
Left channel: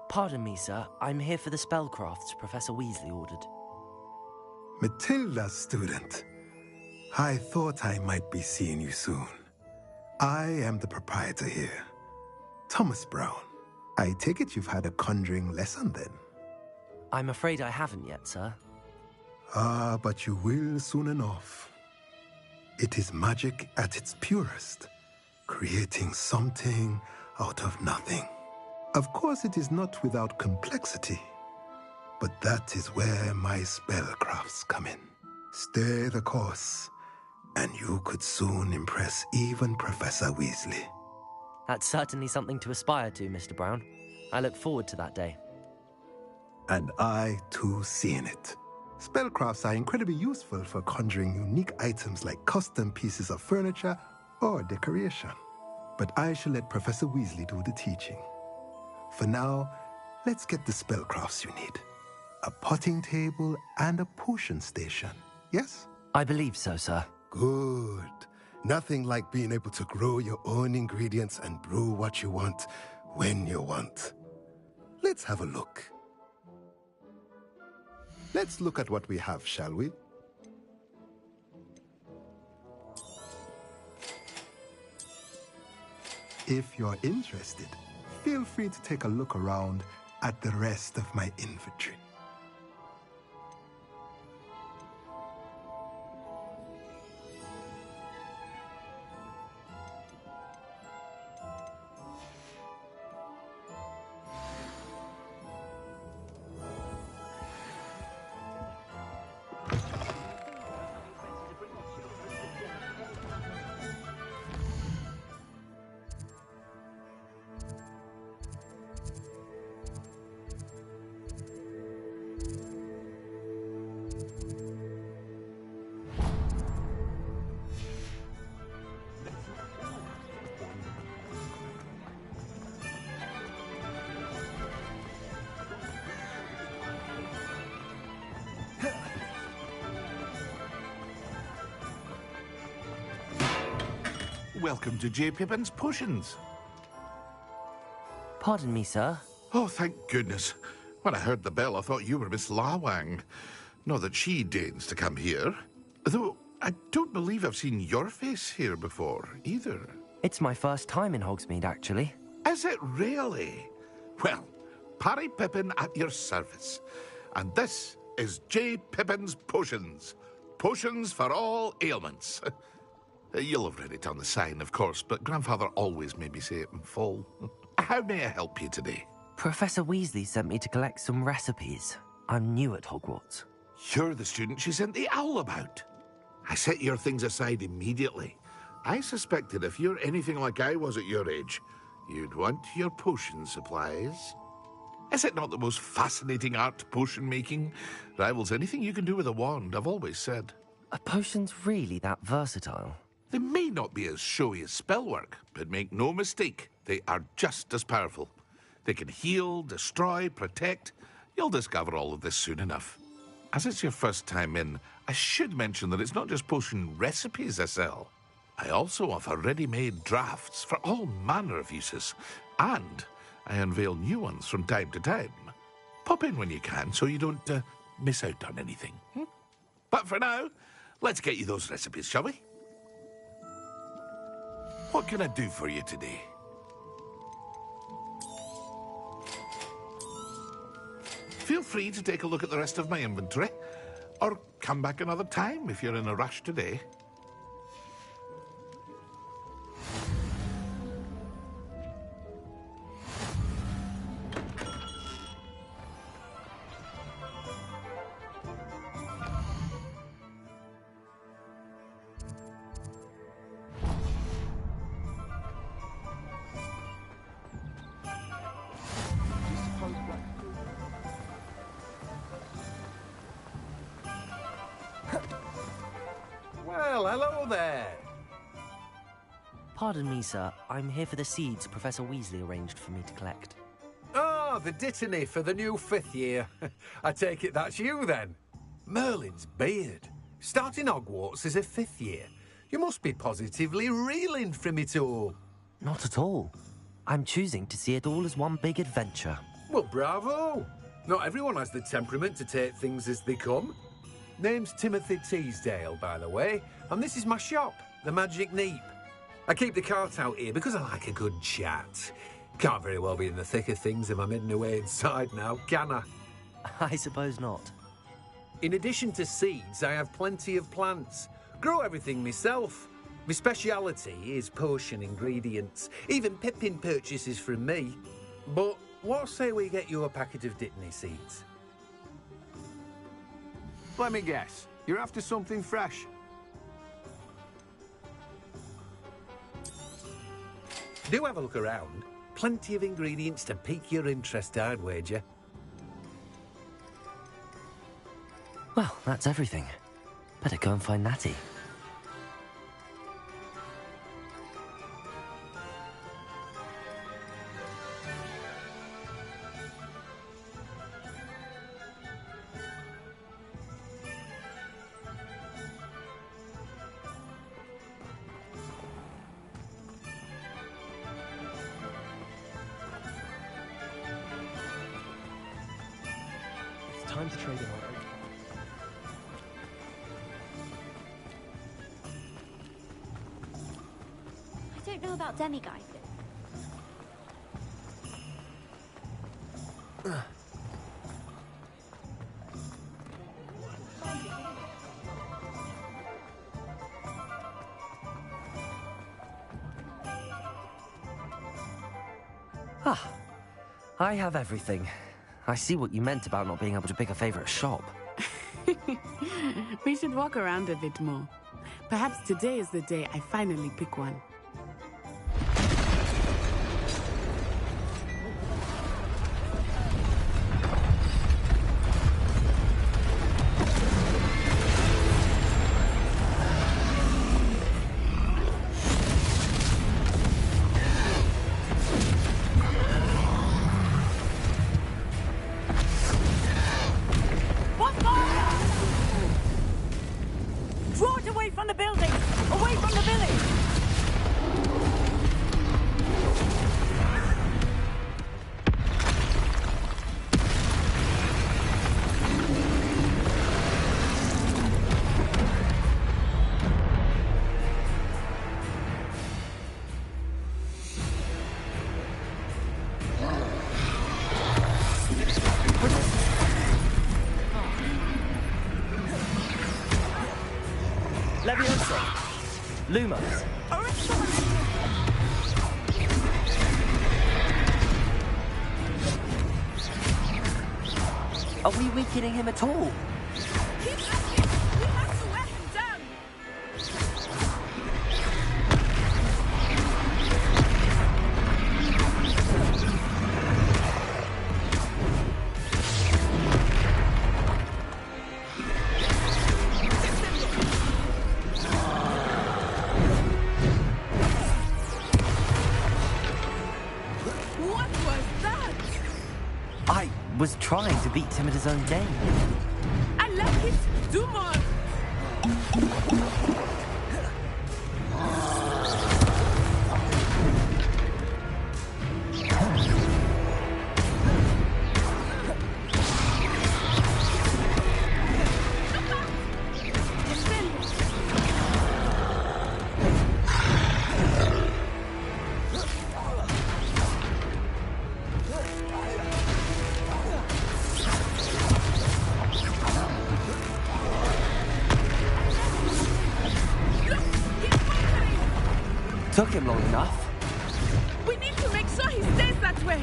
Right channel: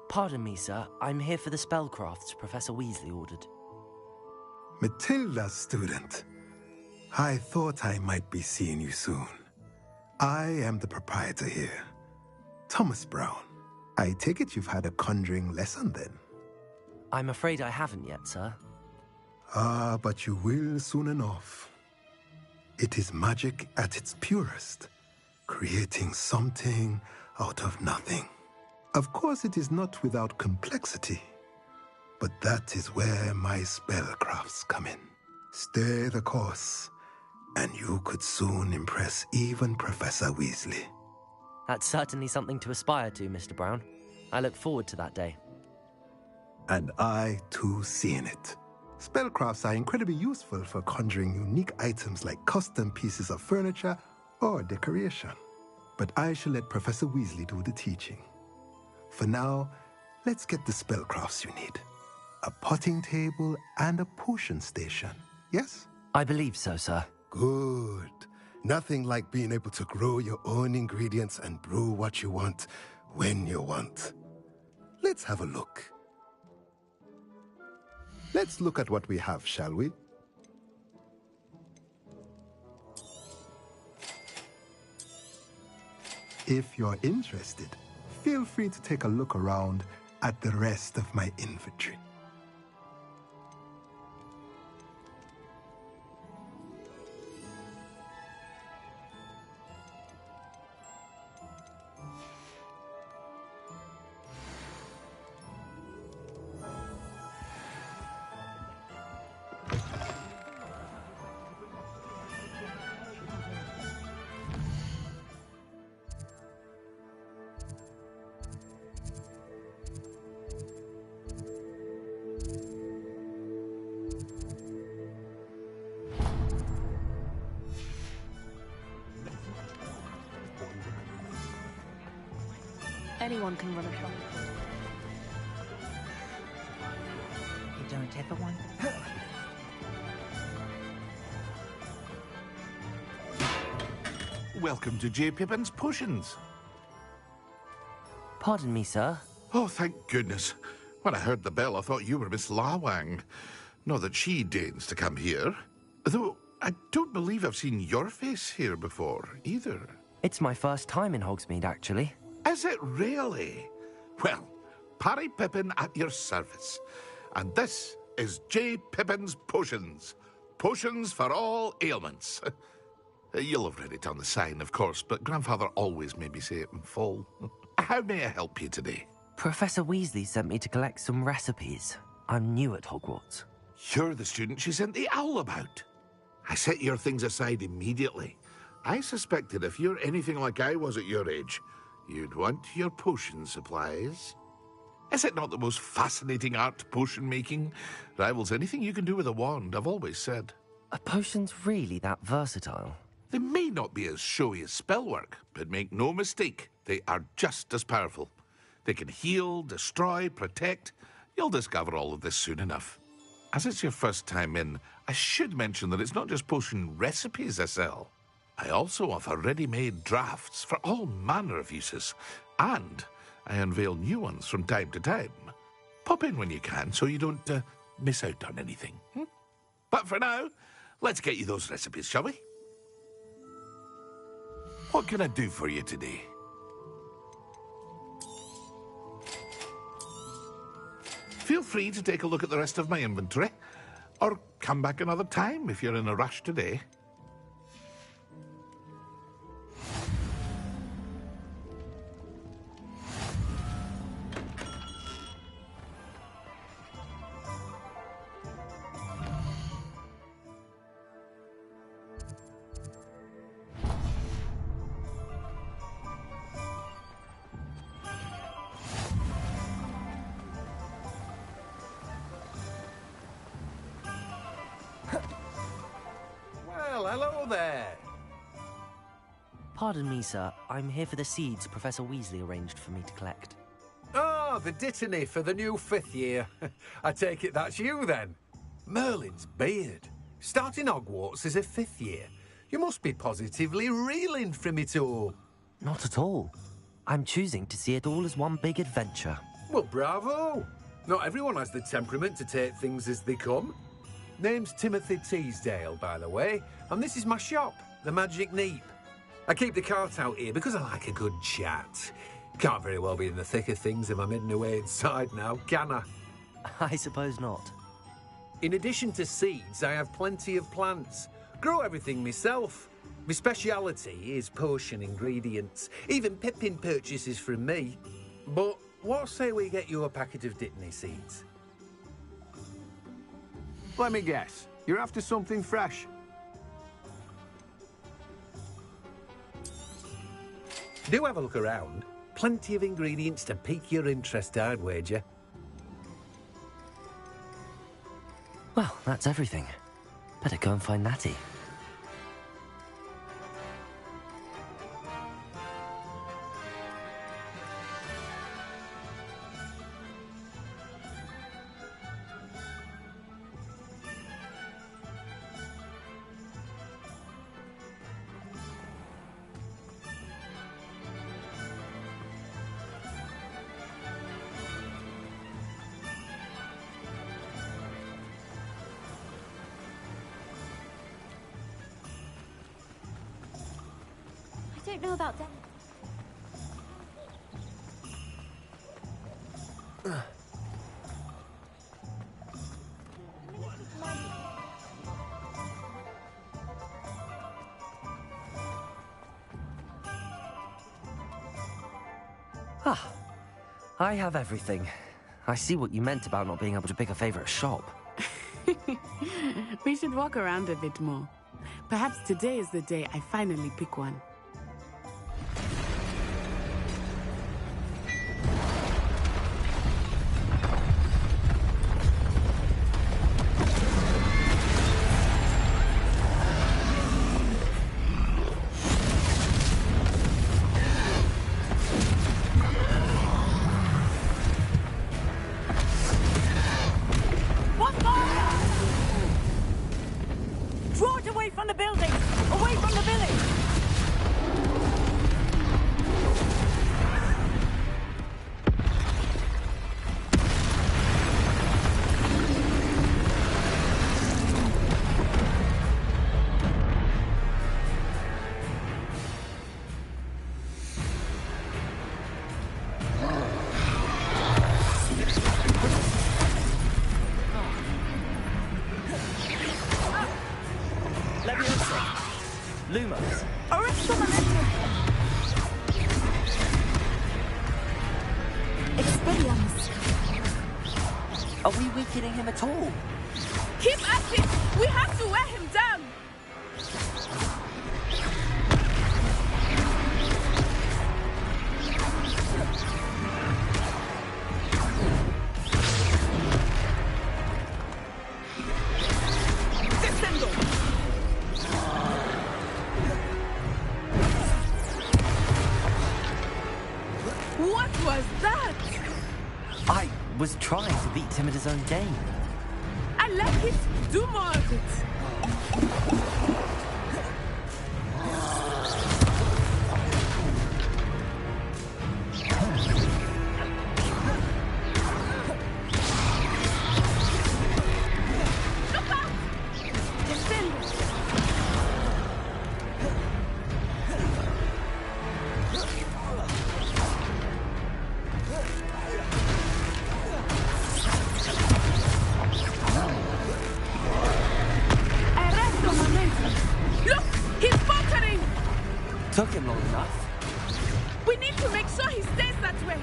Pardon me, sir. I'm here for the spellcrafts Professor Weasley ordered. Matilda, student. I thought I might be seeing you soon. I am the proprietor here, Thomas Brown. I take it you've had a conjuring lesson then? I'm afraid I haven't yet, sir. Ah, but you will soon enough. It is magic at its purest, creating something out of nothing. Of course, it is not without complexity, but that is where my spellcrafts come in. Stay the course, and you could soon impress even Professor Weasley. That's certainly something to aspire to, Mr. Brown. I look forward to that day. And I, too, see in it. Spellcrafts are incredibly useful for conjuring unique items like custom pieces of furniture or decoration. But I shall let Professor Weasley do the teaching. For now, let's get the spellcrafts you need. A potting table and a potion station, yes? I believe so, sir. Good. Nothing like being able to grow your own ingredients and brew what you want when you want. Let's have a look. Let's look at what we have, shall we? If you're interested, feel free to take a look around at the rest of my inventory. Anyone can run a company. You don't take a one? Welcome to J. Pippin's Potions. Pardon me, sir. Oh, thank goodness. When I heard the bell, I thought you were Miss Lawang. Not that she deigns to come here. Though, I don't believe I've seen your face here before, either. It's my first time in Hogsmeade, actually. Is it really? Well, Parry Pippin at your service. And this is J. Pippin's Potions. Potions for all ailments. You'll have read it on the sign, of course, but Grandfather always made me say it in full. How may I help you today? Professor Weasley sent me to collect some recipes. I'm new at Hogwarts. You're the student she sent the owl about. I set your things aside immediately. I suspected if you're anything like I was at your age, you'd want your potion supplies. Is it not the most fascinating art, potion making? Rivals anything you can do with a wand, I've always said. Are potions really that versatile? They may not be as showy as spellwork, but make no mistake, they are just as powerful. They can heal, destroy, protect. You'll discover all of this soon enough. As it's your first time in, I should mention that it's not just potion recipes I sell. I also offer ready-made drafts for all manner of uses, and I unveil new ones from time to time. Pop in when you can so you don't miss out on anything. But for now, let's get you those recipes, shall we? What can I do for you today? Feel free to take a look at the rest of my inventory, or come back another time if you're in a rush today. Well, hello there. Pardon me, sir. I'm here for the seeds Professor Weasley arranged for me to collect. Ah, the dittany for the new 5th year. I take it that's you, then. Merlin's beard. Starting Hogwarts as a 5th year. You must be positively reeling from it all. Not at all. I'm choosing to see it all as one big adventure. Well, bravo. Not everyone has the temperament to take things as they come. Name's Timothy Teasdale, by the way, and this is my shop, the Magic Neep. I keep the cart out here because I like a good chat. Can't very well be in the thick of things if I'm hidden away inside now, can I? I suppose not. In addition to seeds, I have plenty of plants. Grow everything myself. My speciality is potion ingredients. Even Pippin purchases from me. But what say we get you a packet of Dittany seeds? Let me guess. You're after something fresh. Do have a look around. Plenty of ingredients to pique your interest, I'd wager. Well, that's everything. Better go and find Natty. I don't know about Demiguy. Ah, I have everything. I see what you meant about not being able to pick a favorite shop. We should walk around a bit more. Perhaps today is the day I finally pick one. Draw it away from the building! Away from the village! Leviosa! Lumos! Are we weakening him at all? Keep at him! We have to wear him down! What was that? I was trying to beat him at his own game. I like it. Do more of it. Took him long enough. We need to make sure he stays that way.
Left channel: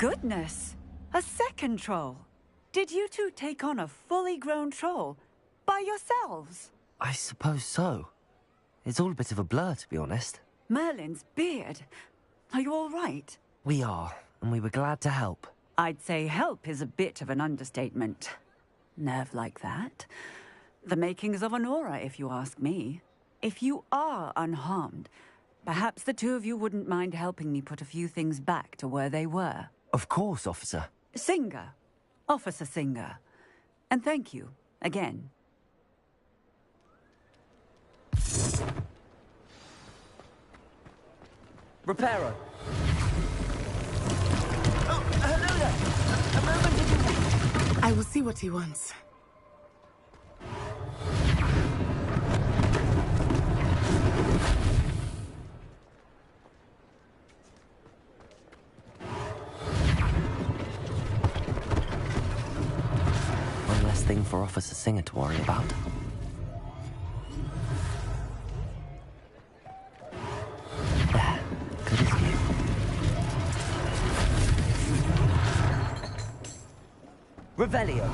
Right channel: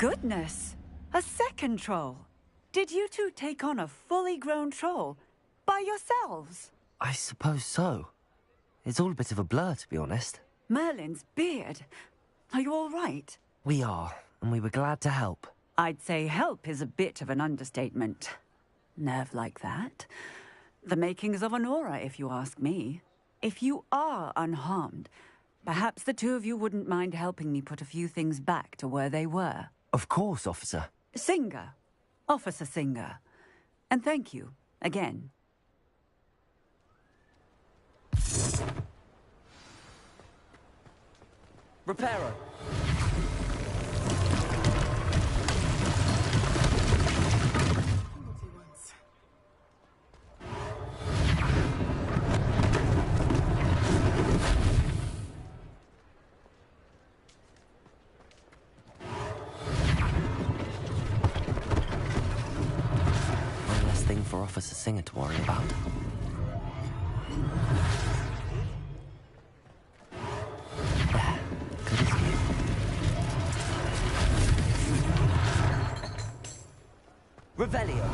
Goodness! A second troll. Did you two take on a fully grown troll by yourselves? I suppose so. It's all a bit of a blur, to be honest. Merlin's beard. Are you all right? We are, and we were glad to help. I'd say help is a bit of an understatement. Nerve like that. The makings of an aura, if you ask me. If you are unharmed, perhaps the two of you wouldn't mind helping me put a few things back to where they were. Of course, officer. Singer. Officer Singer. And thank you, again. Reparo. I will see what he wants. One less thing for Officer Singer to worry about. There. Good as new. Revelio.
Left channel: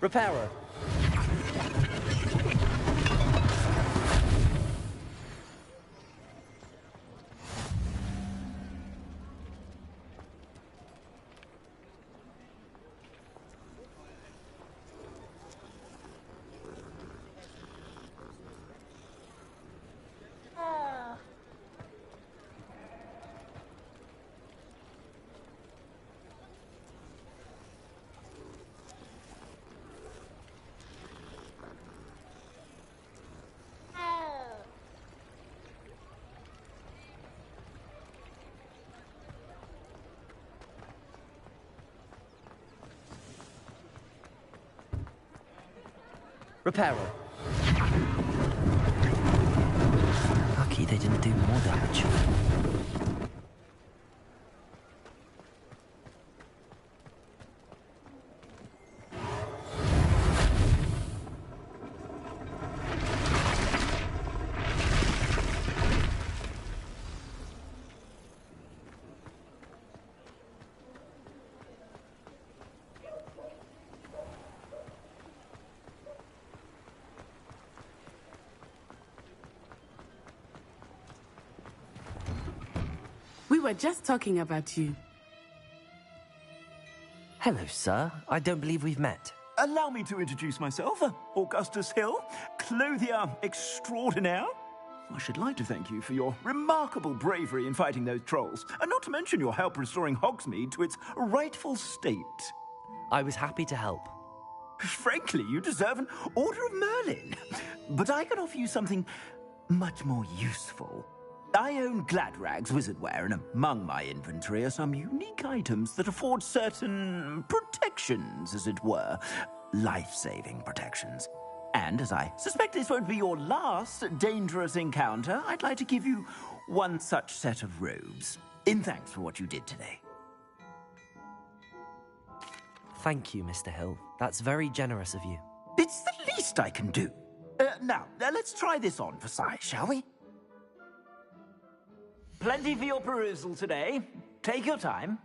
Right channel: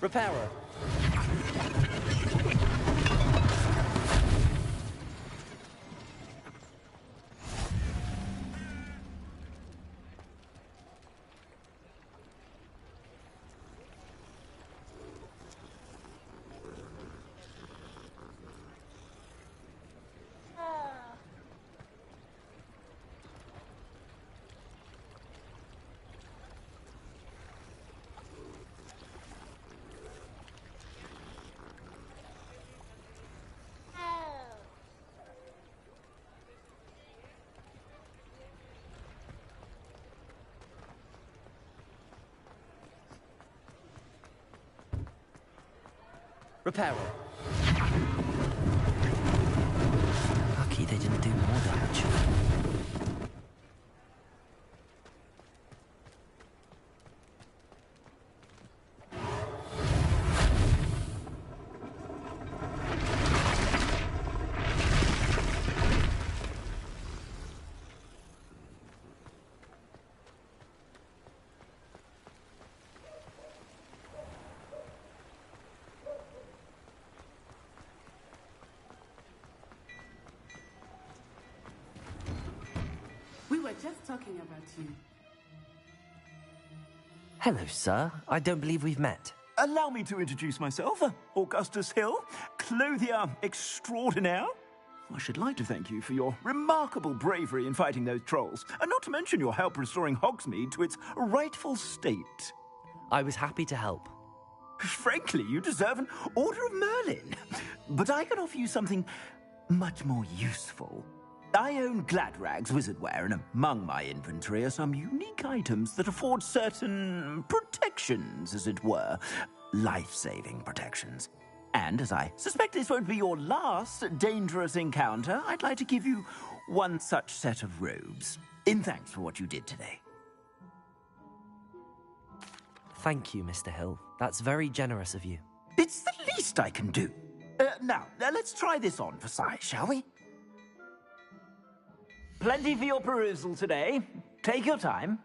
Reparo. Reparo. Lucky they didn't do more damage. We were just talking about you. Hello, sir. I don't believe we've met. Allow me to introduce myself, Augustus Hill, clothier extraordinaire. I should like to thank you for your remarkable bravery in fighting those trolls, and not to mention your help restoring Hogsmeade to its rightful state. I was happy to help. Frankly, you deserve an Order of Merlin. But I can offer you something much more useful. I own Gladrag's wizardware, and among my inventory are some unique items that afford certain protections, as it were. Life-saving protections. And as I suspect this won't be your last dangerous encounter, I'd like to give you one such set of robes, in thanks for what you did today. Thank you, Mr. Hill. That's very generous of you. It's the least I can do. Now, let's try this on for size, shall we? Plenty for your perusal today. Take your time.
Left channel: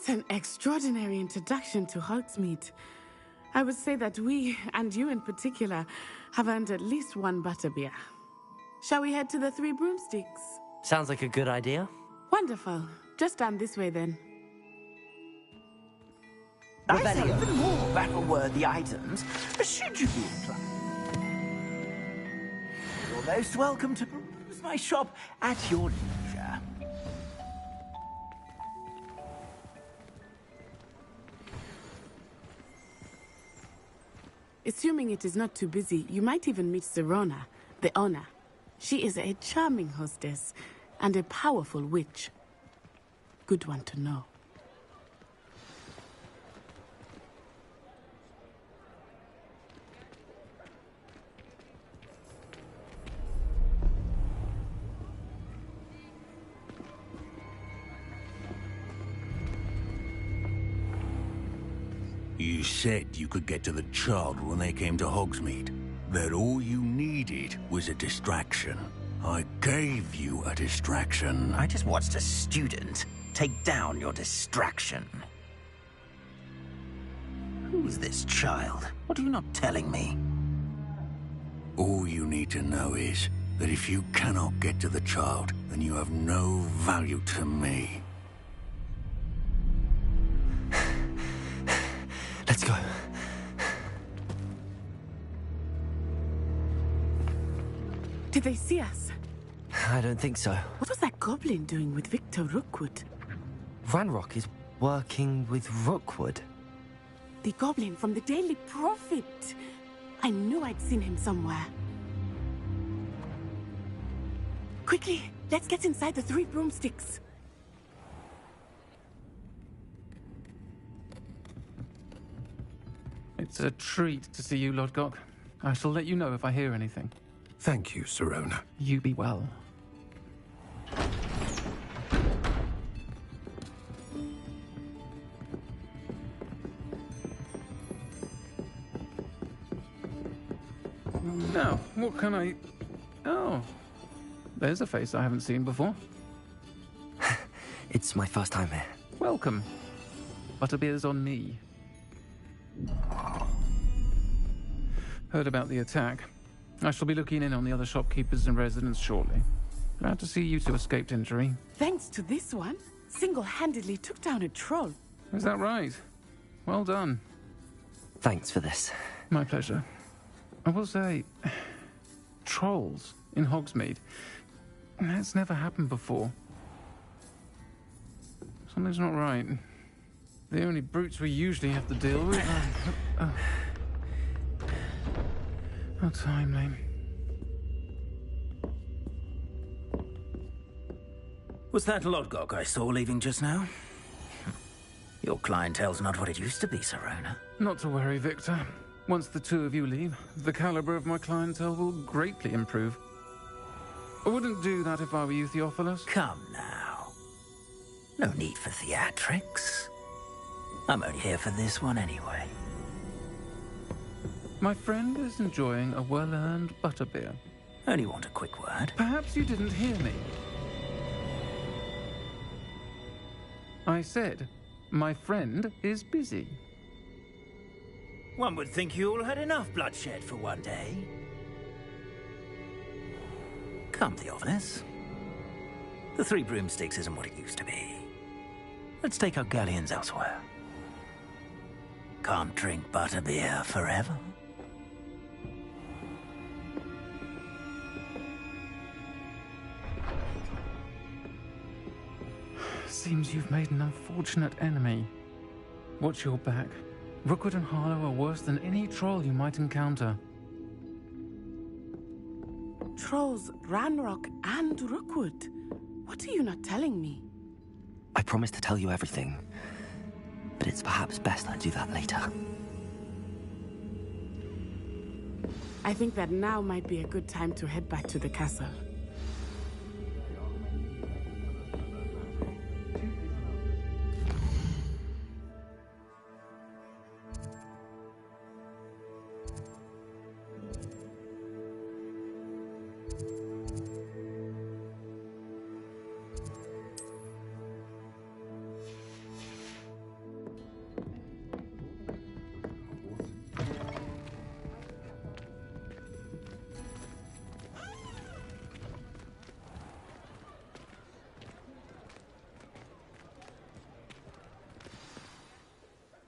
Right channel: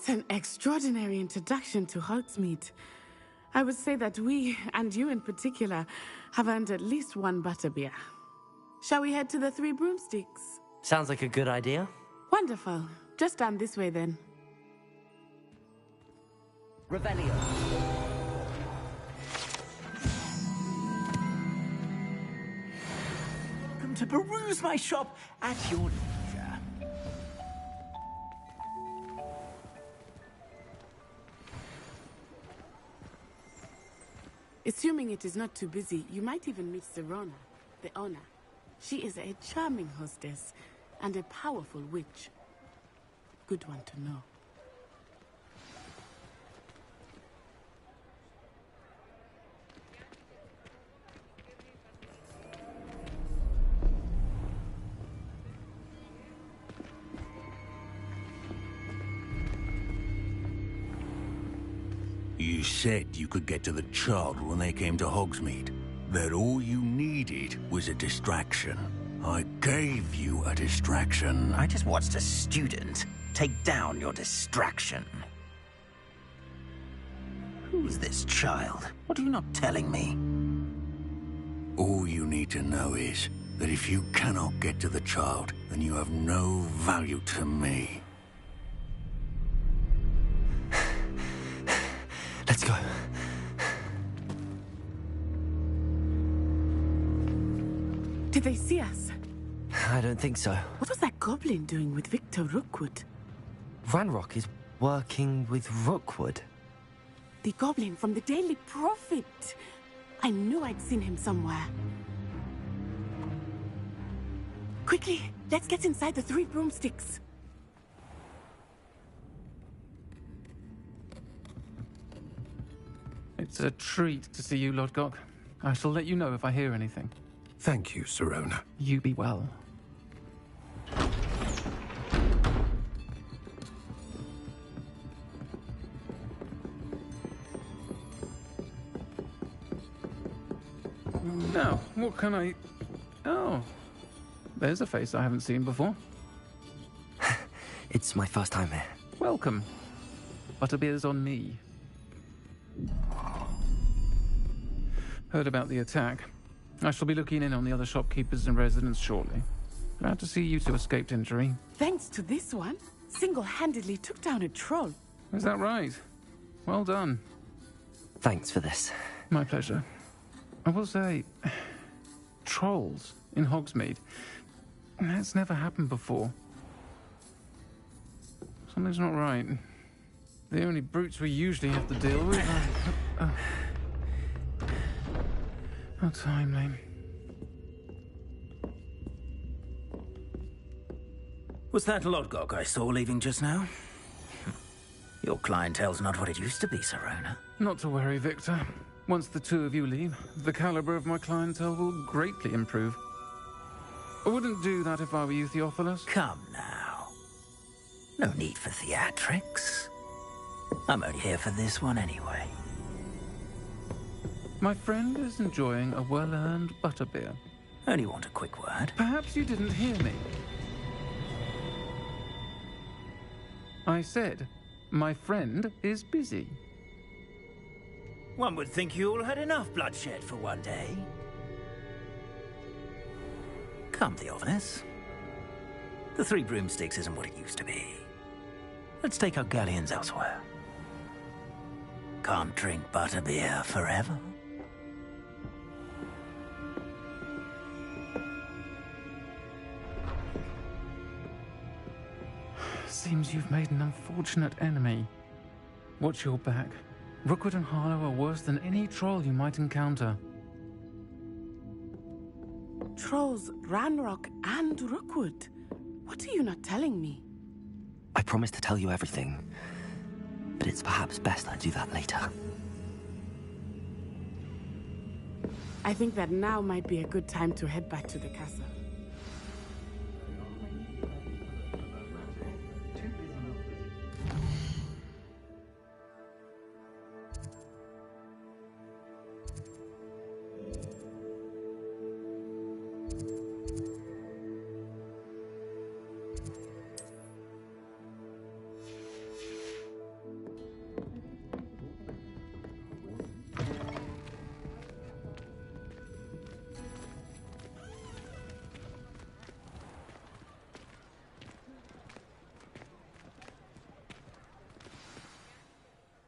What an extraordinary introduction to Hogsmeade. I would say that we, and you in particular, have earned at least one butterbeer. Shall we head to the Three Broomsticks? Sounds like a good idea. Wonderful. Just down this way then. Revelio. More battle-worthy items. Should you be You're most welcome to peruse my shop at your leisure. Assuming it is not too busy, you might even meet Serona, the owner. She is a charming hostess and a powerful witch. Good one to know. You said you could get to the child when they came to Hogsmeade. That all you needed was a distraction. I gave you a distraction. I just watched a student take down your distraction. Who is this child? What are you not telling me? All you need to know is that if you cannot get to the child, then you have no value to me. Let's go. Did they see us? I don't think so. What was that goblin doing with Victor Rookwood? Ranrock is working with Rookwood. The goblin from the Daily Prophet. I knew I'd seen him somewhere. Quickly, let's get inside the Three Broomsticks. It's a treat to see you, Lodgok. I shall let you know if I hear anything. Thank you, Serona. You be well. Now, what can I... Oh, there's a face I haven't seen before. It's my first time here. Welcome. Butterbeer's on me. Heard about the attack. I shall be looking in on the other shopkeepers and residents shortly. Glad to see you two escaped injury. Thanks to this one, single-handedly took down a troll. Is that right? Well done. Thanks for this. My pleasure. I will say, trolls in Hogsmeade. That's never happened before. Something's not right. The only brutes we usually have to deal with are... How timely. Was that Lodgok I saw leaving just now? Your clientele's not what it used to be, Serona. Not to worry, Victor. Once the two of you leave, the caliber of my clientele will greatly improve. I wouldn't do that if I were you, Theophilus. Come now. No need for theatrics. I'm only here for this one anyway. My friend is enjoying a well-earned butterbeer. Only want a quick word. Perhaps you didn't hear me. I said, my friend is busy. One would think you all had enough bloodshed for one day. Come, Theophilus. The Three Broomsticks isn't what it used to be. Let's take our galleons elsewhere. Can't drink butterbeer forever. Seems you've made an unfortunate enemy. Watch your back. Rookwood and Harlow are worse than any troll you might encounter. Trolls, Ranrock, and Rookwood. What are you not telling me? I promised to tell you everything, but it's perhaps best I do that later. I think that now might be a good time to head back to the castle.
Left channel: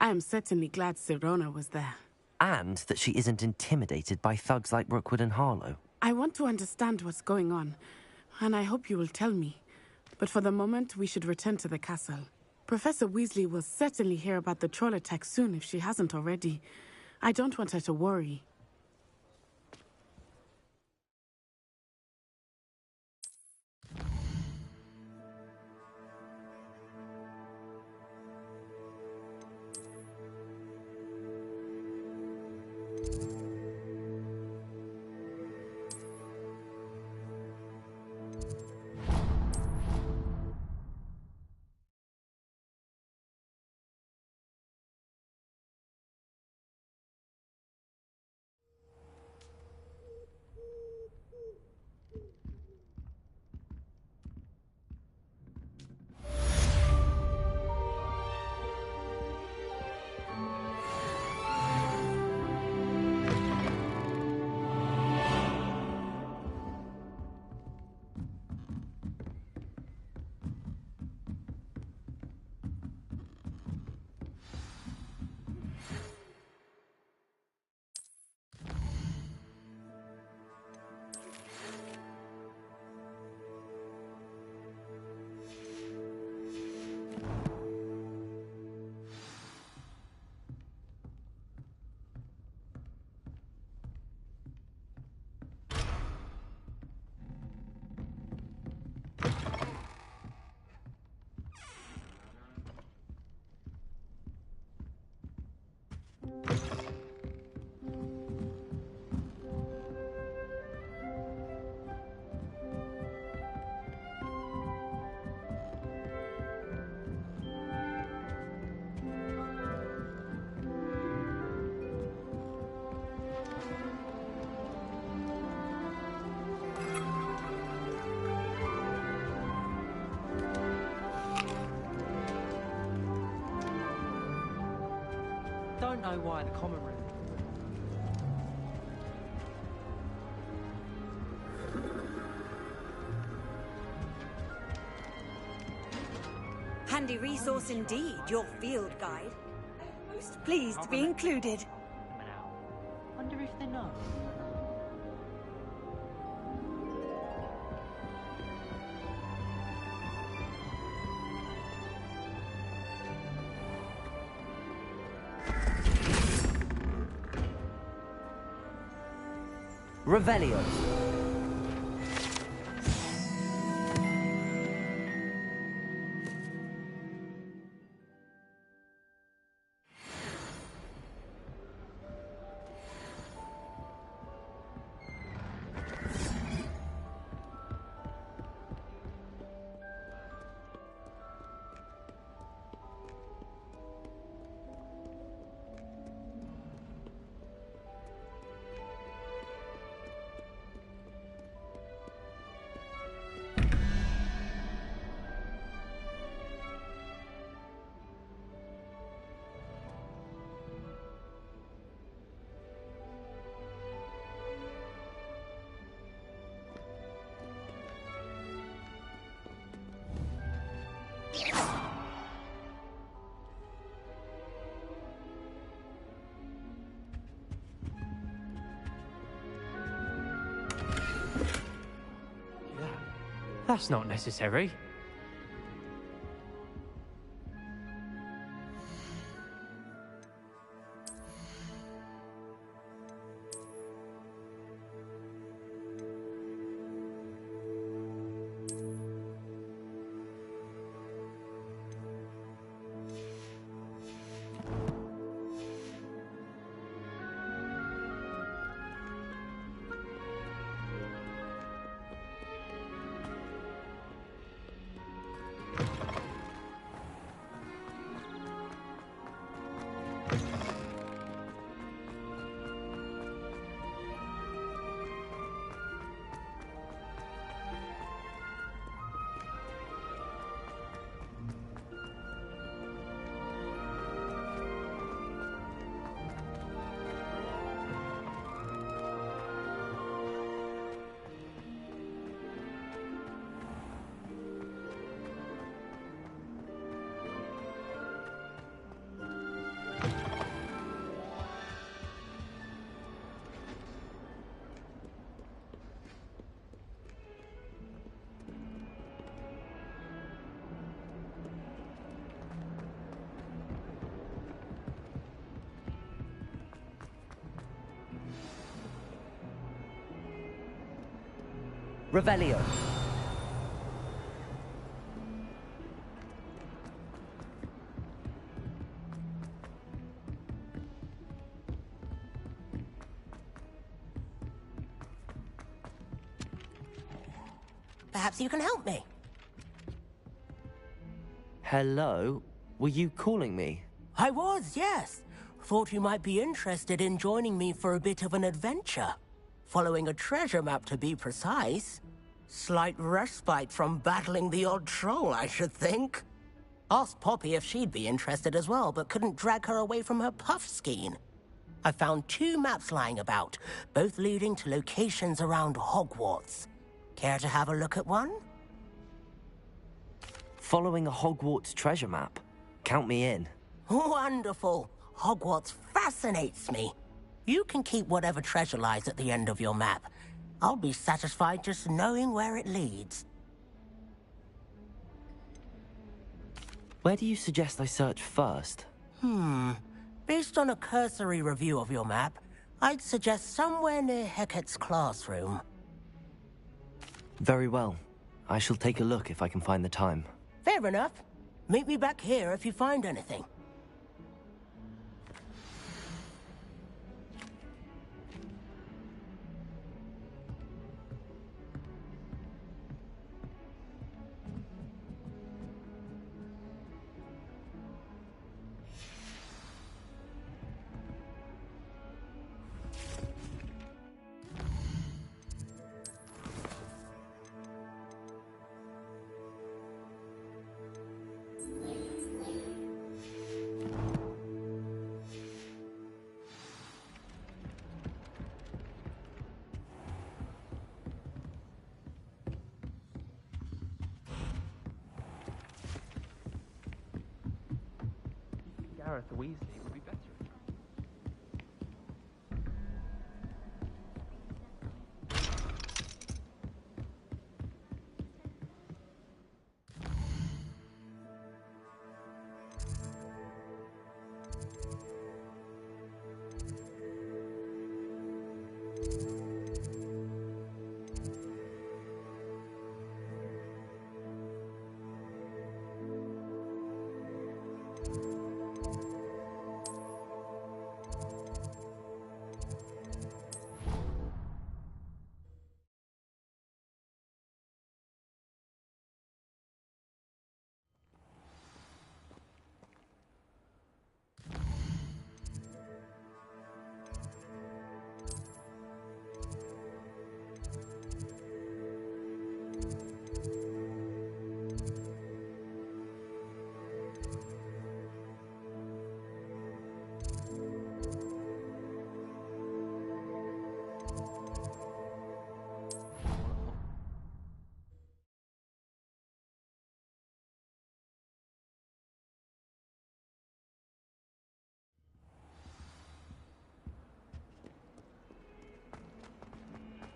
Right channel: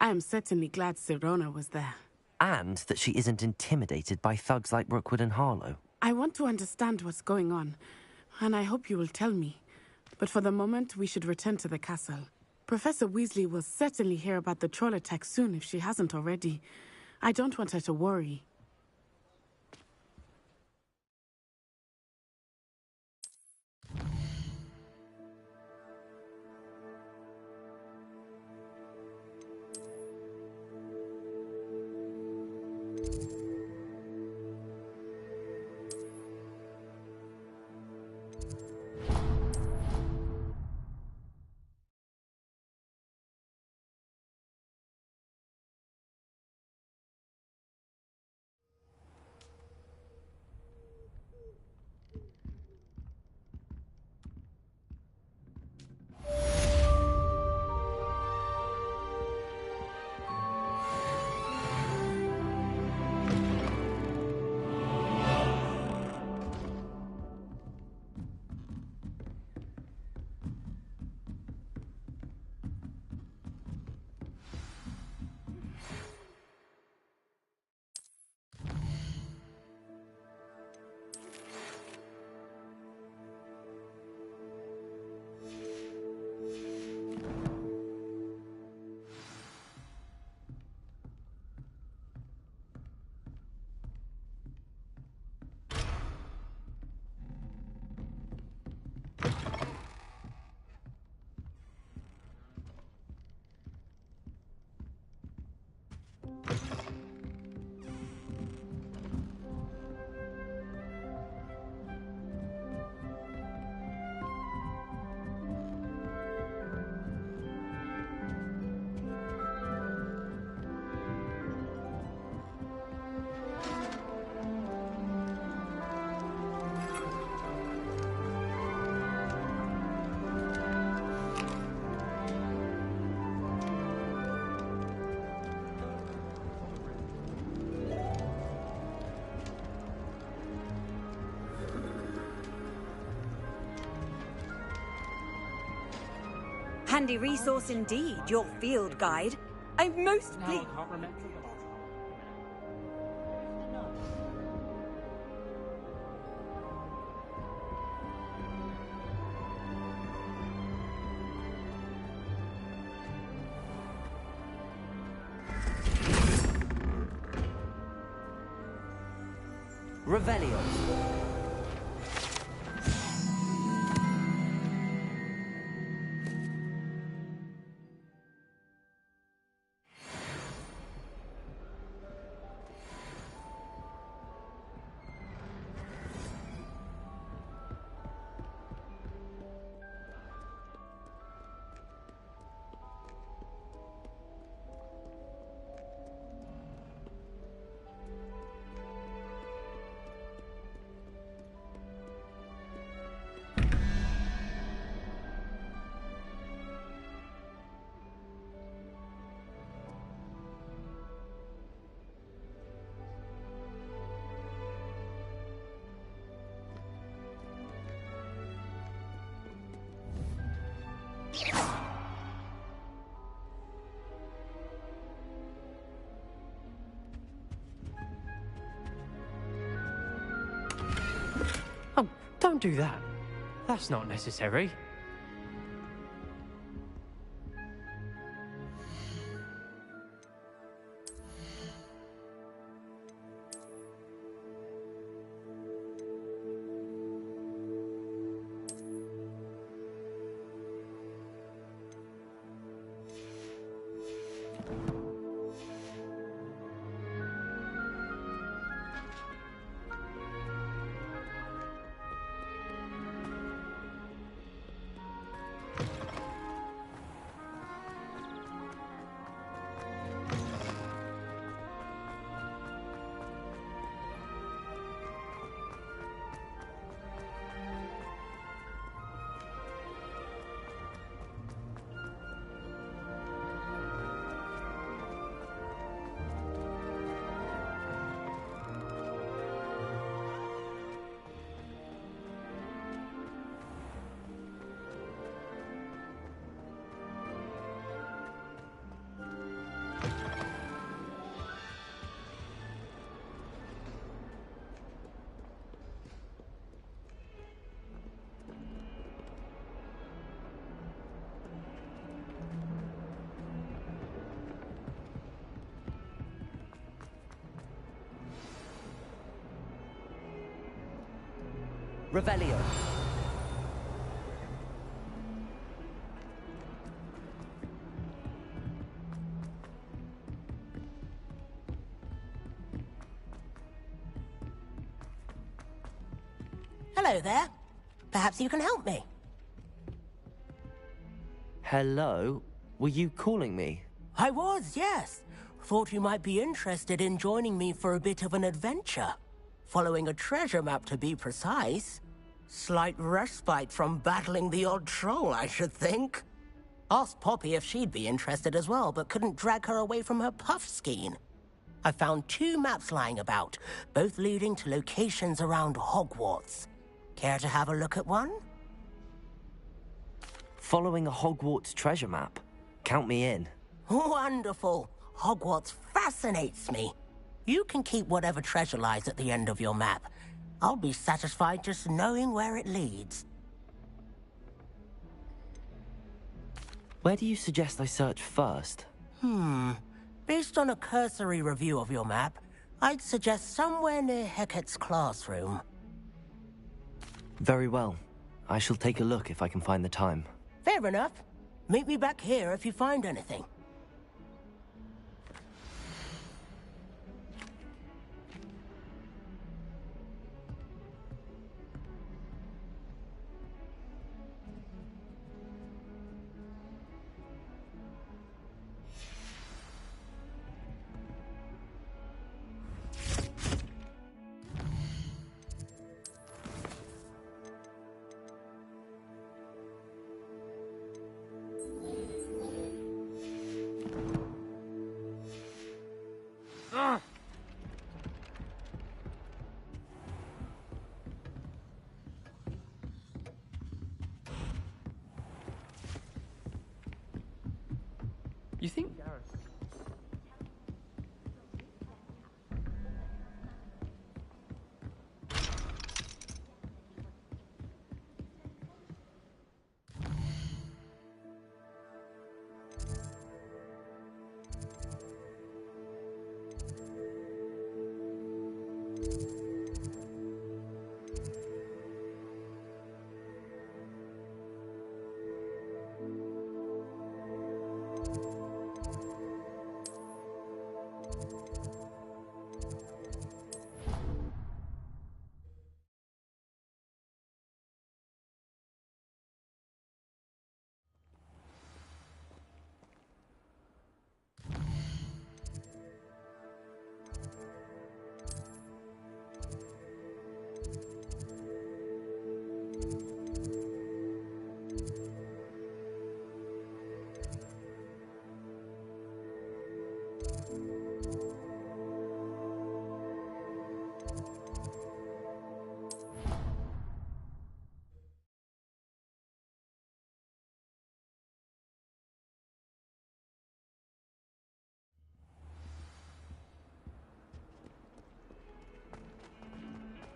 I am certainly glad Sirona was there. And that she isn't intimidated by thugs like Rookwood and Harlow. I want to understand what's going on, and I hope you will tell me. But for the moment, we should return to the castle. Professor Weasley will certainly hear about the troll attack soon if she hasn't already. I don't want her to worry. Don't know why the common room. Handy resource indeed, your field guide. I'm most pleased to be included. Wonder if they know. Revelio. Oh, don't do that. That's not necessary. Revelio. Hello there. Perhaps you can help me. Hello? Were you calling me? I was, yes. Thought you might be interested in joining me for a bit of an adventure. Following a treasure map, to be precise. Slight respite from battling the odd troll, I should think. Asked Poppy if she'd be interested as well, but couldn't drag her away from her puff skein. I found 2 maps lying about, both leading to locations around Hogwarts. Care to have a look at one? Following a Hogwarts treasure map. Count me in. Wonderful. Hogwarts fascinates me. You can keep whatever treasure lies at the end of your map. I'll be satisfied just knowing where it leads. Where do you suggest I search first? Based on a cursory review of your map, I'd suggest somewhere near Hecat's classroom. Very well. I shall take a look if I can find the time. Fair enough. Meet me back here if you find anything. You think Gareth Weasley would be better?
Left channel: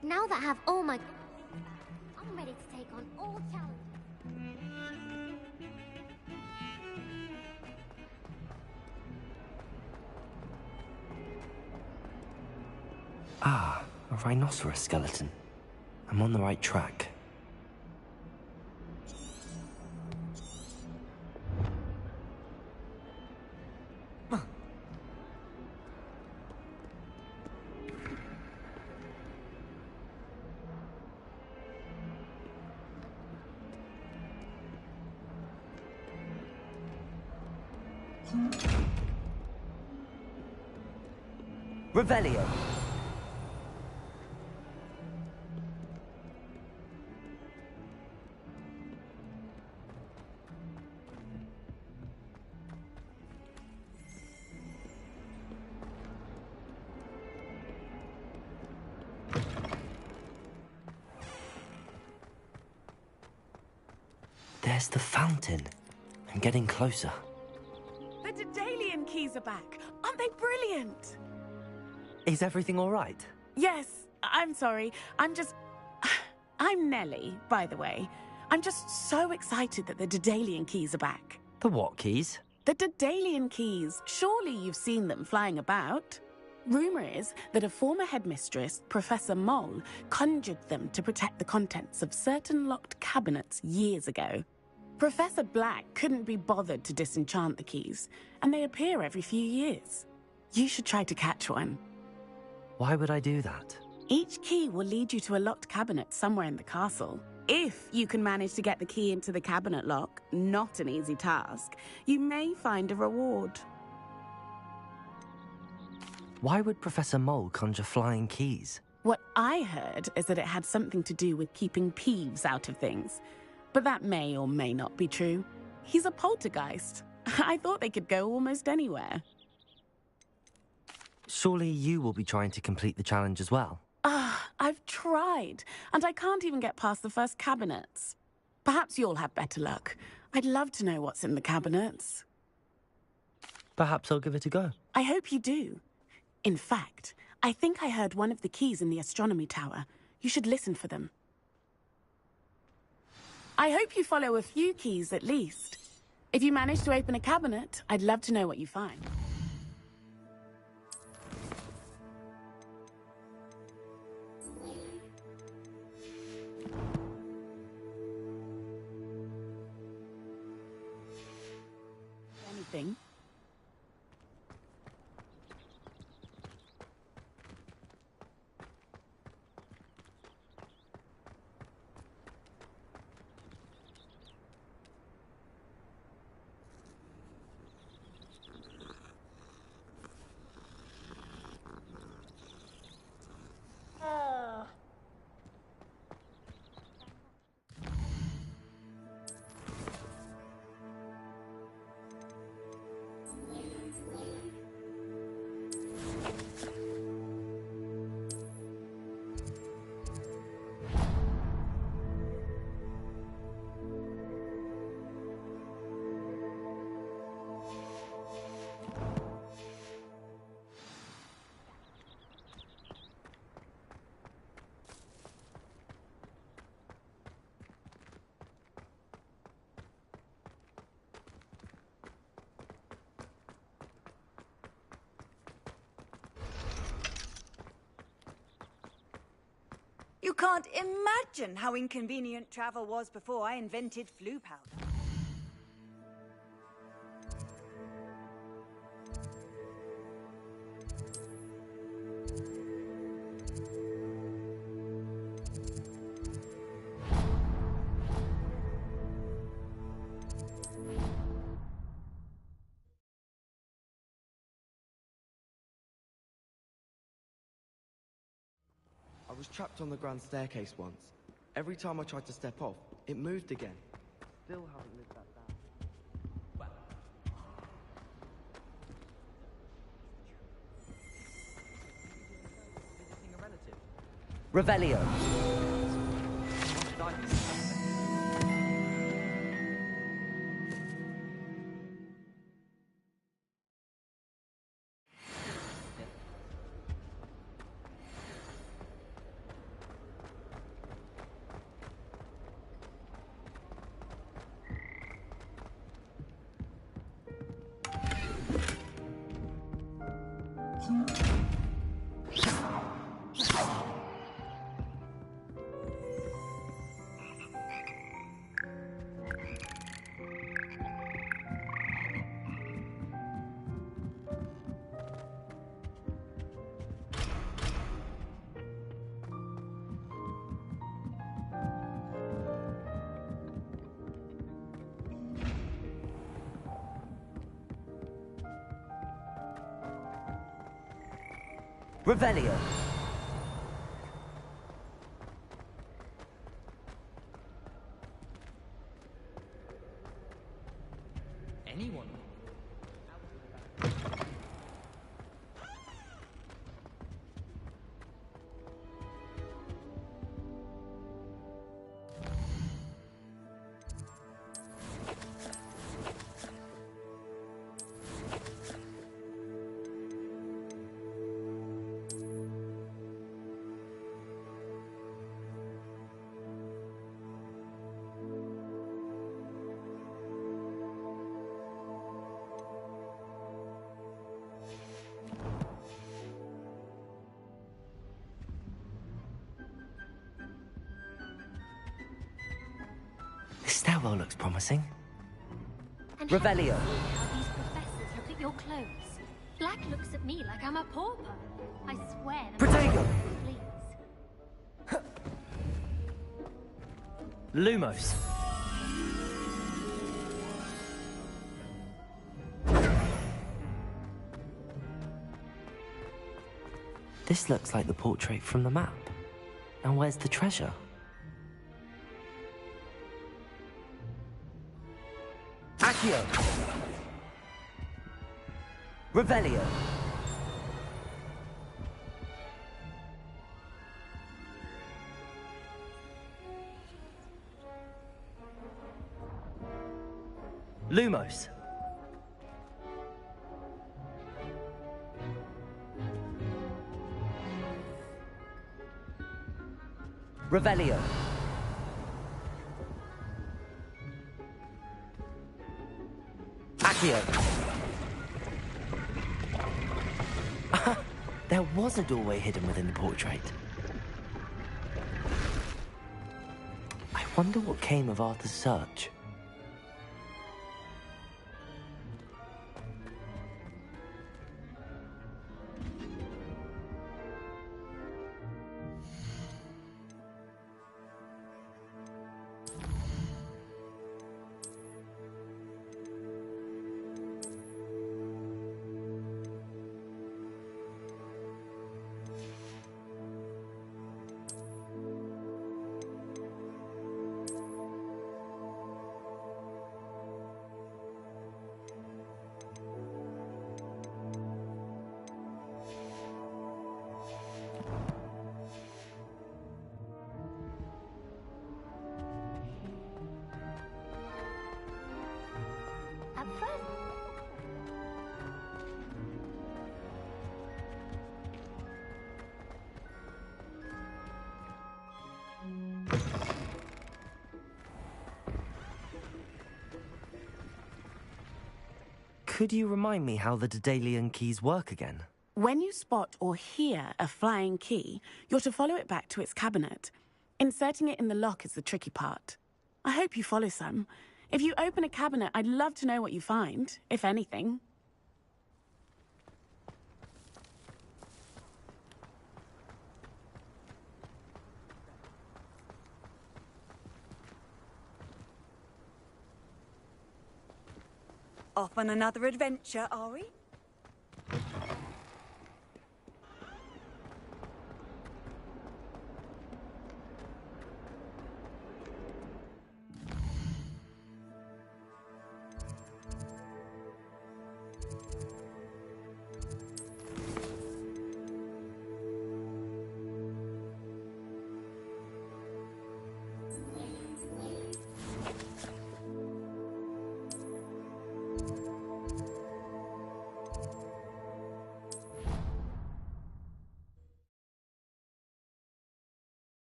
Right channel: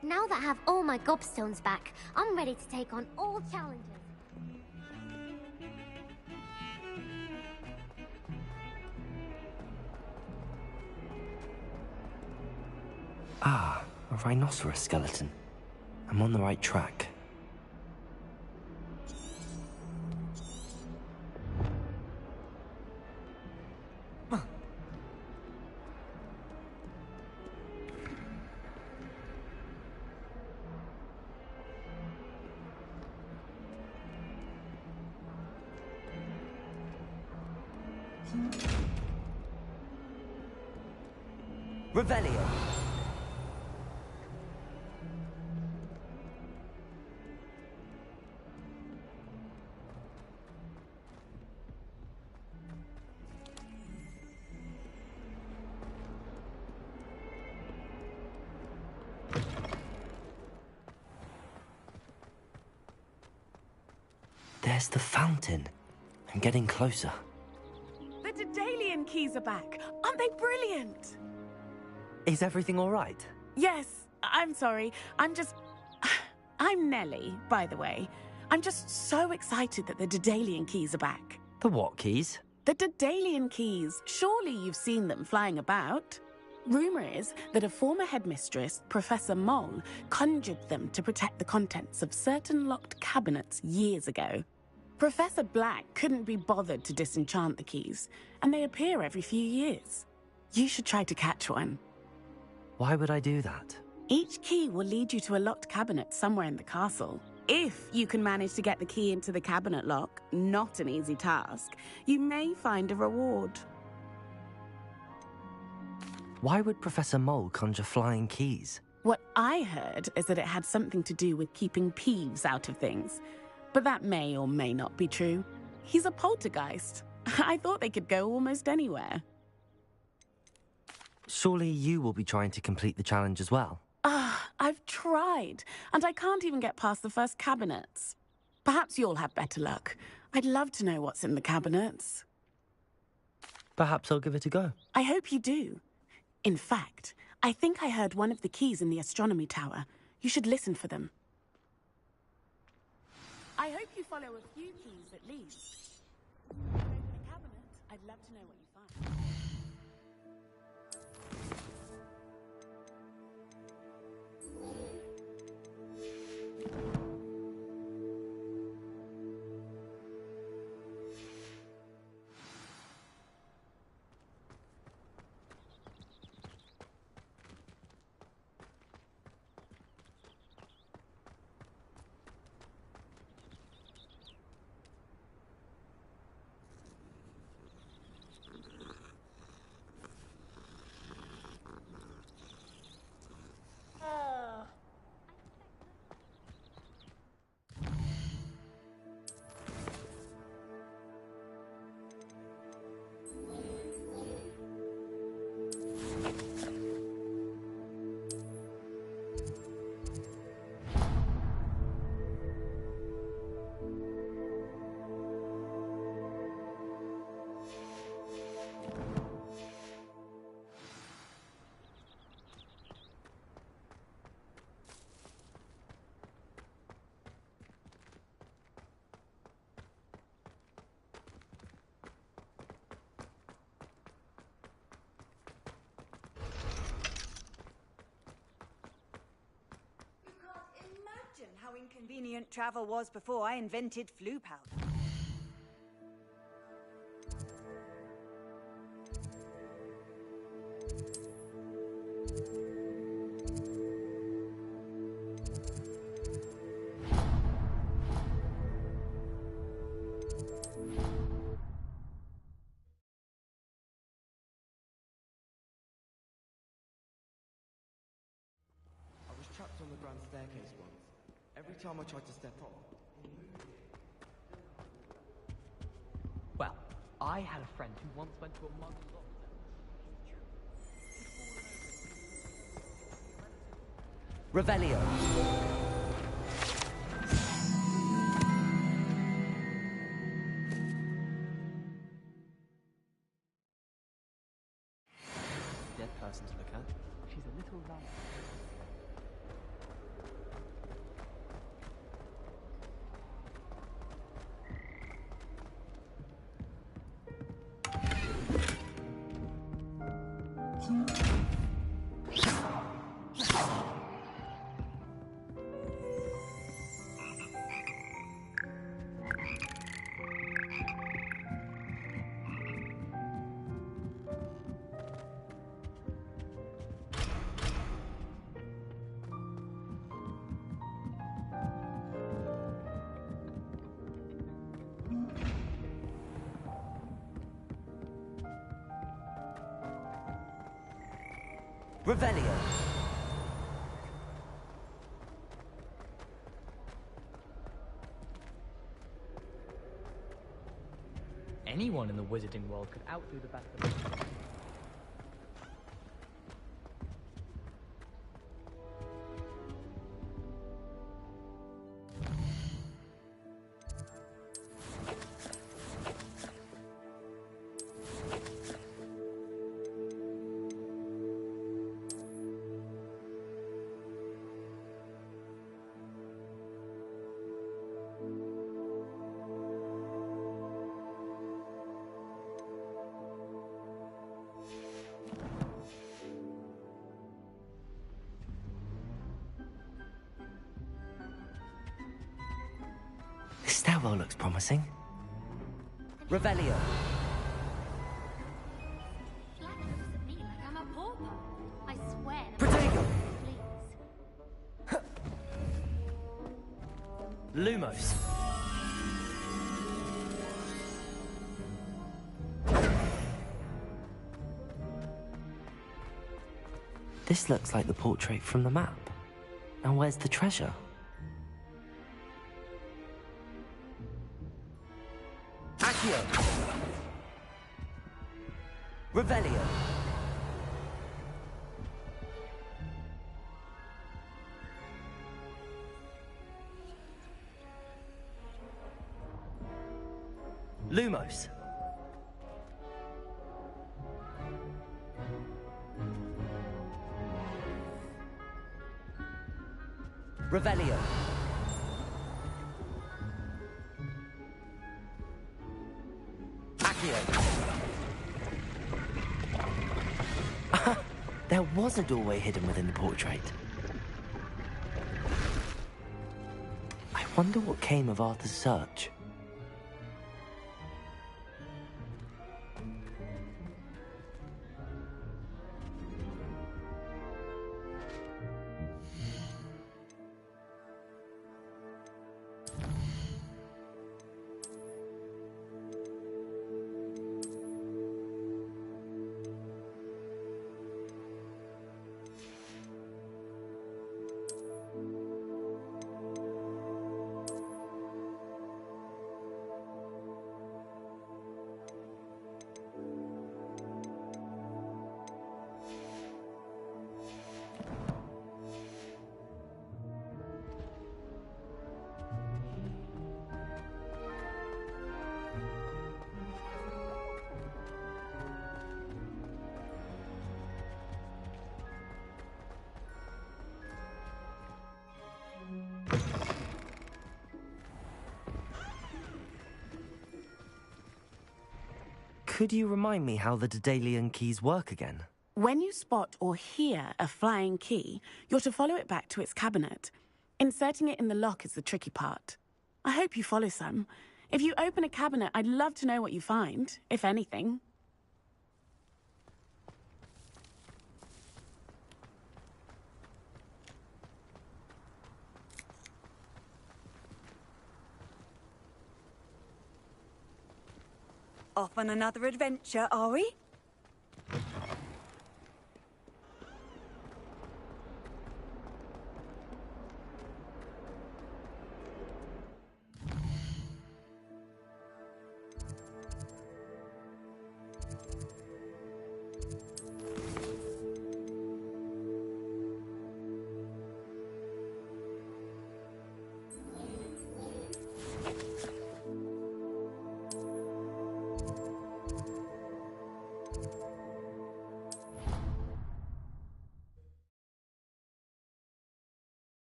Now that I have all my gobstones back, I'm ready to take on all challenges. Ah, a rhinoceros skeleton. I'm on the right track. Revelio. There's the fountain. I'm getting closer. The Daedalian keys are back. Aren't they brilliant? Is everything all right? Yes, I'm sorry. I'm Nellie, by the way. I'm just so excited that the Daedalian keys are back. The what keys? The Daedalian keys. Surely you've seen them flying about. Rumor is that a former headmistress, Professor Mole, conjured them to protect the contents of certain locked cabinets years ago. Professor Black couldn't be bothered to disenchant the keys, and they appear every few years. You should try to catch one. Why would I do that? Each key will lead you to a locked cabinet somewhere in the castle. If you can manage to get the key into the cabinet lock, not an easy task, you may find a reward. Why would Professor Mole conjure flying keys? What I heard is that it had something to do with keeping Peeves out of things. But that may or may not be true. He's a poltergeist. I thought they could go almost anywhere. Surely you will be trying to complete the challenge as well? I've tried, and I can't even get past the first cabinets. Perhaps you'll have better luck. I'd love to know what's in the cabinets. Perhaps I'll give it a go. I hope you do. In fact, I think I heard one of the keys in the astronomy tower. You should listen for them. I hope you follow a few keys at least. If you manage to open a cabinet, I'd love to know what you find. Anything? You can't imagine how inconvenient travel was before I invented flu powder. I was trapped on the grand staircase once. Every time I tried to step off, it moved again. Still haven't lived that down. Well, I had a friend who once went to a monster doctor. Revelio. Dead person to look at. She's a little round. Revelio. Anyone in the wizarding world could outdo the best. This stairwell looks promising. And Revelio. Professors look at your clothes. Black looks at me like I'm a pauper. I swear. Protego! Please. Lumos. This looks like the portrait from the map. Now where's the treasure? Accio! Revelio! Lumos! Revelio! Accio! There was a doorway hidden within the portrait. I wonder what came of Arthur's search. Could you remind me how the Daedalian keys work again? When you spot or hear a flying key, you're to follow it back to its cabinet. Inserting it in the lock is the tricky part. I hope you follow some. If you open a cabinet, I'd love to know what you find, if anything. Off on another adventure, are we?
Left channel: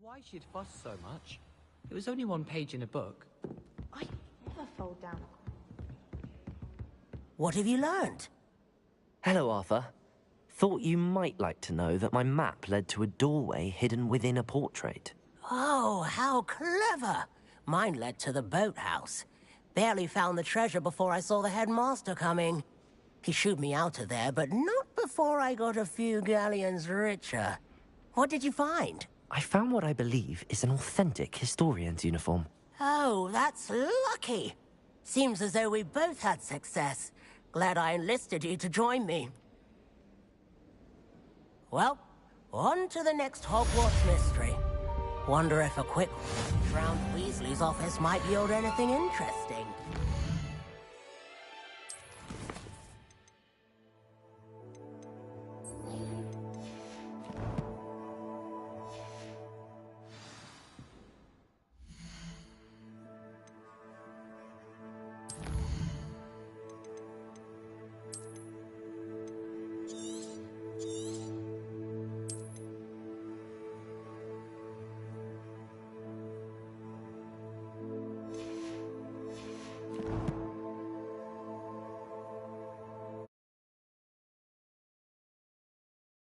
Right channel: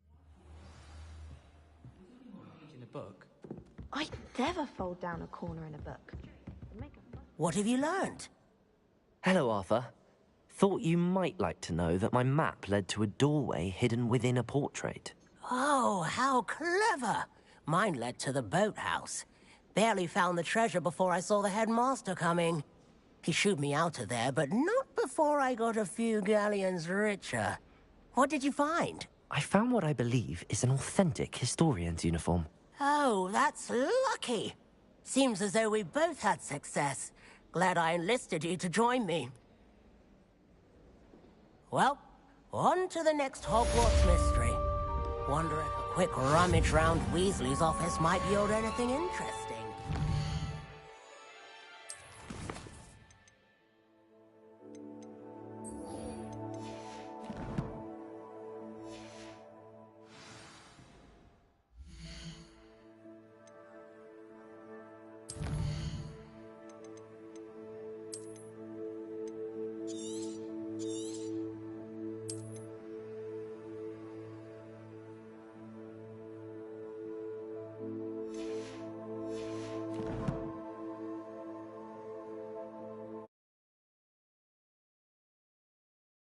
Why she'd fuss so much? It was only one page in a book. I'd never fold down a corner in a book. What have you learned? Hello, Arthur. Thought you might like to know that my map led to a doorway hidden within a portrait. Oh, how clever! Mine led to the boathouse. Barely found the treasure before I saw the headmaster coming. He shooed me out of there, but not before I got a few galleons richer. What did you find? I found what I believe is an authentic historian's uniform. Oh, that's lucky. Seems as though we both had success. Glad I enlisted you to join me. Well, on to the next Hogwarts mystery. Wonder if a quick rummage round Weasley's office might yield anything interesting.